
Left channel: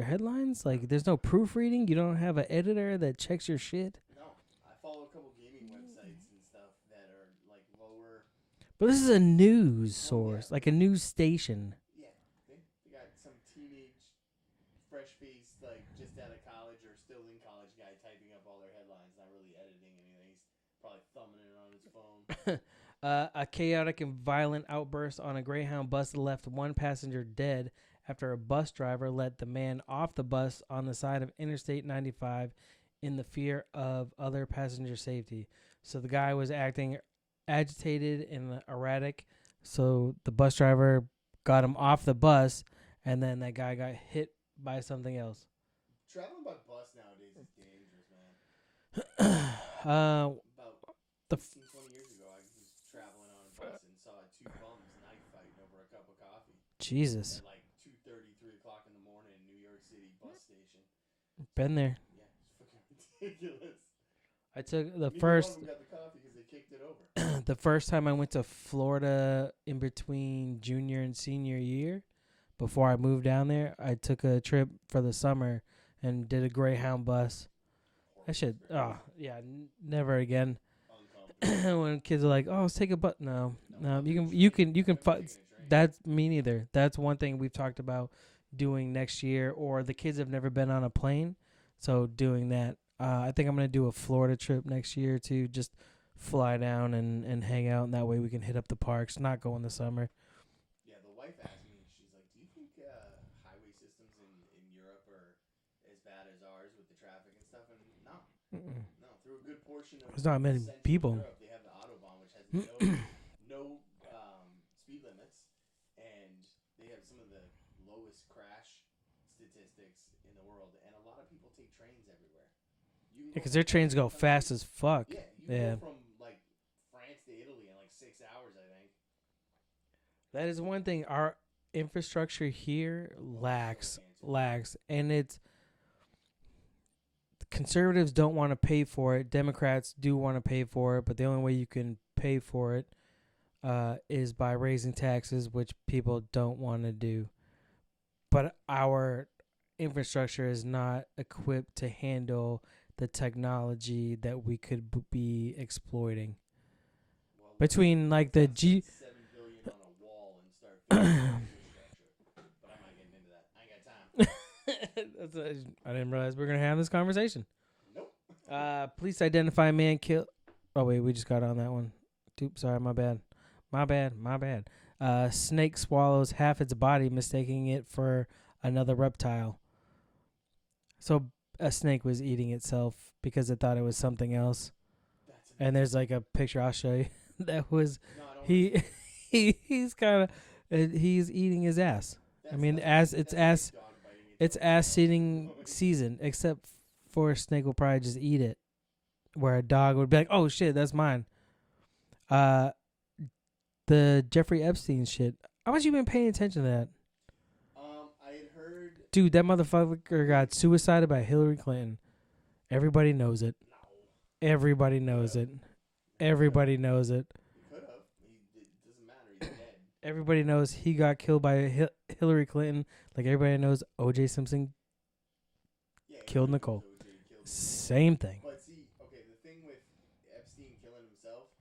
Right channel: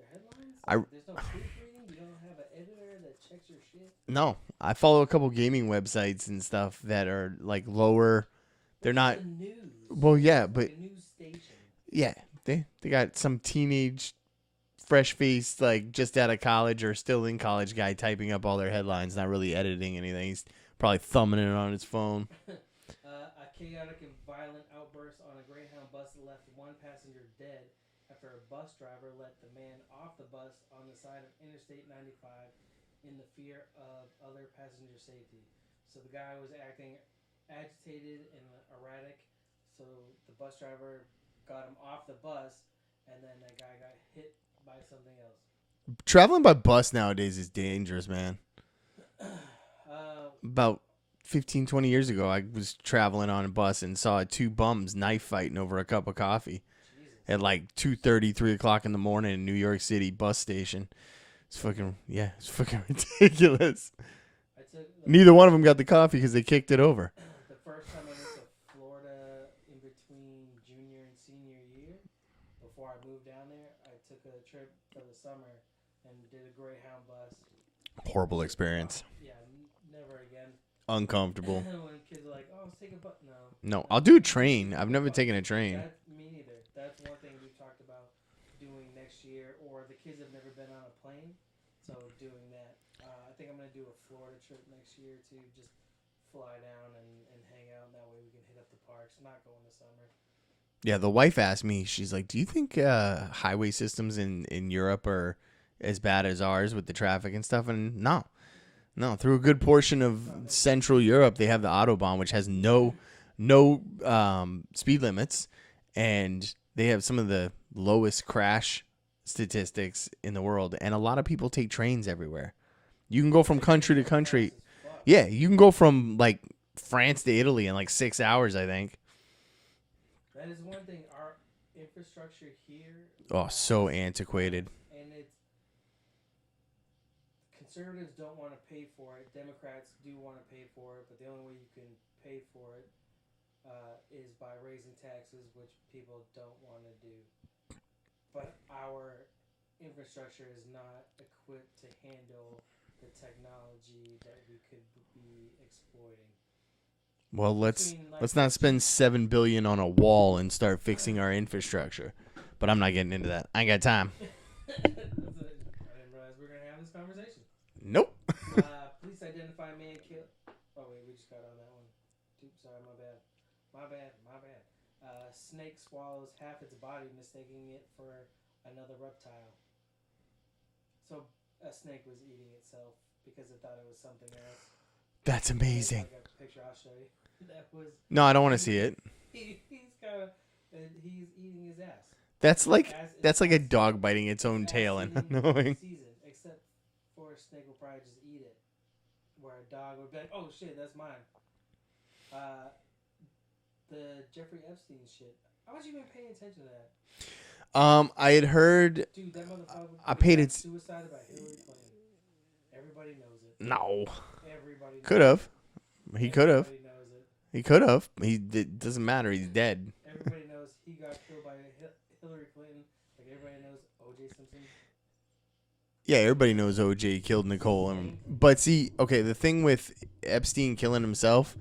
headlines. Like, there's no proofreading. You don't have an editor that checks your shit. No, I follow a couple gaming websites and stuff that are like lower. But this is a news. Well, source, yeah, like but a news station. Yeah, they got some teenage, fresh-faced, like just out of college or still in college guy typing up all their headlines, not really editing anything. He's probably thumbing it on his phone. A chaotic and violent outburst on a Greyhound bus left one passenger dead after a bus driver let the man off the bus on the side of Interstate 95 in the fear of other passenger safety. So the guy was acting agitated and erratic, so the bus driver got him off the bus, and then that guy got hit by something else. Traveling by bus nowadays is dangerous, man. About 15, 20 years ago, I was traveling on a bus and saw two bums knife fighting over a cup of coffee. Jesus. At like 2:30, 3 o'clock in the morning in New York City bus station. It's Been fucking, there. yeah, it's fucking ridiculous. I took Neither one of them got the coffee because they kicked it over. The first time I went to Florida in between junior and senior year, before I moved down there, I took a trip for the summer and did a Greyhound bus. Horrible experience. Never again. Uncomfortable. When kids are like, "Oh, let's take a bus," no, I'll do a train. I've never taken a train. That's me neither. That's one thing we've talked about doing next year. Or the kids have never been on a plane, so doing that. I think I'm gonna do a Florida trip next year to just fly down and hang out, and that way we can hit up the parks. Not go in the summer. Yeah, the wife asked me. She's like, "Do you think highway systems in Europe are as bad as ours with the traffic and stuff?" And no. Through a good portion of Central Europe, they have the Autobahn, which has no speed limits, and they have some of the lowest crash statistics in the world. And a lot of people take trains everywhere. You can go from country to country. Fast as fuck. Yeah, you can go from like France to Italy in like 6 hours, I think. That is one thing. Our infrastructure here, so antiquated, and it's. Conservatives don't want to pay for it. Democrats do want to pay for it, but the only way you can pay for it is by raising taxes, which people don't want to do. But our infrastructure is not equipped to handle the technology that we could be exploiting. Well, let's not spend $7 billion on a wall and start fixing our infrastructure. But I'm not getting into that. I ain't got time. I didn't realize we were going to have this conversation. Nope. Police identify man killed. Oh, wait, we just got on that one. Sorry, my bad. Snake swallows half its body, mistaking it for another reptile. So a snake was eating itself because it thought it was something else. That's amazing. And there's like a picture I'll show you. That was. No, I don't want to see it. He's eating his ass. That's like a dog biting its own tail. It's ass-eating season, except for a snake will probably just eat it, where a dog would be like, "Oh shit, that's mine." The Jeffrey Epstein shit. How much you been paying attention to that? I had heard, dude, that motherfucker got suicided by Hillary Clinton. Everybody knows it. No, everybody knows it. Everybody knows it. He could have. It doesn't matter. He's dead. Everybody knows he got killed by Hillary Clinton. Like everybody knows O.J. Simpson. Yeah, everybody knows O.J. killed Nicole. Same thing. But see, okay, the thing with Epstein killing himself,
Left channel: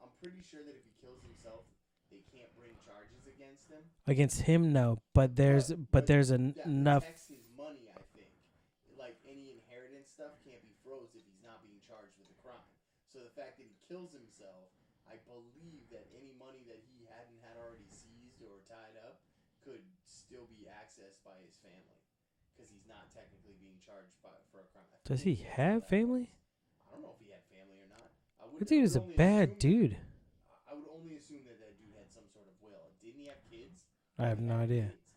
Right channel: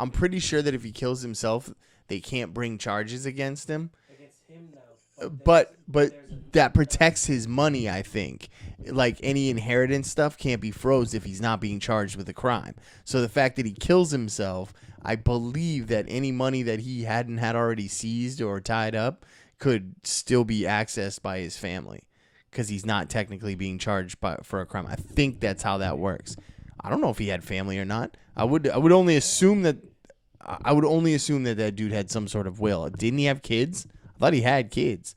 I'm pretty sure that if he kills himself, they can't bring charges against him. Against him, no. But there's that protects his money, I think. Like any inheritance stuff can't be froze if he's not being charged with a crime. So the fact that he kills himself, I believe that any money that he hadn't had already seized or tied up could still be accessed by his family because he's not technically being charged for a crime. I think that's how that works. I don't know if he had family or not. I would only assume that dude had some sort of will. Didn't he have kids? I thought he had kids.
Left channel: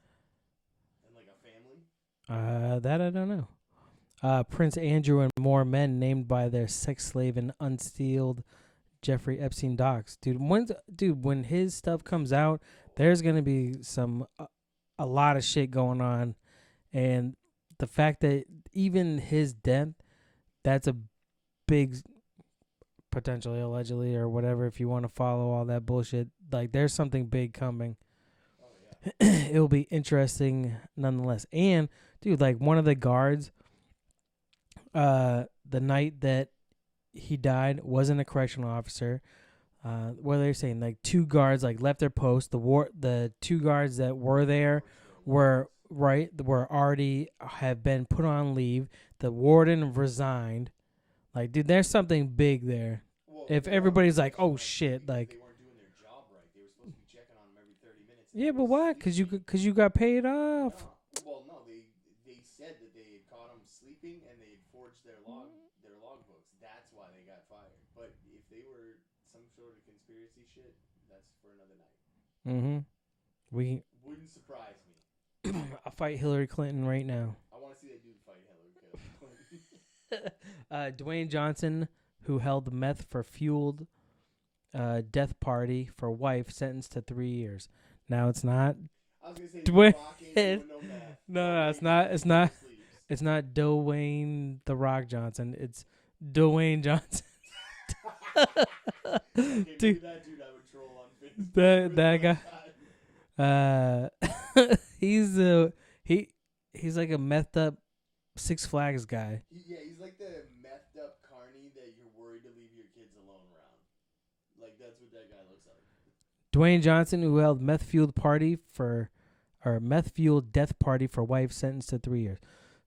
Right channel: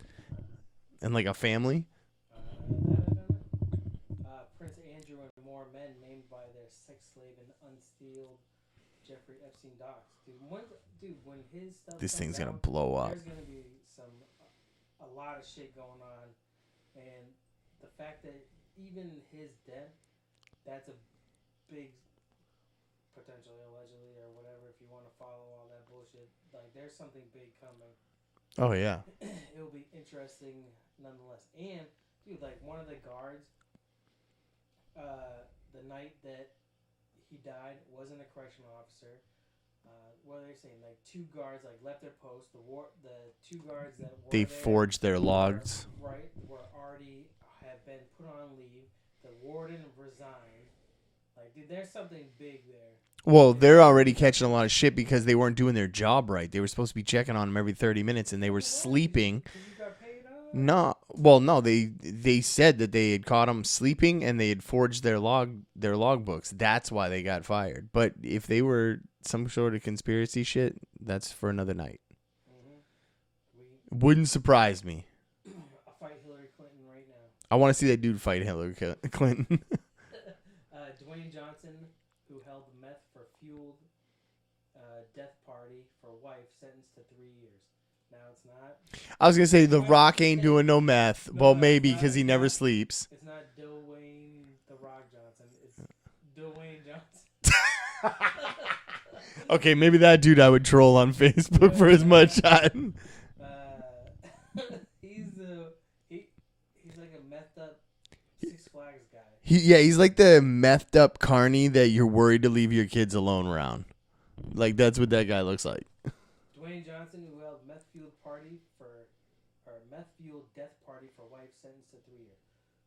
And like a family? That I don't know. Prince Andrew and more men named by their sex slave and unsealed Jeffrey Epstein docs. When his stuff comes out, there's going to be a lot of shit going on. And the fact that even his death, that's a big potentially, allegedly, or whatever. If you want to follow all that bullshit, like there's something big coming. Oh yeah. It will be interesting nonetheless. And dude, like one of the guards, the night that he died wasn't a correctional officer. What are they saying? Like 2 guards like left their post. The 2 guards that were They there forged their logs. were already have been put on leave. The warden resigned. Like, dude, there's something big there. Well, If they're already everybody's like, catching a "Oh, lot of shit shit," because like- they weren't doing their job right. They were supposed to be checking on them every 30 minutes, and they were but why? sleeping. Because you got paid off. No. They said that they had caught them sleeping and they had forged their logbooks. That's why they got fired. But if they were some sort of conspiracy shit, that's for another night. Mm-hmm. Wouldn't surprise me. I'll fight Hillary Clinton right now. I want to see that dude fight Hillary Clinton. Dwayne Johnson, who held the meth for fueled death party for wife, sentenced to 3 years. Now it's not. I was gonna say The Dwayne- Rock ain't doing no meth. No, Well, it's maybe not- because he it's never not. sleeps. It's not Dwayne the Rock Johnson. It's Dwayne Johnson. Okay, maybe that dude I would troll on Facebook That- for his that mugshot. He's like a methed up Six Flags guy. He's like the methed up carny that you're worried to leave your kids alone around. Like that's what that guy looks like. Dwayne Johnson, who held meth fueled death party for wife, sentenced to 3 years.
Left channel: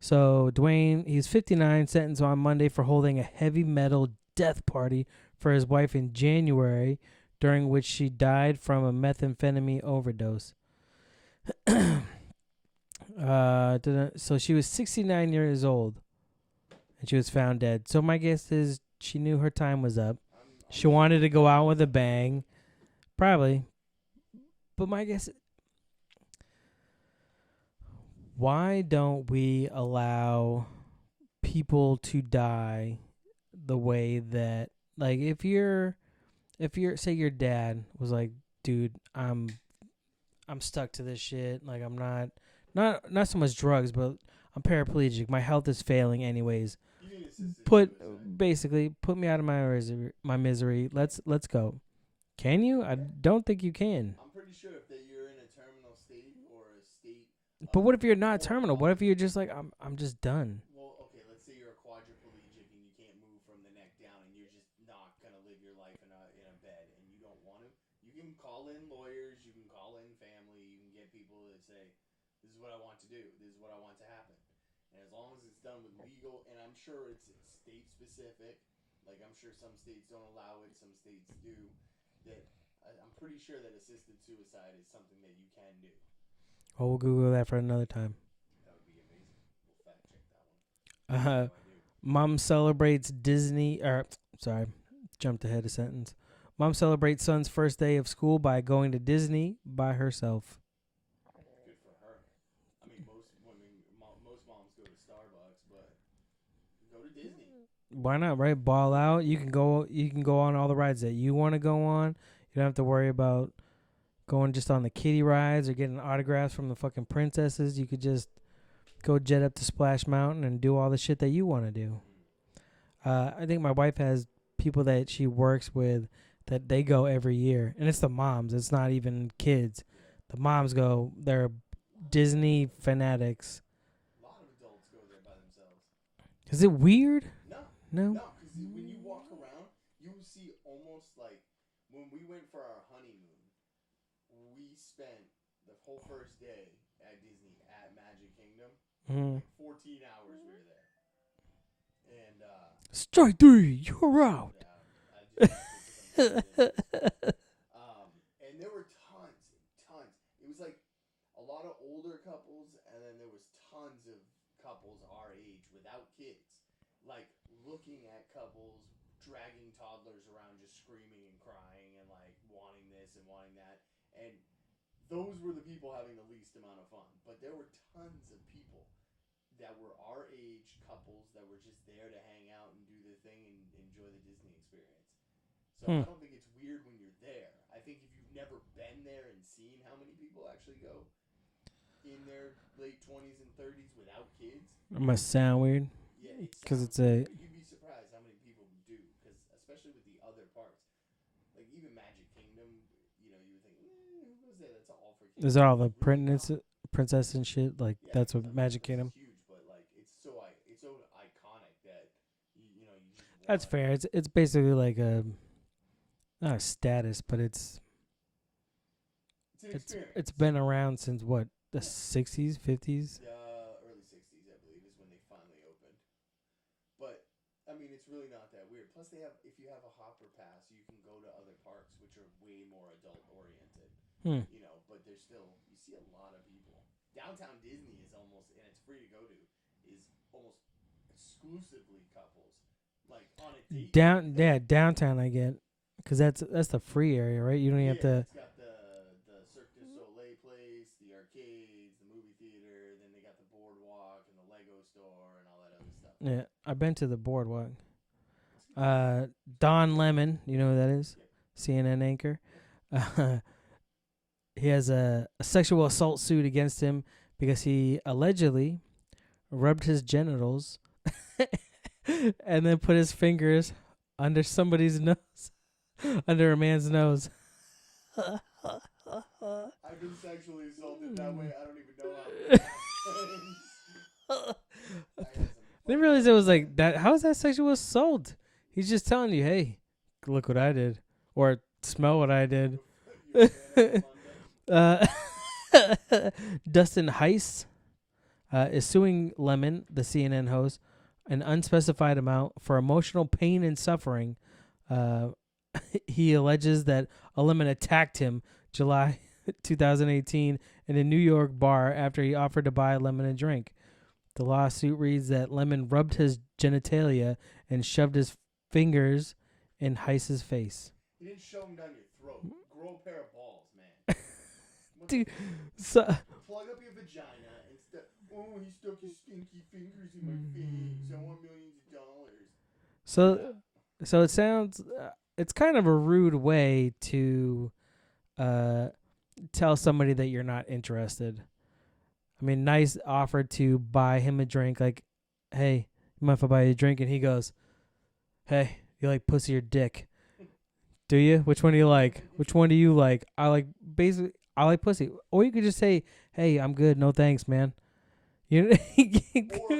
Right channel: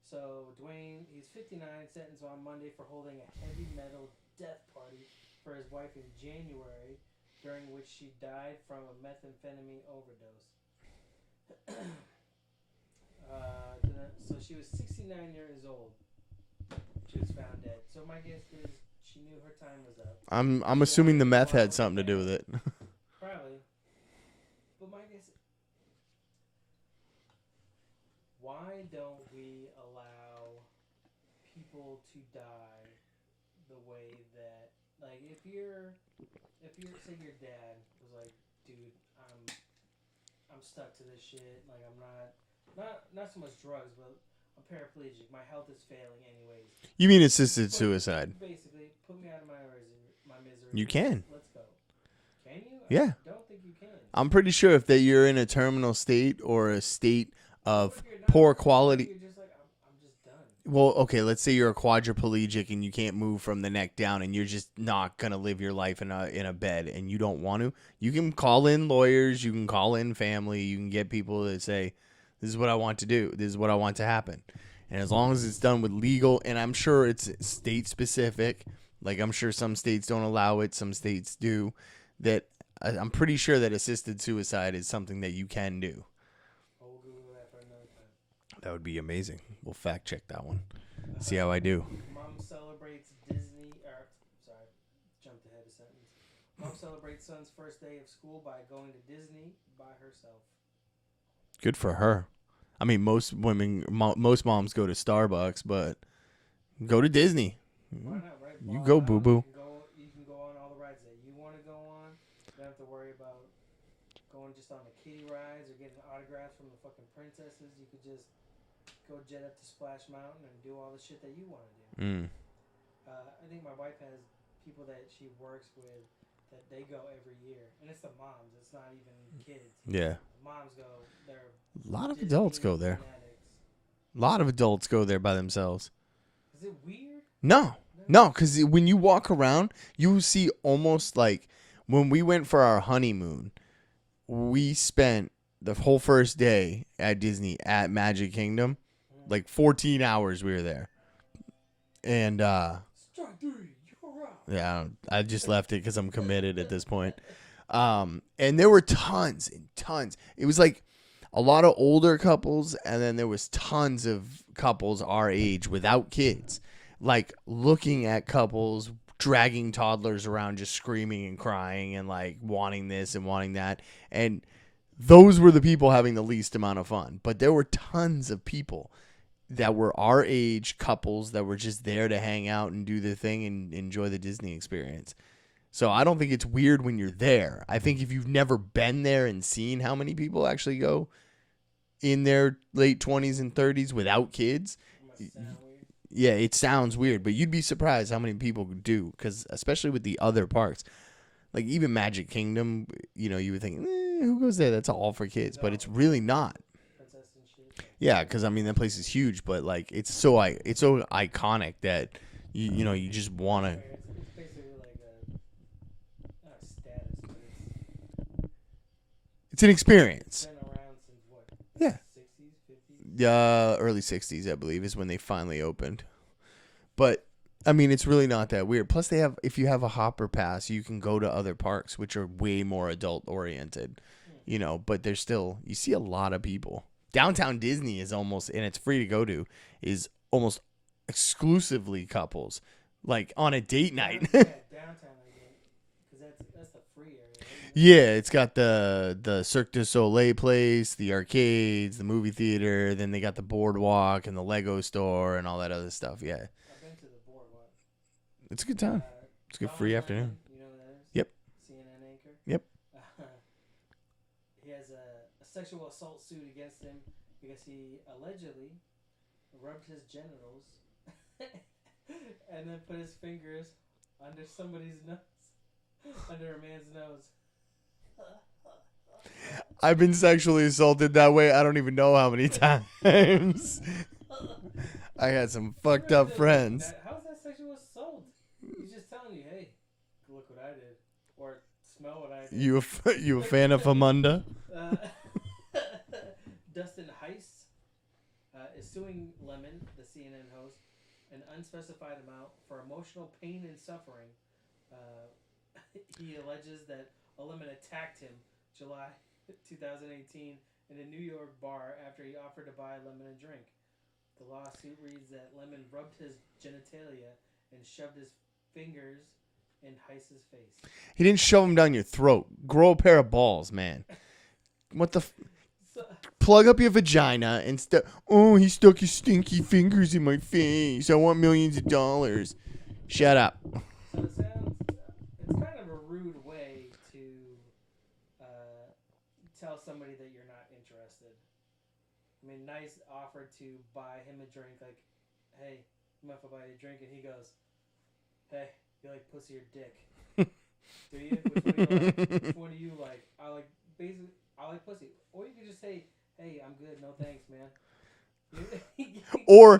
So Dwayne, he's 59, sentenced on Monday for holding a heavy metal death party for his wife in January, during which she died from a methamphetamine overdose. So she was 69 years old, and she was found dead. So my guess is she knew her time was up. I'm She assuming wanted the to meth go out had with a something to do with bang. it. Probably. But my guess, why don't we allow people to die the way that, like, if you're say your dad was like, dude, I'm stuck to this shit. Like, I'm not so much drugs, but I'm paraplegic. My health is failing anyways. You mean assisted suicide? Basically, put me out of my misery. You can. Let's go. Can you? Yeah. I don't think you can. I'm pretty sure if you're in a terminal state or a state But what if you're not poor terminal? quality? What if you're just like, I'm just done? Well, okay, let's say you're a quadriplegic and you can't move from the neck down and you're just not going to live your life in a bed and you don't want to. You can call in lawyers, you can call in family, you can get people that say, this is what I want to do, this is what I want to happen. And as long as it's done with legal, and I'm sure it's state specific, like I'm sure some states don't allow it, some states do, that I'm pretty sure that assisted suicide is something that you can do. Oh, we'll Google that for another time. That would be amazing. We'll fact check that one. See how I do. Mom celebrates jumped ahead a sentence. Mom celebrates son's first day of school by going to Disney by herself. Good for her. I mean, most most moms go to Starbucks, but go to Disney. Why not, right? Ball Go, out. boo-boo. You can go on all the rides that you want to go on. You don't have to worry about going just on the kiddie rides or getting autographs from the fucking princesses. You could just go jet up to Splash Mountain and do all the shit that you want to do. I think my wife has people that she works with that they go every year, and it's the moms. It's not even kids. Yeah. The moms go. They're A lot of Disney adults go there. fanatics. A lot of adults go there by themselves. Is it weird? No, because when you walk around, you see almost like when we went for our honeymoon, we spent the whole first day at Disney at Magic Kingdom, like 14 hours we were there. And strike 3, you're out. yeah, I just left it because I'm committed at this point. And there were tons and tons. It was like a lot of older couples, and then there was tons of couples our age without kids, like looking at couples dragging toddlers around, just screaming and crying and like wanting this and wanting that. And those were the people having the least amount of fun. But there were tons of people that were our age, couples that were just there to hang out and do their thing and enjoy the Disney experience. So I don't think it's weird when you're there. I think if you've never been there and seen how many people actually go in their late 20s and 30s without kids, It must sound weird. Yeah, it sounds Doesn't say weird, it. but you'd be surprised how many people do, because especially with the other parks, like even Magic Kingdom, you would think, who goes there? That's all for kids, Is it but all it's like really not. princess and shit? Like Yeah, that's because what I mean that Magic place Kingdom. is huge, but like it's so iconic that you just want That's to. fair. It's basically like a not a status, but it's It's an experience. it's been around since what the Yeah. 60s, 50s. Early '60s, I believe, is when they finally opened. But I mean, it's really not that weird. Plus, if you have a hopper pass, you can go to other parks, which are way more adult oriented. But there's still, you see a lot of people. Downtown Disney is almost, and it's free to go to, is almost exclusively couples, like on a date night. Yeah, downtown I get, because that's the free area, right? You don't Yeah, have to- it's got the Cirque du Soleil place, the arcades, the movie theater. Then they got the boardwalk and the Lego store and all that other stuff. Yeah, I've been to the boardwalk. it's a good time. It's good Don free Lemon, afternoon. you know who that is? Yep. CNN anchor. Yep. He has a sexual assault suit against him because he allegedly rubbed his genitals and then put his fingers under somebody's nose, under a man's nose. I've been sexually assaulted that way. I don't even know how many times. I had some I fucked realized up it was friends. like that. How is that sexual assault? He's just telling you, hey, look what I did, or smell what I did. You a fan of Amunda? Dustin Heiss is suing Lemon, the CNN host, an unspecified amount for emotional pain and suffering. He alleges that a Lemon attacked him July 2018 in a New York bar after he offered to buy Lemon a drink. The lawsuit reads that Lemon rubbed his genitalia and shoved his fingers in Heiss's face. He didn't shove him down your throat. Grow a pair of balls, man. What the? Plug up your vagina and he stuck his stinky fingers in my face. I want millions of dollars. Shut up. So it sounds, it's kind of a rude way to tell somebody that you're not interested. I mean, Nice offered to buy him a drink, like, hey, you mind if I buy you a drink? And he goes, hey, you like pussy or dick? Do you? Which one do you like? Which one do you like? I like pussy. Or you could just say, hey, I'm good. No thanks, man. Or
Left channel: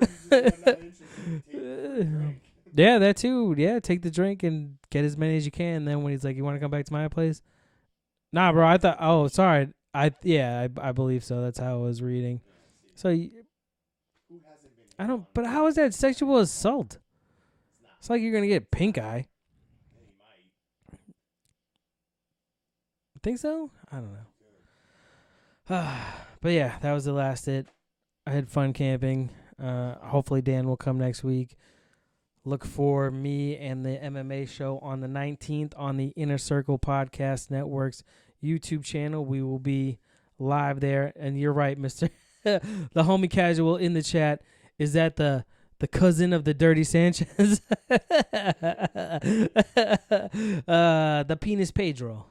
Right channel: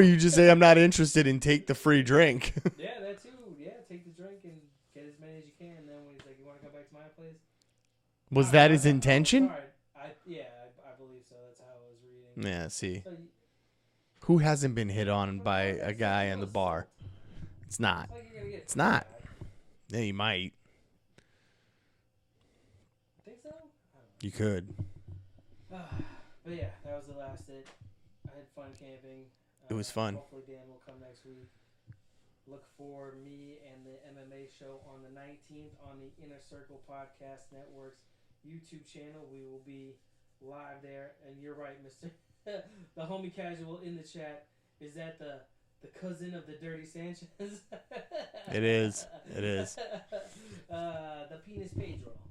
you just say, I'm not interested, and take the free drink. Yeah, that too. Yeah, take the drink and get as many as you can. And then when he's like, you want to come back to my place? Was that his intention? Oh, sorry. I believe so. That's how I was reading. Yeah, see. So Who hasn't been hit on but by how is a that guy sexual in a bar? assault? It's not. It's like you're going to get pink not. eye. Yeah, you might. Think so? I don't know. You could. But yeah, that was the last it. I had fun camping. It was fun. Hopefully Dan will come next week. Look for me and the MMA show on the 19th on the InnerCircle Podcast Network's YouTube channel. We will be live there. And you're right, Mr. the homie casual in the chat. Is that the cousin of the Dirty Sanchez? It is. The penis Pedro.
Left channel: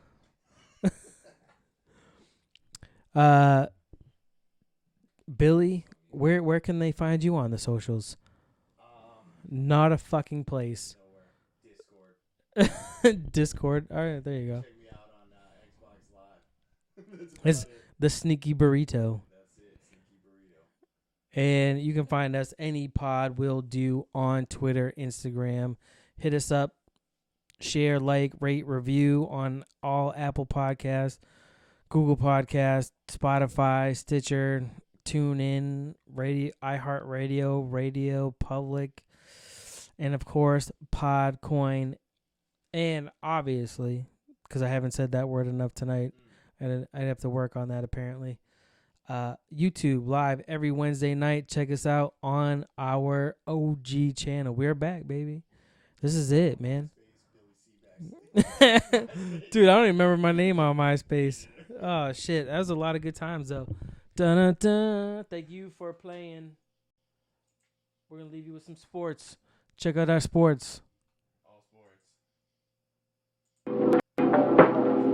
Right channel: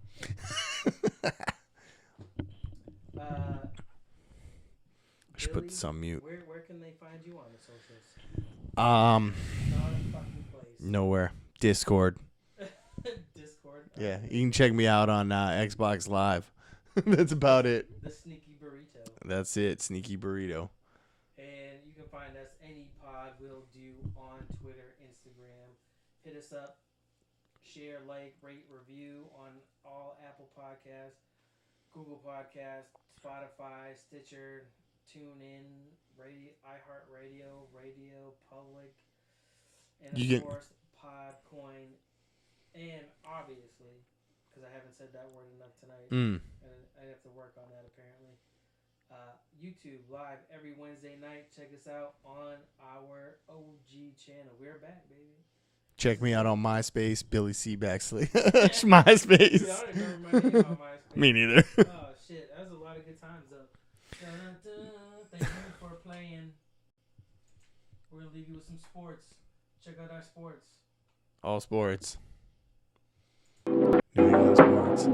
Billy, where can they find you on the socials? Not a fucking place. Nowhere. Discord. Discord. All right, there you can check me out on Xbox Live. That's about it. The Sneaky Burrito. That's it. Sneaky Burrito. And you can find us any pod will do on Twitter, Instagram. Hit us up. Share, like, rate, review on all Apple Podcasts, Google Podcasts, Spotify, Stitcher, TuneIn, Radio, iHeartRadio, Radio Public, and of course Podcoin. And obviously, because I haven't said that word enough tonight, and I'd have to work on that apparently. YouTube live every Wednesday night. Check us out on our OG channel. We're back, baby. Check me out on MySpace, Billy C. Baxley. MySpace. Dude, I don't even remember my name on MySpace. Me neither. Oh, shit. That was a lot of good times, though. Dun-dun-dun. Thank you for playing. We're going to leave you with some sports. Check out our sports. All sports. New England sports.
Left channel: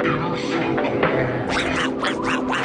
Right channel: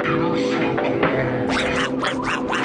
InnerCircle.